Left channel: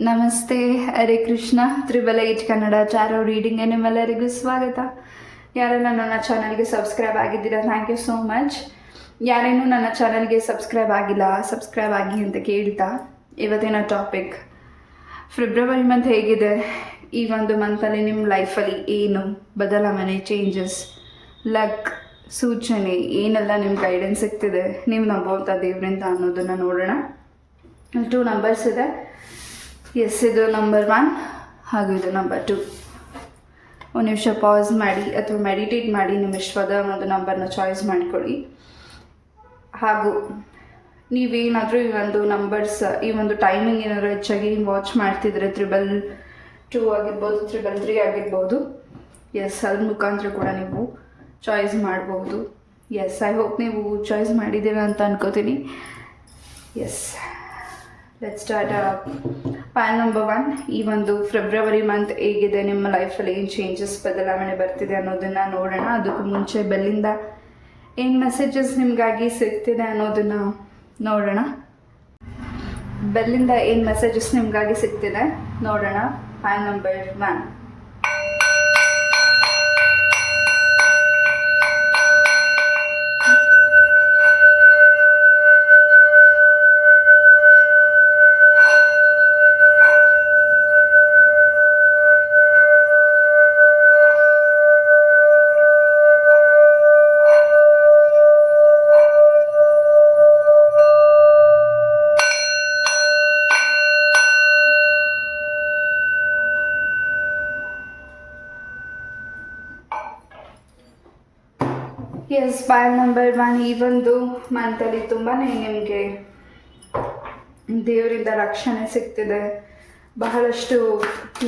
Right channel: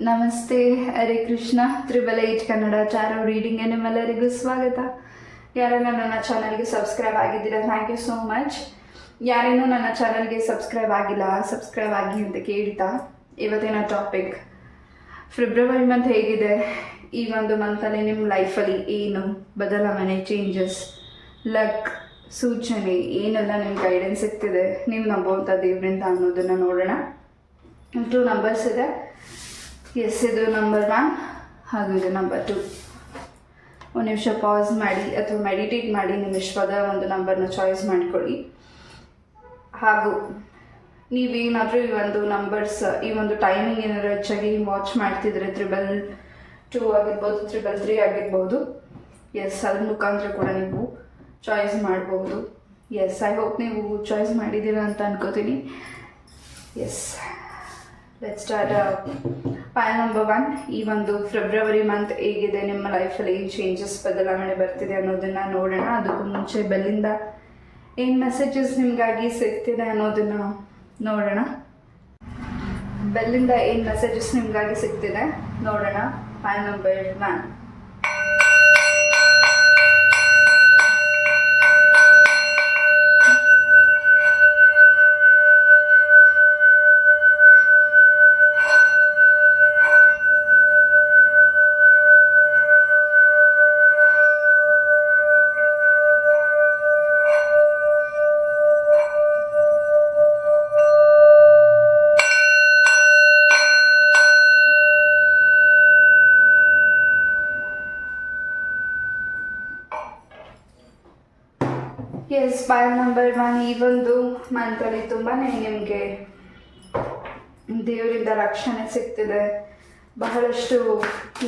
ನಮಸ್ತೆ, ಹರೇ ಕೃಷ್ಣ. 888 ಕನ್ನಡ ಚಾರೋ ರೀಡಿಂಗ್ಗೆ ನಿಮ್ಮೆಲ್ಲರಿಗೂ ಸ್ವಾಗತ. ಯಾರೆಲ್ಲ ನನ್ನ ಚಾನಲ್ಗೆ ಸಬ್ಸ್ಕ್ರೈಬ್ ಆಗಿದ್ದೀರಾ, ಥ್ಯಾಂಕ್ ಯು ಸೋ ಮಚ್. ಯಾರೇನೂ ನನ್ನ ಚಾನಲ್ಗೆ ಸಬ್ಸ್ಕ್ರೈಬ್ ಆಗಿಲ್ಲ, ಸಬ್ಸ್ಕ್ರೈಬ್ ಆಗಿ ಅಂತ ಕೇಳ್ತಾ ಇವತ್ತಿನ ಟಾಪಿಕ್, ಫೆಬ್ರವರಿ ಮಂತ್ ಹೇಗಿದೆ, ಈ ಒಂದು ಮಂತಲ್ಲಿ ನಿಮ್ಮ ಲೈಫಲ್ಲಿ ಏನು ಬದಲಾವಣೆ, ಚೇಂಜಸ್, ಲಕ್, ಸೂಚನೆ ಏನೆಲ್ಲ ನಿಮ್ಮ ಗೈಡೆನ್ಸ್ ಸಿಗ್ತಿದೆ, ನೀವು ನಂಬುವಂಥ ದೇವರಿಂದ ಅನ್ನೋದನ್ನು ನೋಡೋಣ. 2 ನಂಬರ್ಸ್ ಇದೆ. ಎಸ್, ಇದು ನಂಬರ್ 1 ಹಾಗೂ ಇದು ನಂಬರ್ 2. ಒಂದು ನಿಮಿಷ ಪಾಸ್ ಮಾಡಿ ಅಥವಾ ಮೆಡಿಟೇಟ್ ಮಾಡಿ ನಿಮ್ಮ ಇಷ್ಟವಾದ ಒಂದು ನಂಬರ್ನ ಚಾಯ್ಸ್ ಮಾಡಿಕೊಳ್ಳಿ. ಹಾಗೂ ನೀವೇನಾದರೂ ಈ ಒಂದು ನಂಬರ್ಸ್, ಈ ಒಂದು ಟೈಮಿಂಗ್ ಏನಾದರೂ ಹೆಚ್ಚಾಗಿ ವಾಚ್ ಮಾಡ್ತಿದ್ರೆ 222 ಆಗಿರ್ಬೋದು, 333 ಆಗಿರ್ಬೋದು. ಎಸ್, ಅದ್ರ ಮುಖಾಂತರ ಕೂಡ ನೀವು ಚಾಯ್ಸ್ ಮಾಡ್ಬೋದು. ಎಸ್, ಐ ಹೋಪ್ ನೀವು ಚಾಯ್ಸ್ ಮಾಡಿದ್ದೀರಾ ಅಂತ ಅನ್ಕೋತೀನಿ. Yes, let's start. Point number 1, ಈ ಒಂದು ಫೆಬ್ರವರಿ ಮಂತ್ ಹೇಗಿದೆ, ನಿಮ್ಮ ಲೈಫಲ್ಲಿ ಏನು ಚೇಂಜಸ್, ಬದಲಾವಣೆ ಬರ್ತಿದೆ ಅನ್ನೋದನ್ನು ನೋಡೋಣ. ಅದಕ್ಕೂ ಮುಂಚೆ ಬೆಲ್ಲಿಂದ ಏನು ಮೆಸೇಜಸ್ ನಿಮಗಾಗಿ ಸಿಗ್ತಿದೆ ಅನ್ನೋದನ್ನು ನೋಡೋಣ. ಬೆಲ್ಲಿಂದ ಏನು ಮೆಸೇಜಸ್ ನಿಮಗಾಗಿ ಸಿಗ್ತಿದೆ ನೋಡೋಣ. Point number 1. Yes, point number 1, ಈ ಒಂದು ಮಂತಲ್ಲಿ ತುಂಬಾ ನಿಮಗೆ ದೇವರಿಂದ ರಕ್ಷಣೆ ಸಿಗ್ತಿದೆ. ಬಹಳಷ್ಟು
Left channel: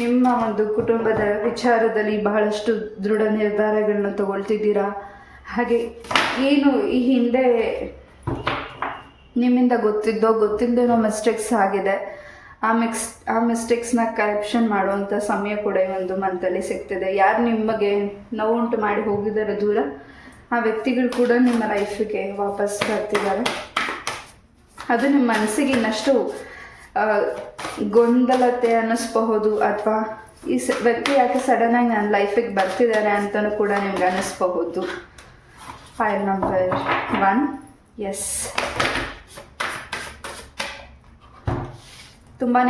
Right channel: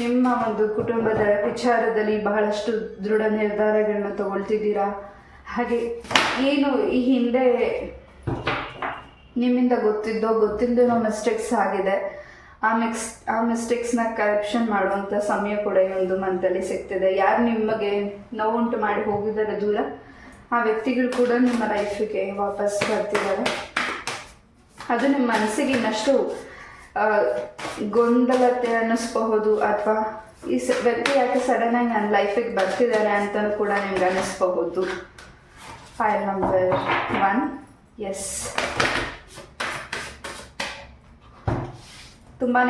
ನಿಮ್ಮ ಒಂದು ಕುಟುಂಬದ ವಿಚಾರದಲ್ಲಿ ಬಹಳಷ್ಟು ದೃಢ ನಿರ್ಧಾರಗಳನ್ನ ತಗೊಳ್ತಿದ್ದೀರಾ. ಹಾಗೆ ಏನು ಈ ಹಿಂದೆ ನಿಮ್ಮಿಂದ ಗೊತ್ತಿಲ್ಲದೇನೋ ಮಿಸ್ಟೇಕ್ಸ್ ಆಗಿದೆ, ಆ ಮಿಸ್ಟೇಕ್ಸ್ನ ಕರೆಕ್ಷನ್ ಮಾಡುವಂಥ ಸಮಯ ಕೂಡ ಈ ಒಂದು ಮಂತಲ್ಲಿ ಸಿಗ್ತಿದೆ. ಯಾರು ನಿಮಗೆ ನೋವುಂಟು ಮಾಡಿ ಹೋಗಿದ್ದಾರೆ ದೂರ, ಆ ವ್ಯಕ್ತಿಗಳು ಕೂಡ ನಿಮ್ಮ ಲೈಫಿಗೆ ವಾಪಸ್ ಬರ್ತಿದ್ದಾರೆ. ಅದು ನಿಮ್ಮ ಮನಸ್ಸಿಗೆ ಇನ್ನಷ್ಟು ಗೊಂದಲತೆ ಅನ್ನಿಸ್ಬಹುದು, ಅಥವಾ ಈ ವ್ಯಕ್ತಿ ಯಾಕೆ ಸಡನ್ನಾಗಿ ನನ್ನ ಲೈಫಿಗೆ ಬರ್ತಿದ್ದಾರೆ ಅಂತಲೂ ಕೂಡ ನಿಮ್ಗೆ ಅನ್ನಿಸ್ಬಹುದು. File number 1. ಎಸ್, ತುಂಬಾ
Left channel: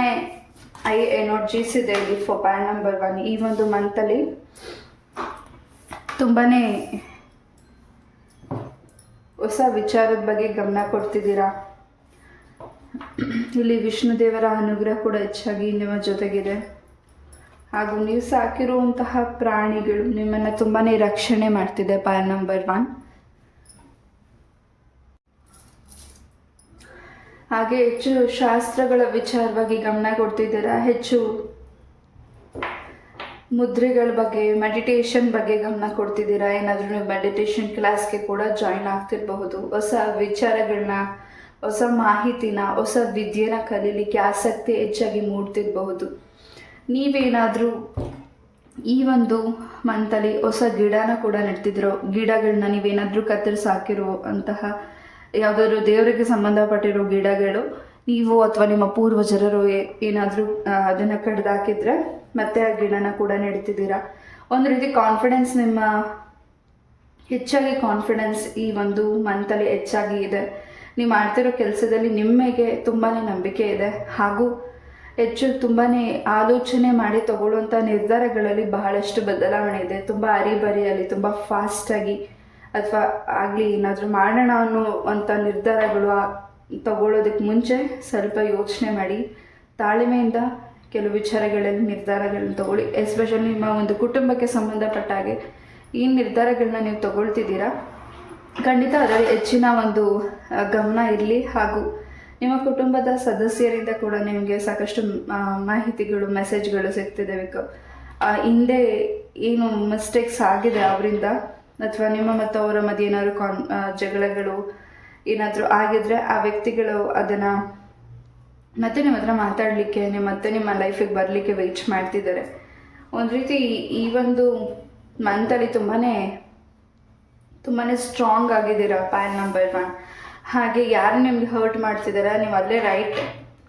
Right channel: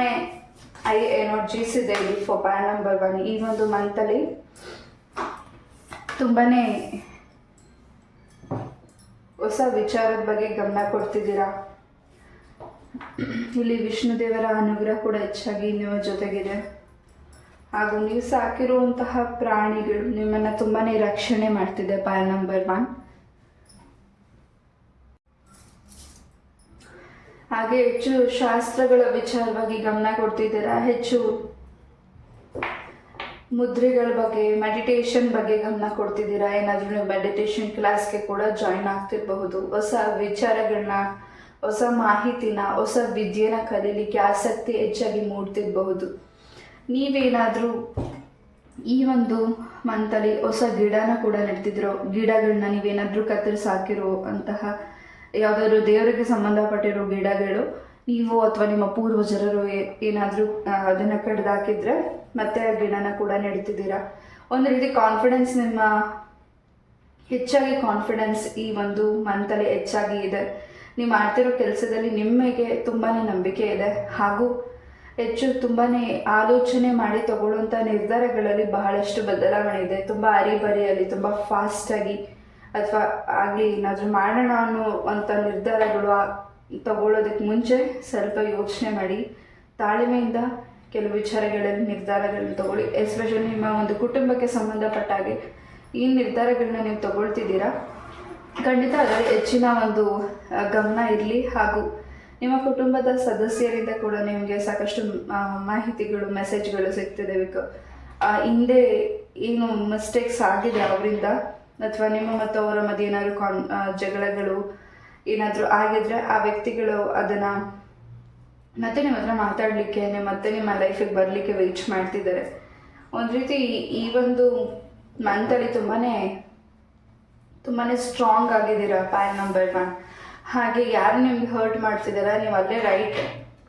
ಐ ಎನರ್ಜೀಸ್ ಇದೆ ಇಲ್ಲಿ ಫಾರ್ ಪಾಯಿಂಟ್ ನಂಬರ್ 1. ಈ ಒಂದು ಮಂತಲ್ಲಿ ತುಂಬಾ ಹೊಸ ವಿಚಾರದ ಬಗ್ಗೆ ಗಮನ ಕೊಡ್ತಿದ್ದೀರಾ. ಇಲ್ಲಿ ವಿಷ್ಣು ದೇವರ ಅನುಗ್ರಹ ಕೂಡ ಹೆಚ್ಚಾಗಿ ನಿಮ್ಮ ಜೊತೆಗಿದೆ. ಹಾಗೂ ನೀವು ಸಾಕಿರುವಂತಹ ಪ್ರಾಣಿಗಳು ನಿಮ್ಮನ್ನು ತುಂಬಾ ರಕ್ಷಣೆ ಮಾಡ್ತಿದೆ. Point number 1. ಹಾಗೆ ಹೆಚ್ಚು ಶಾಸ್ತ್ರಗಳ ವಿಚಾರವಾಗಿ ಗಮನ ಕೊಡ್ತಿದ್ದೀರಾ. ಹೆಚ್ಚು ಮುದ್ರೆಗಳ ಬಗ್ಗೆ, ಮೆಡಿಟೇಷನ್ ಬಗ್ಗೆ ಗಮನ ಕೊಡ್ತಿದ್ದೀರಾ. ಏನಾದರೂ ನೀವು ಮೆಡಿಟೇಷನ್ ಕ್ಲಾಸ್ಗೆ ಕೂಡ ಜಾಯಿನ್ ಆಗ್ತಿರಬಹುದು. ಹೊಸ ವಿಚಾರಗಳನ್ನ, ಹೊಸ ಮಾಹಿತಿನ, ಹೊಸ ವಿದ್ಯೆನ ಕಲೀಲಿಕ್ಕೆ ಆಸಕ್ತಿ ಹೆಚ್ಚಾಗಿ ಮೂಡ್ತಿರಬಹುದು. ನೀವೇನಾದರೂ ಈ ಒಂದು ಮಂತಲ್ಲಿ ಹೊಸ ಗಿಡನ ಕೂಡ ನೆಡ್ತಿದ್ರೋ, ಗಿಡಗಳನ್ನ ನೀವೇನಾದರೂ ಕತ್ತರಿಸಿ ಹಾಕಿರೋ ಅಂತಹ ಯಾವುದಾದ್ರೂ ದೇವರಿಗೆ ಸಂಬಂಧಪಟ್ಟಿರೋ ಗಿಡಗಳು ನೀವು ಅಥವಾ ನಿಮ್ಮ ಪೂರ್ವಜರರು ಏನಾದರೂ ಅದನ್ನು ಕಡ್ದಾಕಿದ್ರೆ ಮತ್ತೆ ಆ ಗಿಡನ ಕೂಡ ನೆಡ್ತಿದ್ದೀರಾ. ಒಂದು ರೀತಿ ಕಾನ್ಫಿಡೆನ್ಸ್, ನಿಮ್ಮ ಹೆಚ್ಚಾಗಿ ಕಾನ್ಫಿಡೆನ್ಸ್ ಈ ಒಂದು ಮಂತಲ್ಲಿ ಹೆಚ್ಚಾಗಿ ಇದೆ. ನೀವು ಮಾಡ್ತಿರೋ ಕೆಲಸದಲ್ಲಿ ನಿಮಗೆ ತುಂಬಾ ನಂಬಿಕೆ ಇದೆ. ಹಾಗೂ ಹೆಚ್ಚು ತುಂಬಾ ಆಲೋಚನೆ ಮಾಡಿ ತಗೊಳ್ಳುವಂಥ ನಿರ್ಧಾರಗಳಲ್ಲಿ ಬಹಳಷ್ಟು ಬದಲಾವಣೆ ಇದೆ. ತುಂಬ ಅರಿಬರಿಯಲ್ಲಿ, ತುಂಬ ಫಾಸ್ಟಾಗಿ ಅಥವಾ ಆಗಲಿ ಏನಾದರೂ ಮಾಡೋಣ ಅನ್ನೋವಂಥ ನಿರ್ಧಾರಗಳು ತಗೊಳ್ಳೋದಕ್ಕೆ ಮುಂಚೆ ಸ್ವಲ್ಪ ಯೋಚನೆ ಮಾಡಿ ತಾಳ್ಮೆಯಿಂದ ಕೆಲವು ವಿಚಾರಗಳಲ್ಲಿ ನಿರ್ಧಾರಗಳನ್ನ ತಗೊಳ್ಳಿ. ಎಸ್ಪೆಷಲಿ ನಿಮ್ಮ ಒಂದು ಕುಟುಂಬಕ್ಕೆ ಸಂಬಂಧಪಟ್ಟ ಹಾಗೆ ಈ ನಿರ್ಧಾರಗಳನ್ನ ನೀವು ತಗೊಳ್ತಿದ್ದೀರಾ, ಖಂಡಿತ ಅದರಲ್ಲಿ ಹೆಚ್ಚಿನ ಒಂದು ಗಮನ ಇರಲಿ. ಹಾಗೂ ನಿಮ್ಮ ಕುಟುಂಬದ ಸದಸ್ಯರಿಂದ ಕೂಡ ನಿಮಗೆ ಸಾಕಷ್ಟು ಮಾಹಿತಿಗಳು, ಮೆಸೇಜ್ಗಳು ಸಿಗ್ತಿದೆ. ಹಿಂದೆ ಏನು ಮಿಸ್ಟೇಕ್ಸ್ ಆಗಿದೆ ಅವರಿಂದ, ಅಥವಾ ನಿಮ್ಮ ಮತ್ತು ಅವರ ಮಧ್ಯೆ ಏನಾದರೂ ಜಗಳಗಳು ಏನಾದರೂ ಆಗಿದ್ರೆ ಆ ವ್ಯಕ್ತಿಗಳು ಅದನ್ನು ಮತ್ತೆ ನಿಮ್ಮ ಹತ್ರ ಮಾತಾಡಲಿಕ್ಕೆ, ಮತ್ತೆ ನಿಮ್ಮ ಲೈಫಿಗೆ ಬರಲಿಕ್ಕೆ ವೆಯ್ಟ್ ಮಾಡ್ತಿದ್ದಾರೆ. ಒಂದು ರೀತಿ ಈ ಒಂದು ಮಂತಲ್ಲಿ ತುಂಬಾ ಸ್ಟ್ರಾಂಗ್ ಆಗಿದ್ದೀರಾ. Point number 1. ಹಾಗೆ ಯಾರು ನಿಮ್ಗೆ ಹರ್ಟ್ ಮಾಡ್ತಿದ್ದಾರೆ, ನೀವು ಅಲ್ಲೇ ರೈಟ್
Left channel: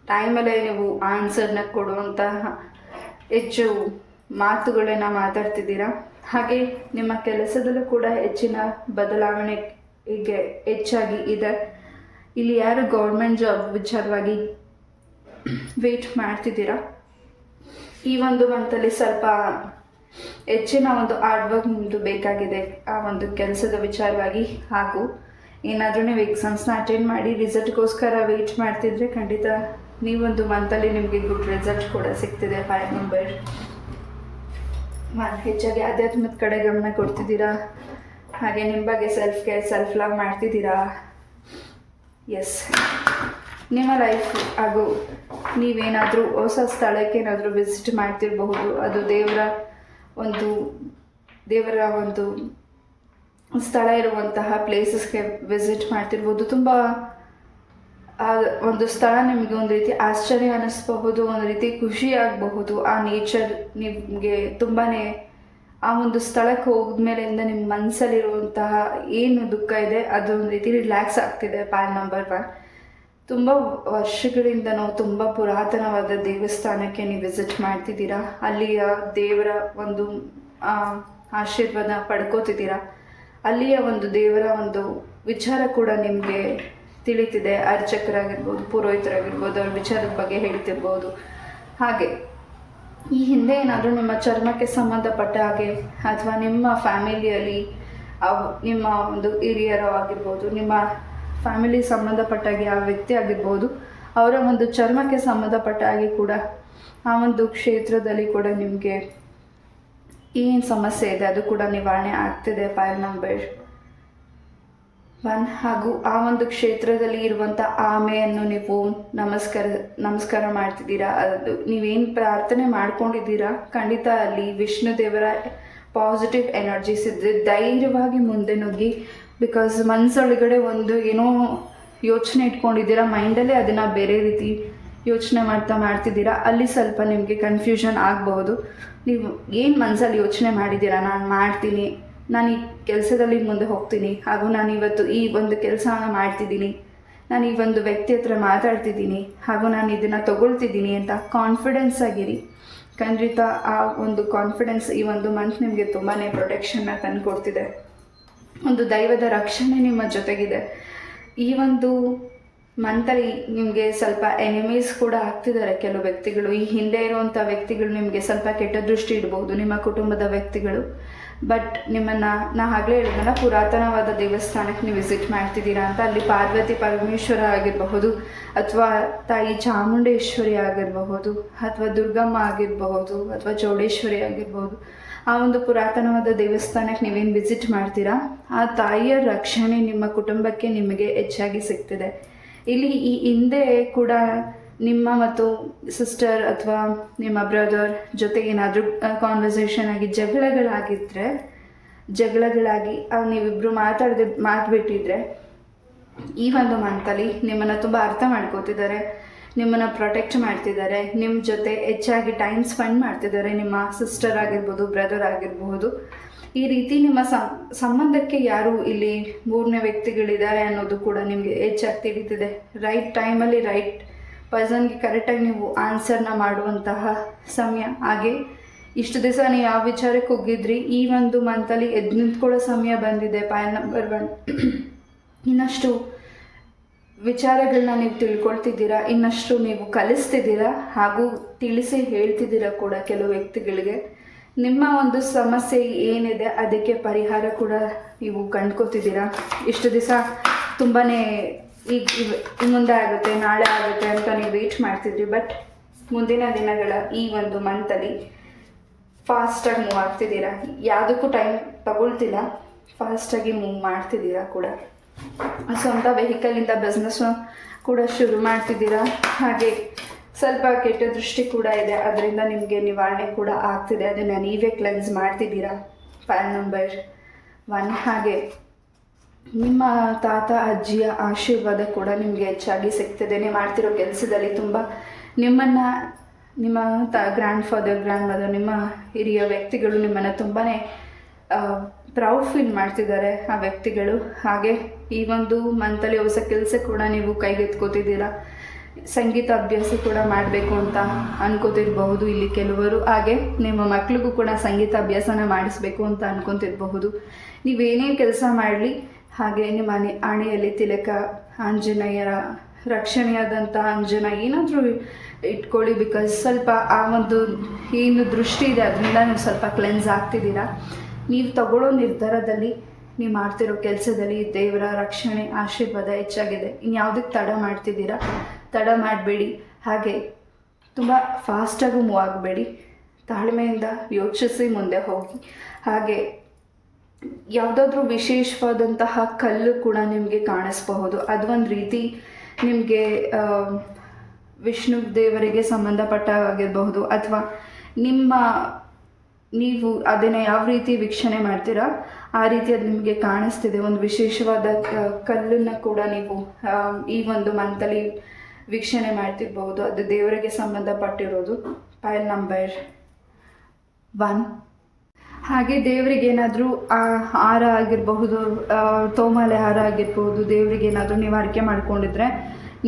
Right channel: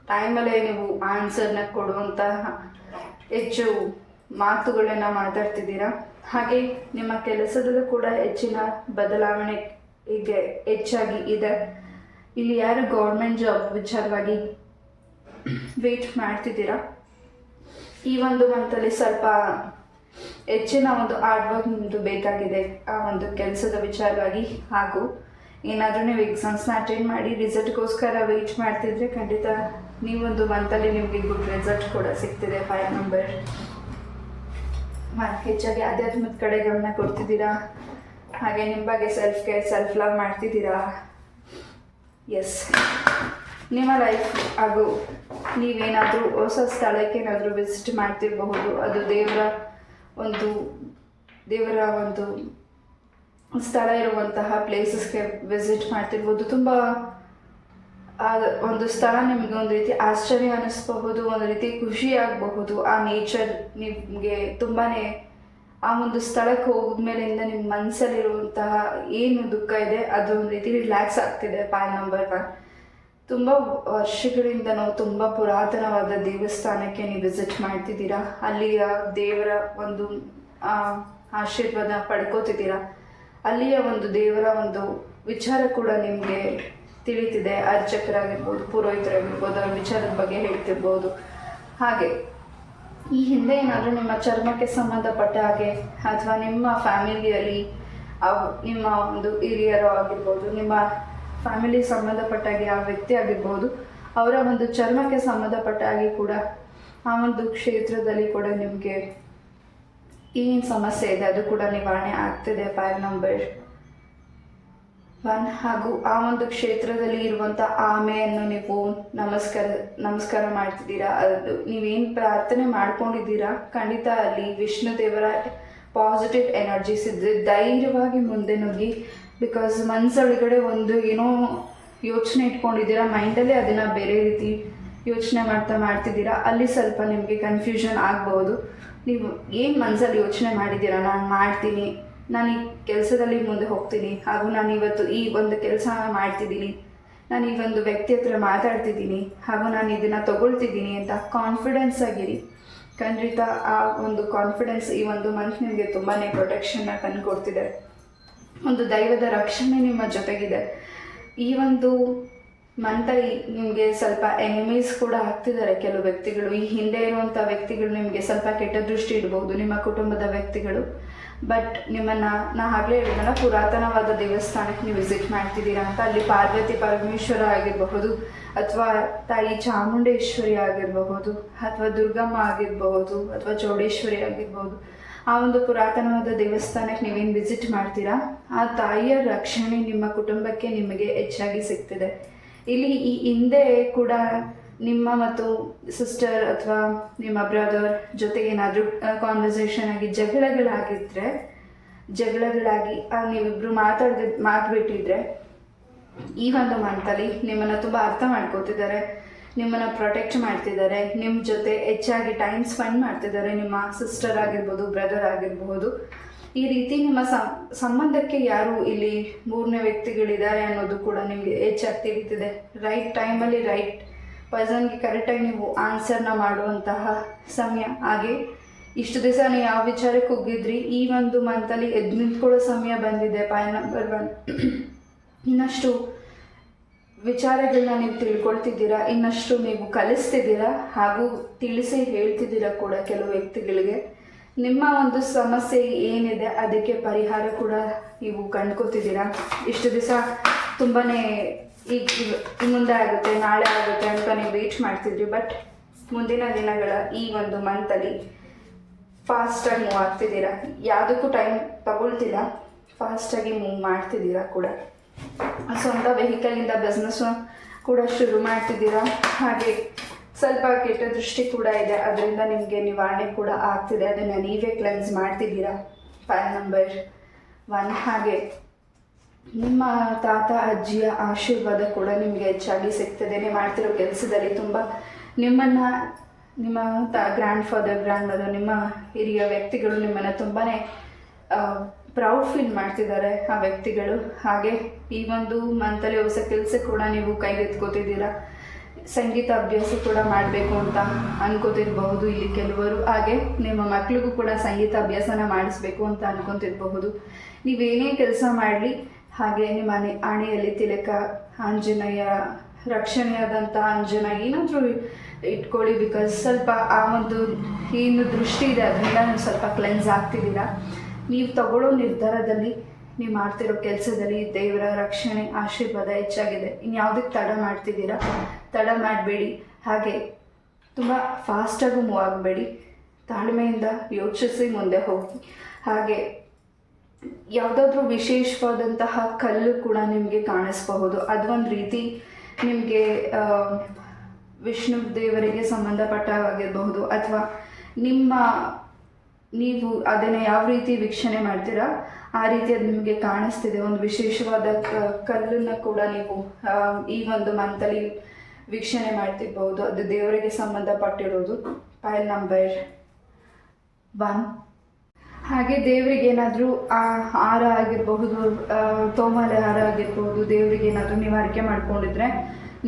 ಟೈಮಲ್ಲೇ ನೀವು ಆನ್ಸರ್ನ ಕೊಡುವಂತಹ ಹೆಚ್ಚು ಮಾತುಗಳನ್ನು ಮಾತಾಡ್ತಿದ್ದೀರಾ. ಹಾಗೆ ನಿಮ್ಮ ಕೆಲಸದಲ್ಲೂ ಕೂಡ ಹೆಚ್ಚಿನ ಬದಲಾವಣೆ ಈಗ ಹೆಚ್ಚಾಗಿ ಇದೆ. ಇಲ್ಲಿ ಯಾರು ಗೌರ್ಮೆಂಟ್ ಜಾಬ್ ವಿಚಾರವಾಗಿ ವೇಟ್ ಮಾಡ್ತಿದ್ದೀರಾ, ಈ ಒಂದು ಮಂತಲ್ಲಿ ಸ್ವಲ್ಪ ಹೆಚ್ಚಿನ ಒಂದು ಹಾರ್ಡ್ ವರ್ಕ್ ನಿಮ್ಮದು ಬೇಕಾಗಿದೆ ಆ ಒಂದು ಕೆಲಸದ ವಿಚಾರವಾಗಿ. ಹಾಗೂ ಏನಾದರೂ ನೀವು ಎಕ್ಸಾಮ್ಸ್ನ ಅಟೆಂಡ್ ಮಾಡಿ ರಿಸಲ್ಟ್ಗೋಸ್ಕರ ವೆಯ್ಟ್ ಮಾಡ್ತಿದ್ರೆ ಖಂಡಿತ ನೀವೊಂದು ಮಂತಲ್ಲಿ ನಿಮಗೆ ಗುಡ್ ರಿಸಲ್ಟ್ ಕೂಡ ಸಿಗ್ತಿದೆ. 5 ನಂಬರ್. ಹೆಚ್ಚಾಗಿ ಆಧ್ಯಾತ್ಮದ ಕಡೆ ಗಮನ ಕೊಡ್ತಿದ್ದೀರಾ. ಹಾಗೆ ನಿಮ್ಮ ಬಗ್ಗೆ ಸೆಲ್ಫ್ ಕೇರ್, ಸೆಲ್ಫ್ ಲವ್ ಮಾಡ್ತಿದ್ದೀರಾ. ಎಸ್, ನಿಮ್ಮ ಲೈಫ್ ಹಾಗೂ ನೀವೇನಾದರೂ ಹೊಸ ಸ್ಥಳಕ್ಕೆ ಏನಾದರೂ ವಿಸಿಟ್ ಮಾಡ್ತಿರಬಹುದು. ಅದು ದೇವರ ಒಂದು ಸ್ಥಳ ಇರುವಂತಹ ಪ್ಲೇಸಸ್ಗೆ ವಿಸಿಟ್ ಮಾಡ್ತಿರ್ಬೋದು. ತುಂಬ ಒಂದು ಸ್ಥಳ ನಿಮಗೆ ಒಂದು ರೀತಿ ಆಶ್ಚರ್ಯ ಅನ್ನಿಸ್ಬಹುದು, ಒಂದು ರೀತಿ ಖುಷಿ ಆಗಬಹುದು. ಆ ನೇಚರ್ ನಿಮಗೆ ತುಂಬಾ ಆ ಒಂದು ಸ್ಥಳಕ್ಕೆ ಹೋದ್ಮೇಲಿಂದ ನಿಮ್ಮ ಮನಸ್ಸಲ್ಲಿರುವಂತಹ ಏನು ದುಃಖ ಇದೆ ಅದು ಒಂದು ರೀತಿ ರಿಲ್ಯಾಕ್ಸ್ ಆಗ್ತಿದೆ. 5 ನಂಬರ್ 1. ತುಂಬ ವರ್ಷಗಳಿಂದನೂ ತುಂಬ ಪುರಾತನವಾದ ದೇವಸ್ಥಾನಕ್ಕೆ ನೀವು ವಿಸಿಟ್ ಮಾಡ್ತಿದ್ದೀರಾ. ಅಲ್ಲಿಯ ದೇವರ ಒಂದು ಆಶೀರ್ವಾದ ಪಡ್ಕೋತಿದ್ದೀರಾ. ಅಲ್ಲಿಯ ಒಂದು ದೇವರ ಒಂದು ವಿಚಾರ ಕೂಡ ನಿಮಗೆ ತಿಳಿತಿದೆ. ಅರ್ಚಕರಾಗಿರ್ಬೋದು, ಪುರೋಹಿತರಾಗಿರ್ಬೋದು, ಅವ್ರ ವಿಚಾರದ ಬಗ್ಗೆ ಹೇಳ್ತಿರ್ಬೋದು. ಹಾಗೆ ಈ ಹಿಂದೆ ಏನಾದರೂ ನಿಮ್ಮ ಚರ್ಮಕ್ಕೆ ಸಂಬಂಧಪಟ್ಟ ಹಾಗೆ ಅಥವಾ ನಿಮ್ಮ ಫ್ಯಾಮಿಲಿಯಲ್ಲಿ ನಿಮ್ಮ ಒಂದು ಹಿರಿಯರು ಆಗಿರ್ಬೋದು, ನಿಮ್ಮ ಫ್ಯಾಮಿಲಿ ಸಂಬಂಧಪಟ್ಟಾಗಿ ಆ ವ್ಯಕ್ತಿ ಆಗಿರ್ಬೋದು, ಅವರ ಒಂದು ಚರ್ಮಕ್ಕೆ ಸಂಬಂಧಪಟ್ಟ ಹಾಗೆ ಕೂಡ ಆ ಒಂದು ಕ್ಷೇತ್ರದಲ್ಲಿ ಕೂಡ ನಿಮಗೆ ಏನು ಸಮಸ್ಯೆ ಇದೆ ಅದು ಕೂಡ ನಿವಾರಣೆ ಆಗ್ತಿದೆ. 5 ನಂಬರ್ 1. ಹಾಗೂ ಆ ಒಂದು ಕ್ಷೇತ್ರದಲ್ಲಿ ಇರುವಂಥ ಆಮೆಯನ್ನು ನೀವು ನಮಸ್ಕಾರ ಮಾಡ್ತಿದ್ದೀರಾ. ಅದು ನೀವೇನು ಪ್ರಾರ್ಥನೆ ಮಾಡ್ಕೊಂಡಿದ್ದೀರಾ ಖಂಡಿತ ಅಲ್ಲಿ ವಿಷ್ಣು ದೇವರ ಪಾಸಿಟಿವ್ ಎನರ್ಜೀಸ್ ಇದ್ದರೆ ಧೈರ್ಯವಾಗಿ ಮುಂದೆ ನುಗ್ಗಿ. ಬಿಕಾಸ್ ಮನಸ್ಸೊಳಗಡೆ ಒಂದು ಏನೋ ಯೋಚನೆ ಇಟ್ಕೊಂಡಿದ್ದೀರಾ, ಮೈಂಡಲ್ಲೇ ಅದನ್ನು ಬೇರೆ ರೀತಿ ಯೋಚನೆ ಮಾಡ್ತಿದ್ದೀರಾ. ಅಲ್ಲಿ ಸ್ವಲ್ಪ ನಿಮಗೆ ಕನ್ಫ್ಯೂಷನ್ ಆಗಬಹುದು. ನೀವು ಏನು ಮನಸ್ಸಲ್ಲಿ ಯೋಚನೆ ಮಾಡಿದ್ದೀರಾ, ನಾನು ಮಾಡ್ತೀನಿ, ನಾನು ಈ ಕೆಲಸದಲ್ಲಿ ಮುಂದೆ ಹೋಗ್ತೀನಿ, ಹಾಗೂ ನಾನು ಇವತ್ತು ಈ ಒಂದು ಕೆಲಸ ಮಾಡ್ತಿದ್ದೀನಿ, ನಾನು ಈ ಒಂದು ವ್ಯಕ್ತಿ ಹತ್ರ ಮಾತಾಡ್ತಿದ್ದೀನಿ, ಹಾಗೂ ನಾನು ಇದನ್ನು ತಗೊಳ್ತಿದ್ದೀನಿ ಅಂತ ಕಾನ್ಫಿಡೆನ್ಸ್ ಆಗಿರಿ. ಖಂಡಿತ ಆ ಒಂದು ಕಾನ್ಫಿಡೆನ್ಸ್ ಈ ಒಂದು ಮಂತ್ ನಿಮಗೆ ತುಂಬಾ ಪ್ರೊಟೆಕ್ಷನ್ನ ತಂದುಕೊಡ್ತಿದೆ. ಒಂದು ದೈವದ ರಕ್ಷಣೆ ನಿಮ್ಮ ಜೊತೆಗಿದೆ. ಈ ಒಂದು ಮಂತಲ್ಲಿ ನಿಮಗೆ ಸ್ವಲ್ಪ ಎನಿಮೀಸ್ ಕೂಡ ಆಗ್ತಿದ್ದಾರೆ ಕೆಲವು ವ್ಯಕ್ತಿಗಳು. ಈ ಹಿಂದೆ ಇರುವಂಥ ವ್ಯಕ್ತಿಗಳು ನಿಮಗೆ ಸ್ವಲ್ಪ ಕೆಟ್ಟ ದೃಷ್ಟಿ ಇಡ್ಬೋದು, ನಿಮ್ಮ ಕುಟುಂಬದ ವ್ಯಕ್ತಿಗಳು. ಬಟ್ ನಿಮ್ಮನ್ನು ನಾ ಆಗಲೇ ಹೇಳಿದ್ನಲ್ಲ, ಪುರಾತನವಾದ ದೇವಸ್ಥಾನಕ್ಕೆ ನೀವು ವಿಸಿಟ್ ಮಾಡ್ತಿದ್ದೀರಾ ಅಂತ. ಅಲ್ಲಿ ಪಾರ್ವತಿ ಪರಮೇಶ್ವರ ಆಗಿರಬಹುದು, ಅಥವಾ ತಾಯಿ ಚಾಮುಂಡೇಶ್ವರಿ ಆಗಿರಬಹುದು, ಅಥವಾ ದುರ್ಗಮ್ಮ ಆಗಿರಬಹುದು, ಅಥವಾ ಚೌಡೇಶ್ವರಿ ಆಗಿರ್ಬೋದು. ಆ ಒಂದು ಪುರಾತನವಾದ ದೇವಸ್ಥಾನಕ್ಕೆ ನೀವೇನು ವಿಸಿಟ್ ಮಾಡ್ತೀರಾ, ಆ ತಾಯಿಯ ರಕ್ಷಣೆ ನಿಮ್ಮ ಕುಟುಂಬಕ್ಕೆ ನಿಮಗೆ ಹೆಚ್ಚಾಗಿ ಸಿಗ್ತಿದೆ. ಇಲ್ಲಿ ಈ ಹಿಂದೆ ಕೂಡ ನಿಮ್ಮ ಮತ್ತು ಸಿಸ್ಟರ್ ಅಥವಾ ನಿಮ್ಮ ಬ್ರದರ್ ಜೊತೆಗೆ ಏನಾದರೂ ಕಾನ್ವರ್ಸೇಷನ್ ಆಗಿ ಜಗಳಗಳಾಗಿ ನೀವಿಬ್ಬರು ಮಾತುಬಿಟ್ಟಿದ್ರೆ ಈ ಒಂದು ಮಂತಲ್ಲಿ ನಿಮ್ಮನ್ನು ತುಂಬ ಅರ್ಥ ಮಾಡ್ಕೋತಿದ್ದಾರೆ, ನಿಮ್ಮನ್ನು ಪ್ರೊಟೆಕ್ಟ್ ಮಾಡ್ತಿದ್ದಾರೆ, ನಿಮ್ಮ ಜೊತೆ ಹೆಚ್ಚಾಗಿ ಟೈಮ್ ಸ್ಪೆಂಡ್ ಮಾಡ್ತಿದ್ದಾರೆ. ನಿಮ್ಮ ಸಿಸ್ಟರ್ ಆಗಿರ್ಬೋದು, ಬ್ರದರ್ ಆಗಿರಬಹುದು. ಈ ರೀತಿ ನಿಮ್ಮ ಸಂಬಂಧಕ್ಕೆ ಯಾರು ಇಲ್ಲಿ ಮೂರನೇ ವ್ಯಕ್ತಿಗಳಿದ್ದಾರೆ ಅನ್ನೋದು ಕೂಡ ನಿಮಗೆ ಹೆಚ್ಚಾಗಿ ತಿಳಿತಿದೆ. ರೈಟ್ ಟೈಮಲ್ಲಿ ರೈಟ್ ಪರ್ಸನ್ಗೆ ಕರೆಕ್ಟಾಗಿ ನೀವು ಆನ್ಸರ್ನ ಮಾಡುವಂತಹ ಸಮಯ. ಹಾಗೆ ಇಷ್ಟು ದಿವಸ ನೀವು ಯಾವ ವಿಚಾರಕ್ಕೆ ಹೋಗಿದ್ರಿ, ಈ ಒಂದು ಮಂತಲ್ಲಿ ಎದ್ದು ನಿಂತ್ಕೊಳ್ಳೋ ಸಮಯ ಬಂದಿದೆ. 5 ನಂಬರ್ 1. ಇನ್ನಷ್ಟು ವಿಚಾರಗಳನ್ನ ನೀವು ತಿಳ್ಕೊಳ್ತಿದ್ದೀರಾ, ಇನ್ನಷ್ಟು ನೀವು ಕಲಿಸ್ತಿದ್ದೀರಾ, ಹಾಗೂ ತಿಳಿಸಿ ಹೇಳ್ತಿದ್ದೀರಾ ಕೂಡ ಕೆಲವು ವ್ಯಕ್ತಿಗಳಿಗೆ. ನಿಮ್ಮ ಒಂದು ಸಮಸ್ಯೆ ಏನಿದೆ ಅದಕ್ಕೆ ಪರಿಹಾರ ಕೂಡ ನೀವು ಕಂಡ್ಕೋತಿದ್ದೀರಾ. ಇಷ್ಟು ದಿವಸ ತುಂಬಾ ಈಗ ಮುಂದೆ ಆಗುತ್ತೆ, ನಾಳೆ ಆಗುತ್ತೆ ಅಂತ ನೀವು ವೇಟ್ ಮಾಡ್ತಿದ್ರಿ. ಬಟ್ ಮುಂದಿನ ದಿನಗಳ ಈ ಒಂದು ಮಂತಲ್ಲಿ ಫಾಸ್ಟಾಗಿ ಮೂವ್ ಆಗ್ತಿದ್ದೀರಾ. ಯಾವುದಕ್ಕೂ ಟೈಮ್ ತಗೊಳ್ತಿಲ್ಲ, ಫಾಸ್ಟಾಗಿ ಮೂವ್ ಮಾಡ್ತಿದ್ದೀರಾ ಕೂಡ. ಸ್ವಂತ ವೆಹಿಕಲಿಂದ ಬಿಸ್ನೆಸ್ ಕೂಡ ಶುರು ಮಾಡ್ತಿದ್ದೀರಾ. ಹಾಗೆ ಸ್ವಲ್ಪ ಕೆಟ್ಟ ದೃಷ್ಟಿ ಕೂಡ ಇದೆ, ಅದರಿಂದ ನಿಮಗೆ ನಿವಾರಣೆ ಕೂಡ ಆಗ್ತಿದೆ. ಅದನ್ನು ನೀವೇ ಕ್ಲೆನ್ಸ್ ಮಾಡ್ತಿದ್ದೀರಾ. 5 ನಂಬರ್ 1. ಹಾಗೆ ನಿಮ್ಮ ತಾತ ಅಜ್ಜಿಯ ಆಶೀರ್ವಾದ ಕೂಡ ನಿಮಗೆ ಹೆಚ್ಚಾಗಿ ಸಿಗ್ತದೆ. ನೀವು ಮಾಡ್ತಿರೋ ಕೆಲಸದಲ್ಲಿ ತುಂಬ ನಿಮ್ಮ ಗ್ರ್ಯಾಂಡ್ ಫಾದರ್, ಗ್ರ್ಯಾಂಡ್ ಮದರ್, ನಿಮ್ಮ ಹಿರಿಯ ವ್ಯಕ್ತಿಗಳು ನಿಮ್ಮನ್ನು ತುಂಬಾ ಪ್ರೌಡ್ ಫೀಲ್ ಮಾಡ್ತಿದ್ದಾರೆ ಆ ವ್ಯಕ್ತಿಗಳು. ಹಾಗೆ ಈ ಒಂದು ಮಂತಲ್ಲಿ ಹೊಸ ಕೆಲಸ ಕೂಡ ನೀವು ಕೈಗೆತ್ಕೋತಿದ್ದೀರಾ. ಸಂಗೀತ ಅಭ್ಯಾಸ ಕೂಡ ಮಾಡಬೇಕು ಅಂತ ಅನ್ಕೋತಿರಬಹುದು ಇಲ್ಲಿ ಕೆಲವರು. ಹಾಗೆ ನಿಮ್ಮ ಮಕ್ಳಿಗೂ ಕೂಡ ಸಂಗೀತ ಅಭ್ಯಾಸನ ಮಾಡಿಸ್ಬೇಕು ಅಂತ ಅನ್ಕೊತಿರಬಹುದು. ನೀವೇನೇ ಕೆಲಸ ಮಾಡಲಿ ಹಾಗೆ ನಿಮ್ಮ ಆಣೆಯಲ್ಲಿ ತಿಲಕ, ಆಂಜನೇಯರ ರಕ್ಷಣೆಯಾದಂಥ ಅಂಜನ ಏನಾದರೂ ಇಟ್ಕೊಳ್ಳಿ. ಬಿಕಾಸ್ ಸ್ವಲ್ಪ ಆ ಒಂದು ಏನು ದೃಷ್ಟಿ ಇದೆ ಅದರಿಂದ ನೀವು ಸ್ವಲ್ಪ ಕ್ಲೆನ್ಸ್ ಆಗ್ತಿದ್ದೀರಾ. ನೀವು ತಗೊಳ್ಳೋ ನಿರ್ಧಾರದಲ್ಲಿ, ನೀವು ಮಾಡ್ತಿರೋ ಕೆಲಸದಲ್ಲಿ ದೇವರ ರಕ್ಷಣೆ ಆಶೀರ್ವಾದ ಹೆಚ್ಚಾಗಿದೆ. ಇನ್ಯಾವುದಕ್ಕೆ ತಡ ಮಾಡ್ತಿದ್ದೀರಾ? ತಡ ಮಾಡಬೇಡಿ. ಹಾಗೆ ತುಂಬ ಫಾಸ್ಟಾಗೂ ಮೂವ್ ಆಗಬೇಡಿ. ತಾಳ್ಮೆಯಿಂದ ಯೋಚಿಸಿ ಮುಂದೆ ಹೋಗಿ. ಹಾಗೆ ಯಾವುದಾದ್ರೂ ವಿಶೇಷವಾದಂತಹ ಕಲ್ಲು ಕೂಡ ನಿಮಗೆ ಕಾಣಿಸ್ಬಹುದು. ಅದು ಒಂದು ರೀತಿ ನಿಮಗೆ ವಿಷ್ಣು ದೇವರಿಗೆ ಸಂಬಂಧಪಟ್ಟಾಗಿರಬಹುದು, ಅಥವಾ ನೀವು ಅದನ್ನು ಯಾವ ರೀತಿ ವೀಕ್ಷಣೆ ಮಾಡ್ತೀರಾ ಆ ರೀತಿ ಅದು ನಿಮಗೆ ಕಾಣಿಸ್ತಿದೆ. ಒಂದು ವಿಶೇಷವಾದ ಕಲ್ಲನ್ನು ಕೂಡ ನೀವು ಈ ಒಂದು ಮಂತಲ್ಲಿ ವೀಕ್ಷಣೆ ಮಾಡ್ತಿರ್ಬಹುದು. ಅದು ದೇವರಿಗೆ ಸಂಬಂಧಪಟ್ಟಿರೋದು. ಪೈಲ್ ನಂಬರ್ 1. ಹಾಗೆ ದೇವರಿಗೆ ಏನಾದರೂ ಹಾರ ಆಗಿರಬಹುದು, ತೋಮಾಲೆ ಹಾರ ಆಗಿರ್ಬೋದು, ದೇವರಿಗೆ ಏನಾದರೂ ನೀವು ಹರಕೆ ಮಾಡ್ಕೊಂಡಿದ್ರೆ,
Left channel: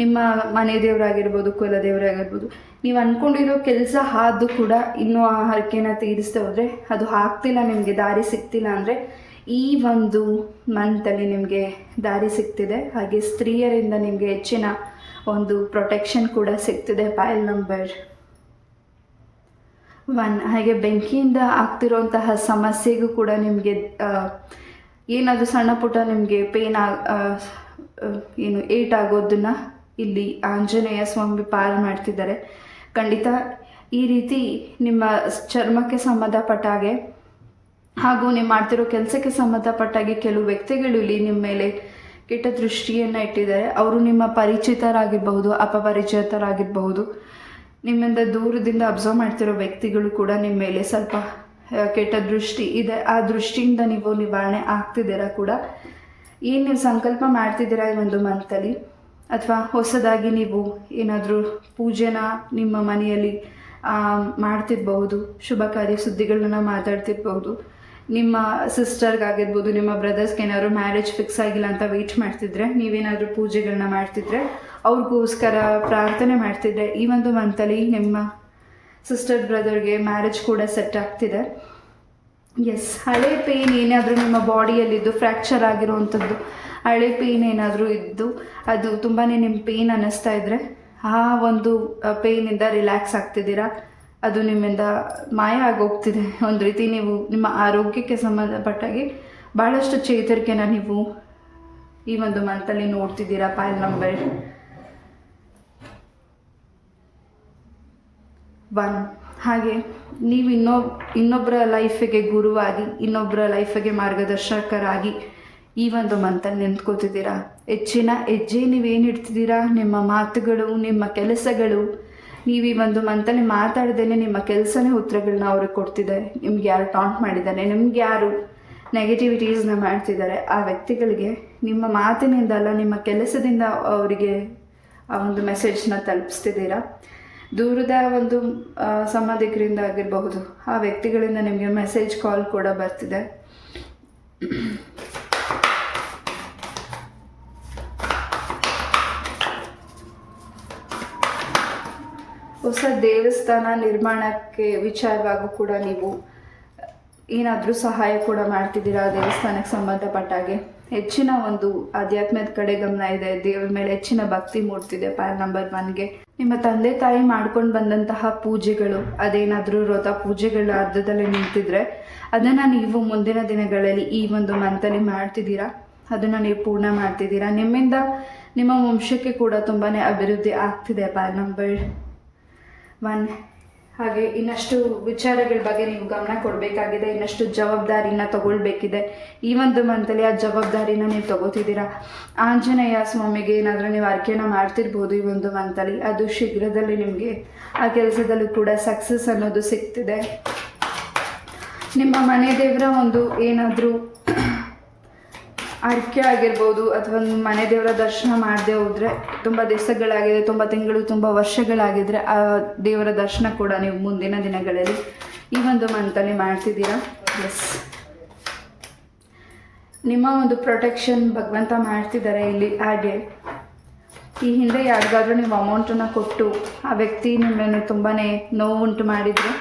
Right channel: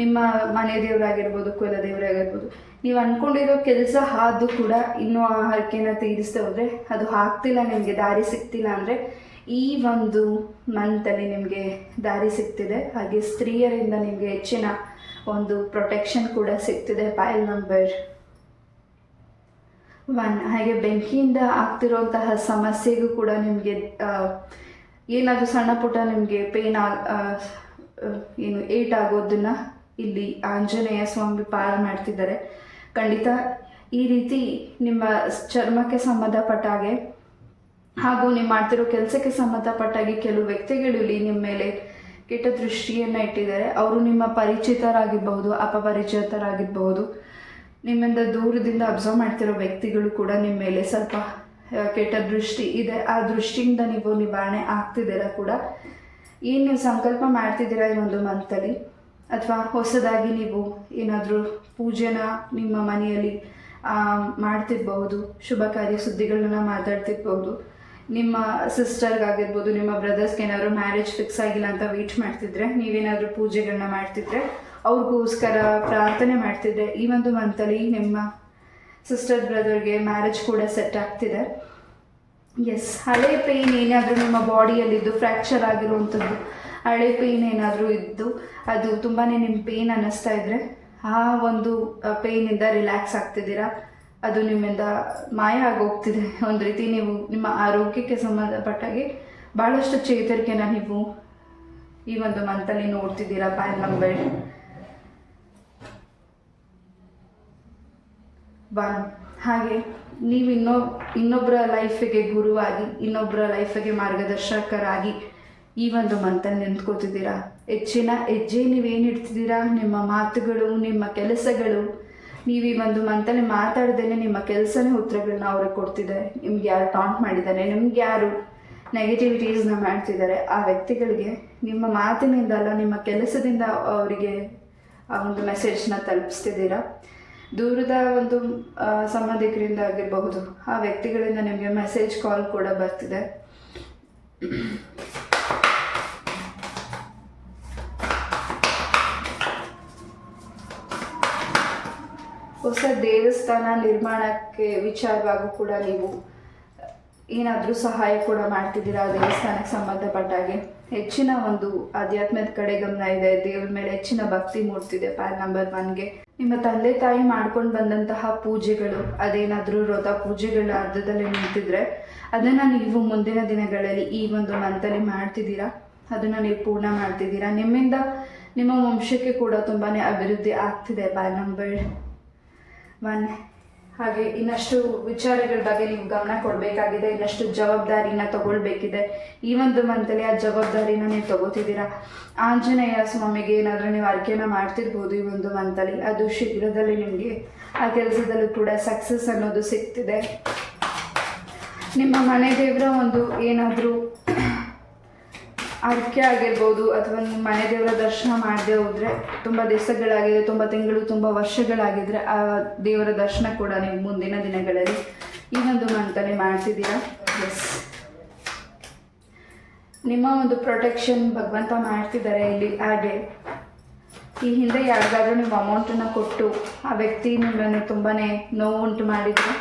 ನಿಮ್ಮ ಮನೆ ದೇವರಾಗಿರ್ಬೋದು, ಕುಲ ದೇವರಾಗಿರ್ಬೋದು, ನೀವು ಅಂದ್ಕೊಂಡಿರೋ ಕೆಲಸ ಆದರೂ ಕೂಡ ಇನ್ನೂ ಆ ಹರಕೆನ ತೀರಿಸ್ತಾ ಹೋದರೆ, ಅದು ಆಗ್ತಿಲ್ಲ, ನಿಮಗೆ ದಾರಿ ಸಿಗ್ತಿಲ್ಲ ಅಂದರೆ ಈ ಒಂದು ಮಂತಲ್ಲಿ ನಿಮಗೆ ದಾರಿ ಸಿಗ್ತಿದೆ. ಹಾಗೆ ಸ್ತ್ರೀಯರಿಂದ ನಿಮಗೆ ಹೆಚ್ಚಿನ ಒಂದು ಪ್ರೊಟೆಕ್ಷನ್ ಕೂಡ ಸಿಗ್ತಿದೆ. ಪೈಲ್ ನಂಬರ್ 1. ಹಾಗೆ ಬೆಂಕಿಯಿಂದ ಆಗ್ತಿರೋಂತಹ ಸಮಸ್ಯೆಗೂ ಕೂಡ ನಿಮಗೆ ಏನಾದರೂ ಸಣ್ಣ ಪುಟ್ಟ ನಿಮಗೆ ಪೇನ್ ಏನು ಏಟ್ ಆಗೋದನ್ನು ಇಲ್ಲಿ ಆಂಜನೇಯ ಸ್ವಾಮಿ ಪಾರ ಮಾಡ್ತಿದ್ದಾರೆ. ಖಂಡಿತ ಈ ರೀತಿ ನಿಮ್ಮ ಚರ್ಮಕ್ಕೆ ಸಂಬಂಧಪಟ್ಟ ಹಾಗೆ ಹಾಗೂ ನೀವು ಮಾಡ್ತಿರೋ ಕೆಲಸಕ್ಕೆ ಸಂಬಂಧಪಟ್ಟಾಗೆ ಕೆಲವು ವ್ಯಕ್ತಿಗಳು ಇಲ್ಲಿ ನಿಮ್ಮ ಮೇಲೆ ಕೆಟ್ಟ ದೃಷ್ಟಿಯನ್ನು ಇಟ್ಟಿದ್ದಾರೆ. ಅವರು ನಿಮ್ಮ ಪರಿಚಿತರಾಗಿರ್ಬಹುದು, ಅಪಪರಿಚಿತರಾಗಿರ್ಬಹುದು, ನಿಮ್ಮಿಂದ ದೂರದಿಂದ ಅಬ್ಸರ್ವ್ ಮಾಡ್ತಿರೋ ವ್ಯಕ್ತಿಗಳು ಕೂಡ ನಿಮ್ಮ ಮೇಲೆ ಸ್ವಲ್ಪ ಕೆಟ್ಟ ದೃಷ್ಟಿ ಇದೆ. ಆ ದೃಷ್ಟಿಯಿಂದ ನೀವು ನಿವಾರಣೆ ಆಗ್ತಿದ್ದೀರಾ ಕೂಡ. ಏನು ನೀವು ಸಂಕಲ್ಪ ಮಾಡ್ತಿದ್ದೀರಾ ಈ ಒಂದು ಮಂತಲ್ಲಿ, ಅಥವಾ ಹೊಸದಾಗಿ ನೀವು ಏನಾದರೂ ಪೂಜೆನ ನಿಮ್ಮ ಮನೆಯಲ್ಲಿ ಮಾಡ್ತಿರ್ಬಹುದು, ಶುಭ ಕಾರ್ಯ ಸುದ್ದಿಗಳನ್ನ ಮಾತಾಡ್ತಿರ್ಬಹುದು. ನಿಮ್ಮ ಸಿಸ್ಟರ್ಗಾಗಿರ್ಬೋದು, ನಿಮ್ಮ ಬ್ರದರ್ಸ್ಗೆ ಏನಾದರೂ ಮ್ಯಾರೇಜ್ ಫಿಕ್ಸ್ ಆಗಿಲ್ಲ ಅಂತ ವೆಯ್ಟ್ ಮಾಡ್ತಿದ್ರೆ, ನೀವೇನಾದರೂ ಪೂಜೆಗಳನ್ನ ಮಾಡ್ತಿದ್ರೆ, ಅವ್ರಿಗೋಸ್ಕರ ಪ್ರಾರ್ಥನೆ ಮಾಡ್ತಿದ್ರೆ, ಈ ಒಂದು ಮಂತಲ್ಲಿ ನಿಮ್ಮ ಸಿಸ್ಟರ್ ಬ್ರದರ್ಗೆ ಮ್ಯಾರೇಜ್ ಕೂಡ ಸೆಟ್ ಆಗ್ತಿದೆ. ಎಸ್, ಹಳೆ ಪೇಯ್ನ್ ಏನಾದರೂ ನಿಮ್ಮ ಬಾಡಿಯಲ್ಲಿದ್ದು, ಫ್ರ್ಯಾಕ್ಚರ್ ಆಗಿರುವಂಥದ್ದು ಹಳೆ ಪೇಯ್ನ್ ಏನಾದರೂ ಇದ್ದು ಅದು ತುಂಬಾ ನಿಮ್ಮ ಪೇಯ್ನ್ ಅನ್ನಿಸ್ತಾ ಇದ್ದರೆ, ಆ ಒಂದು ಪೇಯ್ನಿಂದ ರಿಲ್ಯಾಕ್ಸ್ ಆಗ್ತಿದ್ದೀರಾ, ಅದು ನಿಮ್ಮಿಂದ ಮಾಯ ಆಗೋಗ್ತಿದೆ. ಒಂದು ರೀತಿ ನೀವು ನಿಮ್ಮ ಆರೋಗ್ಯಕ್ಕೆ ಸಂಬಂಧಪಟ್ಟಾಗಿ ಭಾಳಷ್ಟು ಚೇತರಿಕೆನ ನೀವು ಈ ಒಂದು ಮಂತಲ್ಲಿ ನೋಡ್ತಿದ್ದೀರಾ. ಪೈಲ್ ನಂಬರ್ 1. ಹಾಗೆ ನೀವು ಇನ್ನೊಬ್ಬರ ಲೈಫಿಗೆ ಗುರುವಾಗಿ, ಇನ್ನೊಬ್ಬರ ಲೈಫಿಗೆ ಮಾರ್ಗದರ್ಶಕರಾಗಿ ಈ ಒಂದು ಮಂತಲ್ಲಿ ನಿಂತ್ಕೋತಿದ್ದೀರಾ. ಹೆಚ್ಚಿನ ಹೆಜ್ಜೆ ನೀವೇನು ಇಡ್ತಿದ್ದೀರಾ, ನಿಮ್ಮ ಮಾತುಗಳು, ನಿಮ್ಮ ಕೆಲಸಗಳು, ನೀವು ಈ ಒಂದು ಮಂತಲ್ಲಿ ಮಾತಾಡ್ದೇನೆ ನಿಮ್ಮ ಕೆಲಸನೇ ಉತ್ತರಗಳನ್ನ ಅವ್ರಿಗೆ ಕೊಡ್ತಿದ್ದಾರೆ. ನಿಮ್ಗೆ ಯಾರು ಟಾಂಟ್ ಮಾಡಿದ್ದಾನೆ, ನಿಮ್ಗೆ ಯಾರು ನೆಗೆಟಿವಿಟೀಸ್ನ ಮಾಡ್ತಿದ್ದಾರೆ, ಆ ವ್ಯಕ್ತಿಗಳಿಗೆ ನಿಮ್ಮ ಮಾತಿನಿಂದ ಅಲ್ಲ, ನಿಮ್ಮ ಕೆಲಸದಿಂದ ಅವರಿಗೆ ಆ ಒಂದು ಮೆಸೇಜ್ನ ತಲುಪಿಸ್ತಿದ್ದೀರಾ. ದೂರದ ಒಂದು ಸಂಬಂಧಿಕರಿಂದ ಆಗಿರಬಹುದು, ಆ ವ್ಯಕ್ತಿಗಳಿಂದ ನಿಮಗೆ ಮೆಸೇಜ್ ಕಾಲ್ ಕೂಡ ಬರ್ತಿದೆ. ಹೊಸ ದೇವಸ್ಥಾನ ನಿರ್ಮಾಣಕ್ಕೆ ವಿಚಾರವಾಗೂ ಕೂಡ ನೀವು ಏನಾದರೂ ಸಹಾಯ ಕೂಡ ಮಾಡ್ತಿದ್ದೀರಾ. ದೇವಸ್ಥಾನಕ್ಕೆ ಸಂಬಂಧಪಟ್ಟಾಗೆ ಹೆಚ್ಚಿನ ಒಂದು ಆಧ್ಯಾತ್ಮದ ಕಡೆ ಗಮನ ಇದೆ, ದೇವರ ಮೇಲೆ ಹೆಚ್ಚಿನ ಭಕ್ತಿ ಮೂಡ್ತಿದೆ. ಪೈಲ್ ನಂಬರ್ 1ಗೆ ನಿಮ್ಮ ತಂದೆ ತಾಯಿ ಮಾಡ್ಕೊಂಡು ಬಂದಂತಹ ಪೂಜೆಗಳು, ಅದೇನಾದರೂ ವ್ರತ ಪೂಜೆಗಳ ಅರ್ಧದಲ್ಲಿ ನಿಂತಿದ್ರೆ ಅದನ್ನು ನೀವು ಮುಂದಿನ ದಿನಗಳಲ್ಲಿ ಈ ಒಂದು ಮಂತಲ್ಲಿ ಮಾಡ್ತಿದ್ದೀರಾ, ಅದನ್ನು ನೀವು ಪೂರ್ಣ ಮಾಡ್ತಿದ್ದೀರಾ. ನಿಮ್ಮಿಂದ ನಿಮ್ಮ ವಂಶಕ್ಕೆ ಕೂಡ ತುಂಬಾ ಅಭಿವೃದ್ಧಿ ಆಗ್ತಿದೆ. ಪೈಲ್ ನಂಬರ್ 1. ಹಾಗೆ ಇನ್ನಷ್ಟು ವಿಚಾರಗಳ ಬಗ್ಗೆ ನೀವು ಗಮನ ಕೊಡಬೇಕಾಗಿದೆ, ಇನ್ನಷ್ಟು ಜವಾಬ್ದಾರಿನ ತಗೊಳ್ಬೇಕಿದೆ. ಈ ಒಂದು ಮಂತಲ್ಲಿ ಆ ಜವಾಬ್ದಾರಿನ ನೀವು ತಗೋತಿದ್ದೀರಾ. ಆಂಜನೇಯ ಸ್ವಾಮಿಗೆ ಏನಾದರೂ ನೀವು ಅರ್ಕೆನ ಮಾಡ್ತಿರ್ಬೋದು ಈ ಒಂದು ಮಂತಲ್ಲಿ, ಅದು ಶೀಘ್ರದಲ್ಲಿ ನಿಮಗೆ ಆ ಕೆಲಸದಲ್ಲೂ ಕೂಡ ಸಕ್ಸಸ್ ಅನ್ನೋದು ಸಿಗ್ತಿದೆ. ನಿಮ್ಮ ಮನೆ ದೇವರ ಒಂದು ಏನಾದರೂ ಅರ್ಕೆ ಆಗಿರ್ಬೋದು, ಅಥವಾ ನಿಮ್ಮ ಮನೆ ದೇವರ ದರ್ಶನ ಮಾಡದೆ ಹೋದರೆ, ತುಂಬ ದಿವಸಗಳಾಗಿದೆ, ತುಂಬ ತಿಂಗಳು, ತುಂಬ ವರ್ಷಗಳಾಗಿದ್ದರೆ ಆ ದೇವರ ದರ್ಶನ ಕೂಡ ನೀವು ಮುಂದಿನ ದಿನಗಳಲ್ಲಿ ಈ ಒಂದು ಮಂತಲ್ಲಿ ಮಾಡ್ತಿದ್ದೀರಾ. ಎಸ್, ನಿಮ್ಮ ಒಂದು ಪ್ರೊಟೆಕ್ಷನ್ ಭಗವಂತ ಮಾಡ್ತಿದ್ದಾರೆ ಇಲ್ಲಿ. ಹಾಗೆ ಈ ಹಿಂದೆ ಯಾರಿಗಾದ್ರೂ ನೀವು ಅಮೌಂಟನ್ನು ಕೊಟ್ಟು ಆ ವ್ಯಕ್ತಿ ನಿಮ್ಮನ್ನು ತುಂಬಾ ನೋವುಂಟು ಮಾಡಿದರೆ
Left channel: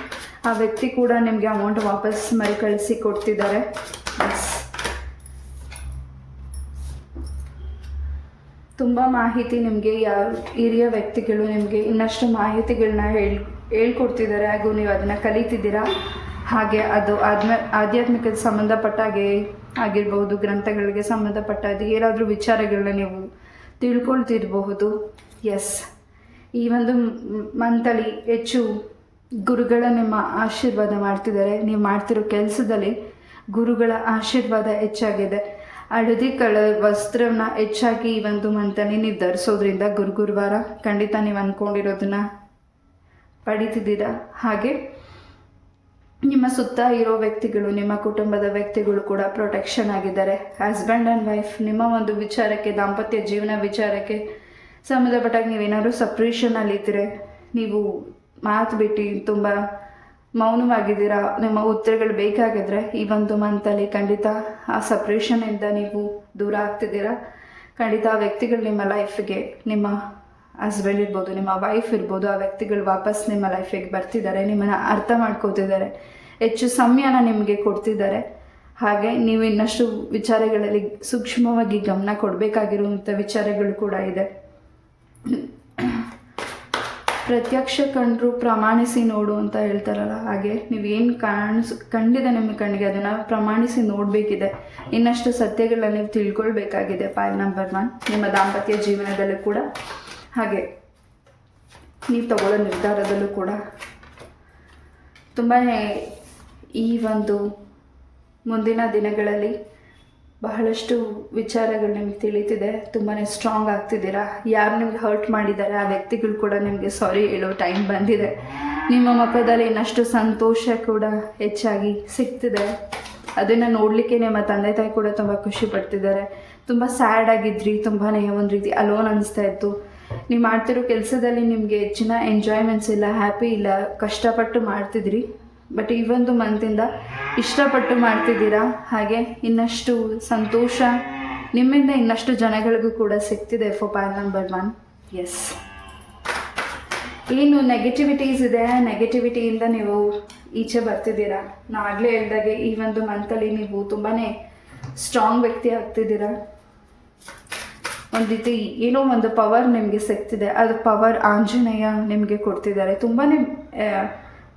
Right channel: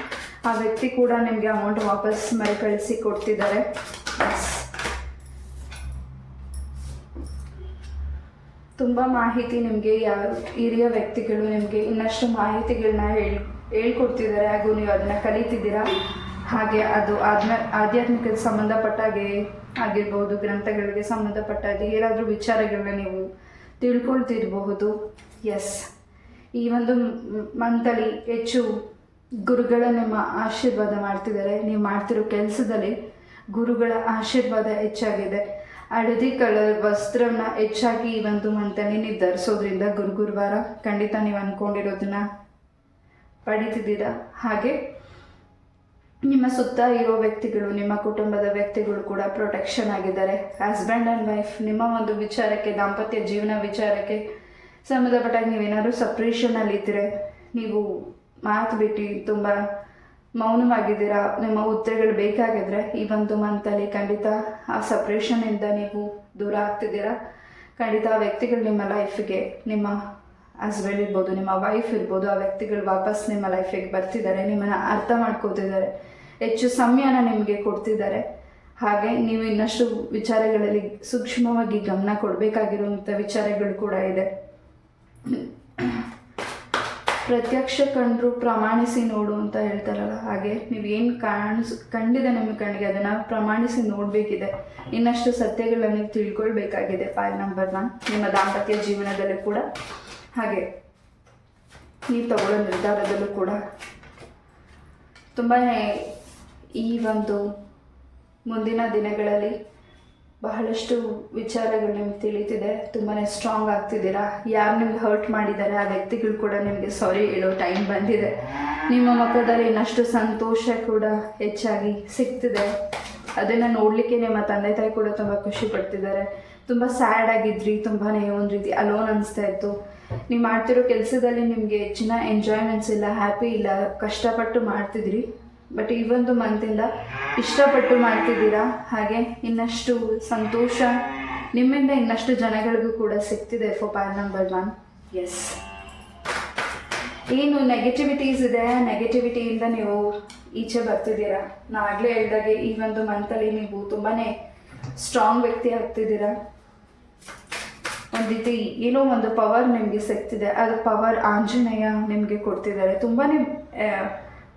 ಆ ವ್ಯಕ್ತಿ ಕೂಡ ನಿಮಗೆ ಅಮೌಂಟ್ ವಾಪಸ್ ಮರುಕಳಿಸಿ ಕೊಡ್ತಿದ್ದಾರೆ. ತುಂಬ ಮಾಹಿತಿ ನಿಮಗೆ ಹಿರಿಯ ವ್ಯಕ್ತಿಗಳು ನಿಮಗೆ ಇನ್ನಷ್ಟು ಮಾಹಿತಿಗಳನ್ನ ಹೇಳ್ಕೊಡ್ತಿದ್ದಾರೆ ಹಾಗೂ ನೀವು ಅದನ್ನು ಕಲಿತಿದ್ದೀರಾ. ಹಾಗೆ ಅದು ಆಧ್ಯಾತ್ಮಿಕಕ್ಕೆ ಸಂಬಂಧಪಟ್ಟಾಗೆ ಆಗಿರ್ಬೋದು, ಗ್ರಂಥಗಳಿಗೆ ಸಂಬಂಧಪಟ್ಟಾಗ ಏನಾದರೂ ವಿಚಾರಗಳನ್ನ ನೀವು ತಿಳ್ಕೊಳ್ತಿರಬಹುದು. ಎಸ್, ಈ ಒಂದು ಮಂತಲ್ಲಿ ಹೆಚ್ಚು ಗುರುಗಳ ನಿಮ್ಮ ಆಶೀರ್ವಾದ ಮಾಡ್ತಿದ್ದಾರೆ. ನೀವು ಮಾಡ್ತಿರೋ ಕೆಲಸದಲ್ಲಿ ಗುರುಗಳ ಆಶೀರ್ವಾದ ಹೆಚ್ಚಾಗಿದೆ. ಹಳದಿ ಕಲರ್ ವಸ್ತ್ರನ ಹೆಚ್ಚಾಗಿ ಈ ಒಂದು ಮಂತಲ್ಲಿ ನೀವು ಧರಿಸೋದ್ರಿಂದ ಗುರುವಾರ ಖಂಡಿತ ನೀವು ಅಂದ್ಕೊಂಡಿರೋದನ್ನ ಪಡಿತಿದ್ದೀರಾ. ಹಾಗೆ ನಿಮ್ಮ ಸುತ್ತ ಇರೋ ವ್ಯಕ್ತಿಗಳು, ನಿಮ್ಮ ಕುಟುಂಬದ ವ್ಯಕ್ತಿಗಳು ಕೂಡ ಪ್ರೊಟೆಕ್ಷನ್ ಆಗಿದ್ದಾರೆ. ಹಸ್ಬೆಂಡ್ ಆ್ಯಂಡ್ ವೈಫ್ ನಿಮ್ಮ ಒಂದು ವಿಚಾರಕ್ಕೆ, ದಾಂಪತ್ಯ ಜೀವನ ವಿಚಾರಕ್ಕೆ ಸಂಬಂಧಪಟ್ಟಾಗ ನೀವೇನಾದ್ರು ಸಪ್ರೇಷನಲ್ಲಿದ್ದರೆ, ನೀವು ಮಾತು ಬಿಟ್ಟು ತುಂಬ ಮೌನವಾಗಿದ್ದೀರಾ, ನಿಮ್ಮ ಉತ್ತರಗಳು ಬೇಕಾಗಿದ್ದರೆ ಈ ಒಂದು ಮಂತಲ್ಲಿ ಖಂಡಿತ ಆ ಸಪ್ರೇಷನಿಂದ ನೀವು ದೂರ ಆಗ್ತಿದ್ದೀರಾ. ಖಂಡಿತ ಆ ವ್ಯಕ್ತಿಗಳು ನಿಮ್ಮ ಲೈಫಿಗೆ, ನಿಮ್ಮ ಹಸ್ಬೆಂಡ್ ಇರ್ಬೋದು, ನಿಮ್ಮ ವೈಫ್ ಇರ್ಬೋದು, ಆ ವ್ಯಕ್ತಿಗಳು ವಾಪಸ್ ನಿಮ್ಮ ಲೈಫಿಗೆ ಬರ್ತಿದ್ದಾರೆ, ನಿಮ್ಮನ್ನು ಅರ್ಥ ಮಾಡ್ಕೋತಿದ್ದಾರೆ, ಹೆಚ್ಚು ಸಮಯನ ನಿಮಗೆ ಕೊಡ್ತಿದ್ದಾರೆ. ಹಾಗೆ ನೀವು ಇನ್ನಷ್ಟು ವಿಚಾರಗಳಲ್ಲಿ ಸೂಕ್ಷ್ಮವಾಗಿ ಗಮನ ಕೊಡಬೇಕಾಗಿರುವಂಥ ವಿಚಾರಗಳು ಕೂಡ ಇದೆ. ಪ್ರತ್ಯಕ್ಷ ಕಂಡ್ರು ಪ್ರಮಾಣಿಸಿ ನೋಡು ಅಂತ ಹೇಳ್ತಾರಲ್ಲ, ಹಾಗೆ ನೀವೇನು ಕಂಡಿದೆ ನಿಮ್ಮ ಕಣ್ಣಿಗೆ ಅದನ್ನು ಪ್ರಮಾಣಿಸಿ ನೋಡಬೇಕಿದೆ. ಇನ್ನಷ್ಟು ಸತ್ಯಗಳನ್ನ ನೀವು ತಿಳ್ಕೊಳ್ಬೇಕಾಗಿದೆ. ಪಾಯಿಂಟ್ ನಂಬರ್ 1, ನಿಮ್ಮ ದಾಂಪತ್ಯ ಜೀವನದಲ್ಲೂ ಕೂಡ, ಹಾಗೆ ನೀವು ತಗೊಳ್ಳೋ ನಿರ್ಧಾರದಲ್ಲೂ ಕೂಡ ತುಂಬಾ ಈ ಒಂದು ಮುಂದಿನ ದಿನಗಳಲ್ಲಿ ಬಹಳಷ್ಟು ವಿಚಾರಗಳು ನಿಮ್ಗೆ ತಿಳಿತಿದೆ. ತುಂಬಾ ಸ್ಟ್ರಾಂಗ್ ಆಗ್ತಿದ್ದೀರಾ. ಯಾರು ನಿಮ್ಗೆ ಹರ್ಟ್ ಮಾಡಿದ್ದಾರೆ ಆ ವ್ಯಕ್ತಿಗಳು ಕೂಡ ನಿಮಗೆ ಸಾರಿ ಹೇಳೋ ಟೈಮ್ ಬಂದಿದೆ. ನಿಮ್ಮ ಮುಖದಲ್ಲಿ ಇನ್ನಷ್ಟು ಸಂತೋಷ ಕೂಡ ಹೆಚ್ಚಾಗಿ ಸಿಗ್ತಿದೆ. ಅದನ್ನು ನೋಡಲಿಕ್ಕೆ ನಿಮ್ಮ ತಂದೆ ತಾಯಿ ಕೂಡ ತುಂಬ ಖುಷಿ ಪಡ್ತಿದ್ದಾರೆ. ತುಂಬ ಸ್ಯಾಡ್ ಆಗಿದ್ರಿ, ತುಂಬಾ ಒಂದು ರೀತಿ ಅಲೋನ್ ಅನಿಸ್ತಾ ಇತ್ತು. ನೀವು ಮಾಡ್ತಿರೋ ಕೆಲಸದಲ್ಲಿ ನಿಮಗೆ ಹೆಚ್ಚಿನ ಎಂಜಾಯ್ಮೆಂಟ್ಸ್ ಇಲ್ಲ, ಹ್ಯಾಪಿ ಇಲ್ಲ, ಕಷ್ಟಪಟ್ಟು ಮಾಡ್ತಿದ್ರಿ. ಬಟ್ ಈ ಒಂದು ಮಂತಿಂದ ಇಷ್ಟಪಟ್ಟು ಮಾಡ್ತಿದ್ದೀರಾ. ಹಾಗೆ ಇನ್ನಷ್ಟು ಸಂತೋಷ ನಿಮ್ಮಿಂದ ಇನ್ನಷ್ಟು ಜನಗಳಿಗೂ ಕೂಡ ಸಿಗ್ತಿದೆ. Point number 1, yes. ಏನು ನೆಗೆಟಿವಿಟೀಸ್ ಇದೆ, ನೆಗೆಟಿವಿಟಿಯಿಂದ ನೀವು ಈಚೆ ಬರ್ತಿದ್ದೀರಾ. ನಾವು ಆಗಲೇ ಹೇಳಿದಾಗೆ ಈ ಒಂದು ಮಂತಲ್ಲಿ ನೀವು ತುಂಬಾ ಸ್ಟ್ರಾಂಗ್ ವ್ಯಕ್ತಿ ಆಗ್ತಿದ್ದೀರಾ. ಒಂದು ರೀತಿ ಏನೋ ಒಂದು ಪವರ್ ನಿಮಗೆ ಸಿಗ್ತಿದೆ. ಅದು ಪವರ್ ಆಂಜನೇಯ ನಿಮಗೆ ಕೊಡ್ತಿದ್ದಾರೆ. ತುಂಬಾ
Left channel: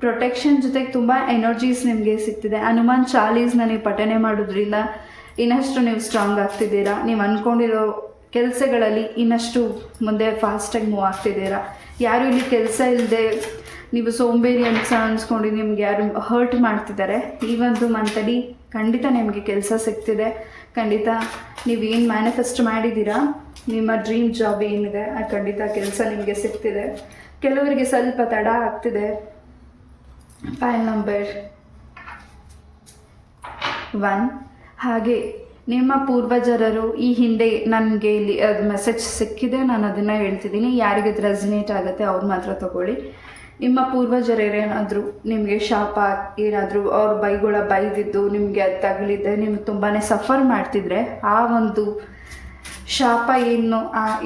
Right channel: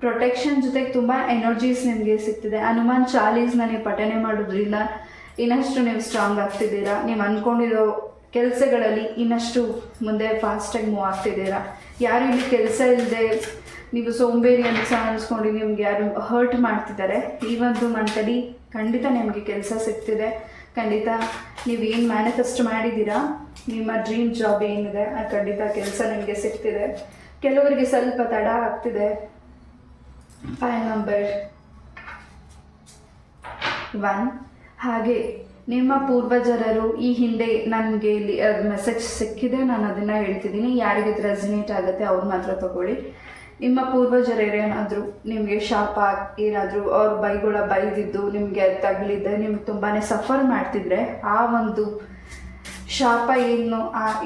ಪ್ರೊಟೆಕ್ಷನ್ ಜೊತೆಗೆ ತುಂಬ ಎನರ್ಜೀಸ್ ನಿಮಗೆ ಸಿಗ್ತಿದೆ. ಹನುಮಾನ್ ಚಾಲೀಸ್ನ ನೀವು ಪಠನೆ ಮಾಡೋದ್ರಿಂದ ಇನ್ನಷ್ಟು ನೀವು ಸ್ಟ್ರಾಂಗ್ ಆಗ್ತಿದ್ದೀರಾ. ನೀವು ಅಂದ್ಕೊಂಡಿರೋ ಕೆಲಸಗಳಲ್ಲಿ ಇನ್ನಷ್ಟು ಮುಂದೆ ಫಾಸ್ಟಾಗಿ ಮೂವ್ ಆಗ್ತಿದ್ದೀರಾ. ಯಾರು ಇಲ್ಲಿ ಕೆಲಸ ಇಲ್ಲದೆ ನೀವು ಸೋಂಬೇರಿ ಅನ್ಸ್ಕೊಂಡು ನಿಮ್ಗೆ ಯಾರು ಹರ್ಟ್ ಮಾಡ್ತಿದ್ದಾರೆ, ಈ ಒಂದು ಮಂತಲ್ಲಿ ಖಂಡಿತ ನಿಮಗೆ ಕೆಲಸ ಸಿಗ್ತಿದೆ. ಖಂಡಿತ ನೀವೇನು ಮ್ಯಾನಿಫೆಸ್ಟ್ ಮಾಡಿದ್ದೀರಾ, ನಿಮ್ಮ ಡ್ರೀಮ್ ಜಾಬ್ ಏನಿದೆ ಅದು ಖಂಡಿತ ಕೆಲಸ ನಿಮಗೆ ಸಿಗ್ತಿದೆ. ಕೆಲವರಿಗೆ ಸ್ವಲ್ಪ ತಡ ಆಗ್ತಿದೆ. ಪಾಯಿಂಟ್ ನಂಬರ್ 1, ಹಾಗೆ ನಿಮ್ಮ ಪೂರ್ವಜರರು ಈ ಹಿಂದೆ ನನಗೆ ಇಲ್ಲಿ ಅದು ಮೆಸೇಜ್ ಸಿಕ್ಕಿದೆ, ನಾನು ಅದನ್ನು ಹೇಳ್ತಿದ್ದೀನಿ. ಯಾರಿಗೆ ಅದು ರೆಸನೇಟ್ ಆಗುತ್ತೆ ಅವ್ರು ಮಾತ್ರ ತಗೊಳ್ಳಿ. ನಿಮ್ಮ ಪೂರ್ವಜರೇನಾದರೂ ನಿಮಗೆ ಶಾಪ ಏನಾದರೂ ಅವ್ರ ಬೈದಿದ್ದು ನಿಮಗೆ ಅದು ತಗಲಿದ್ದೆ, ನಿಮ್ಗೆ ತುಂಬಾ ಸಫರ್ ಮಾಡ್ತಿದ್ರೆ ಆ ಒಂದು ಶಾಪ ಏನು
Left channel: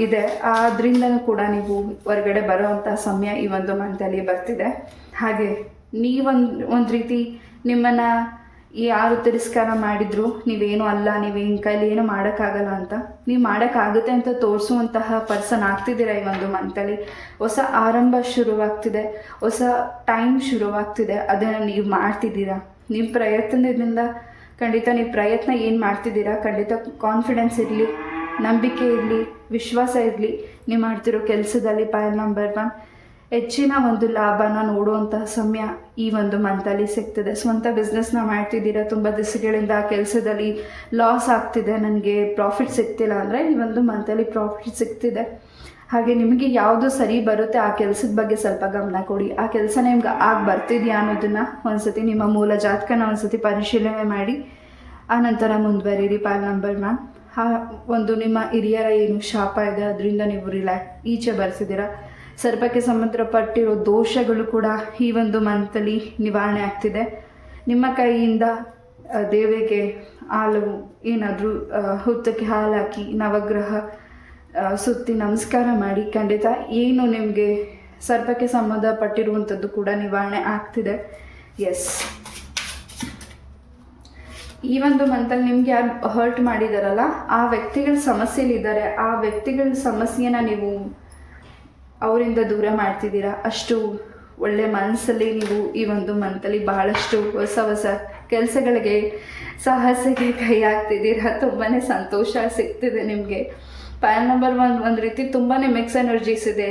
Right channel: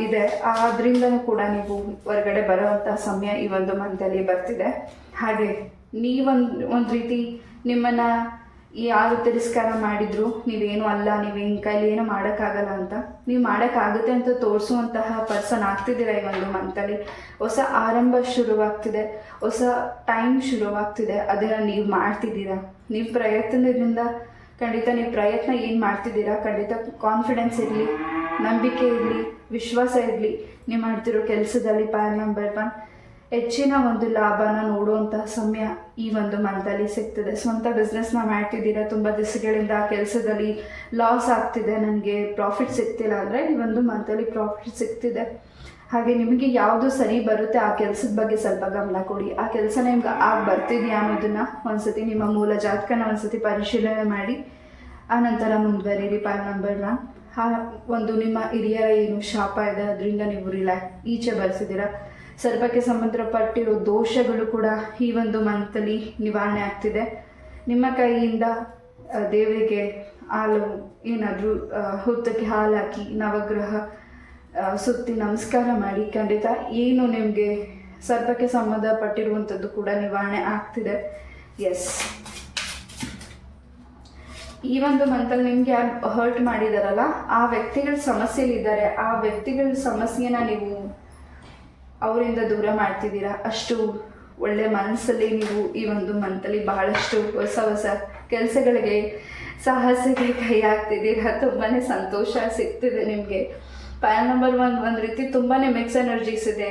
ಇದೆ ಅದರಿಂದನೂ ಕೂಡ ನೀವು ಹೊರಗಡೆ ಬರೋವಂಥ ಸಮಯ ಈ ಒಂದು ಮಂತಲ್ಲಿ ಬರ್ತಿದೆ. ಹಾಗೆ ಒಂದು ರೀತಿ ನಿಮ್ಮನ್ನು ಯಾರು ತಿರಸ್ಕಾರ ಮಾಡಿದ್ರು, ನೀವೇನು ಅಲ್ಲ, ನೀವೇನು ಕೈಲಿ ಏನು ಮಾಡೋಕ್ಕಾಗಲ್ಲ ಅಂತ, ನೀವು ಮಾಡೋಕ್ಕಾಗುತ್ತೆ ಅಂತ ತೋರಿಸುವಂತಹ ಪರ್ಸನ್ ಆಗ್ತಿದ್ದೀರಾ. ಈ ಒಂದು ಮಂತಲ್ಲಿ ಹೊಸ ಆರಂಭ ಶುರುವಾಗ್ತಿದೆ, ಹೊಸ ಟೈಮ್ ಶುರುವಾಗ್ತಿದೆ. ಅದನ್ನು ನೀವು ಮಾಡ್ತಿದ್ದೀರಾ. ನೀವು ಪ್ರಯತ್ನದಿಂದ ಖಂಡಿತ ನೀವು ಪ್ರಯತ್ನ ಏನು ಮಾಡ್ತಿದ್ದೀರಾ, ಖಂಡಿತ ಕಾನ್ಫಿಡೆನ್ಸ್ ಇರಲಿ, ನಂಬಿಕೆ ಇರಲಿ, ವಿಶ್ವಾಸ ಇರಲಿ. ನೀವು ಮಾಡ್ತಿರೋ ಕೆಲಸದಲ್ಲಿ ಪಾಯಿಂಟ್ ನಂಬರ್ 1, ಹೆಚ್ಚಿನ ಒಂದು ಲಾಭನ ನೋಡುವಂತಹ ಸಮಯ ಈ ಒಂದು ಮಂತಲ್ಲಿ ಸಿಗ್ತದೆ. ಸ್ವಂತ ಬಿಸ್ನೆಸ್ನ ಮಾಡ್ತಿದ್ದೀರಾ, ತುಂಬ ದಿವಸಗಳಿಂದ ಆ ಕೆಲಸದಲ್ಲಿ ಲಾಸ್ ಆಗ್ತಿದೆ, ನನಗೆ ಪ್ರಾಫಿಟ್ ಸಿಗ್ತಿಲ್ಲ ಅಂದರೆ ಈ ಒಂದು ಮಂತಲ್ಲಿ ಪ್ರಾಫಿಟ್ ಸಿಗ್ತಿದೆ. ಹಾಗೆ ನಿಮಗೆ ಯಾವುದು ಸರಿ ಬರುತ್ತೆ ಆ ಕೆಲಸದ ಬಗ್ಗೆ ಸ್ವಲ್ಪ ಗಮನ ಕೊಡಿ. ಆ ಕೆಲಸ ನಿಮ್ಗೆ ಬರ್ತಿದೆಯಾ ಅನ್ನೋದನ್ನು ಒಂದ್ಸತಿ ನಿಮ್ಮ ಮೂಲ ಜಾತಕನ ಒಂದ್ಸತಿ ಪರಿಶೀಲನೆ ಮಾಡಿ ಆನಂತರ ಮುಂದುವರಿರಿ. ಪಾಯಿಂಟ್ ನಂಬರ್ 1, ಆ ಒಂದು ನಿಮ್ಮ ಹಿರಿಯರ ಏನು ಶಾಪ ಇದೆ ಅದರಿಂದ ನೀವು ಈಚೆ ಬರ್ಸಿದ್ದೀರಾ. ಸರ್ಪಕ್ಕೆ ಸಂಬಂಧಪಟ್ಟಿರೋ ದೋಷಗಳು ಕೂಡ ಈ ಒಂದು ಮಂತಲ್ಲಿ ನಿವಾರಣೆ ಆಗ್ತಿದೆ. ನಿಮ್ಮ ಕೈಯಿಂದ ದೇವರಿಗೆ ಹಾಲು ಏನಾದರೂ ಹುತ್ತಕ್ಕೆ ಹಾಲು ಹಾಕಿ ನವಗ್ರಹ ಸುತ್ತಿ ನಮಸ್ಕಾರ ಮಾಡಿ. ಖಂಡಿತ ಏನು ನಿಮಗೆ ಸರ್ಪಕ್ಕೆ ಸಂಬಂಧಪಟ್ಟಿರುವಂಥದ್ದು ಕೂಡ ನಿವಾರಣೆ ಆಗ್ತಿದೆ. ಎಸ್, ಈ ಒಂದು ಮಂತಲ್ಲಿ ನಿಮ್ಗೆ ಯಾರು ಹರ್ಟ್ ಮಾಡಿದಾರಲ್ಲ ಆ ವ್ಯಕ್ತಿಗಳ ಸಮಸ್ಯೆಲಿದ್ದಾರೆ. ಆ ವ್ಯಕ್ತಿಗಳ ಸಮಸ್ಯೆನ ನೀವು ಅವರಿಂದ ದೂರ ಮಾಡ್ತಿದ್ದೀರಾ. ಅಷ್ಟು ಒಳ್ಳೆ ಮನಸ್ಸಲ್ಲಿ ನೀವು ಈ ಒಂದು ಮಂತಲ್ಲಿ ಬಹಳಷ್ಟು ಹೊಸ ಹೊಸ ಕೆಲಸಗಳಿಗೆ ಸಾಹಸಕ್ಕೆ ಕೈ ಹಾಕ್ತಿದ್ದೀರಾ. ತುಂಬಾ ಸಂತೋಷ ಸಿಗ್ತಿದೆ ನಿಮಗೆ. ಪಾಯಲ್ ನಂಬರ್ 1 ಒಂದು ರೀತಿ ತುಂಬಾ ಮಿಕ್ಸ್ ಎನರ್ಜೀಸ್ ಇದೆ.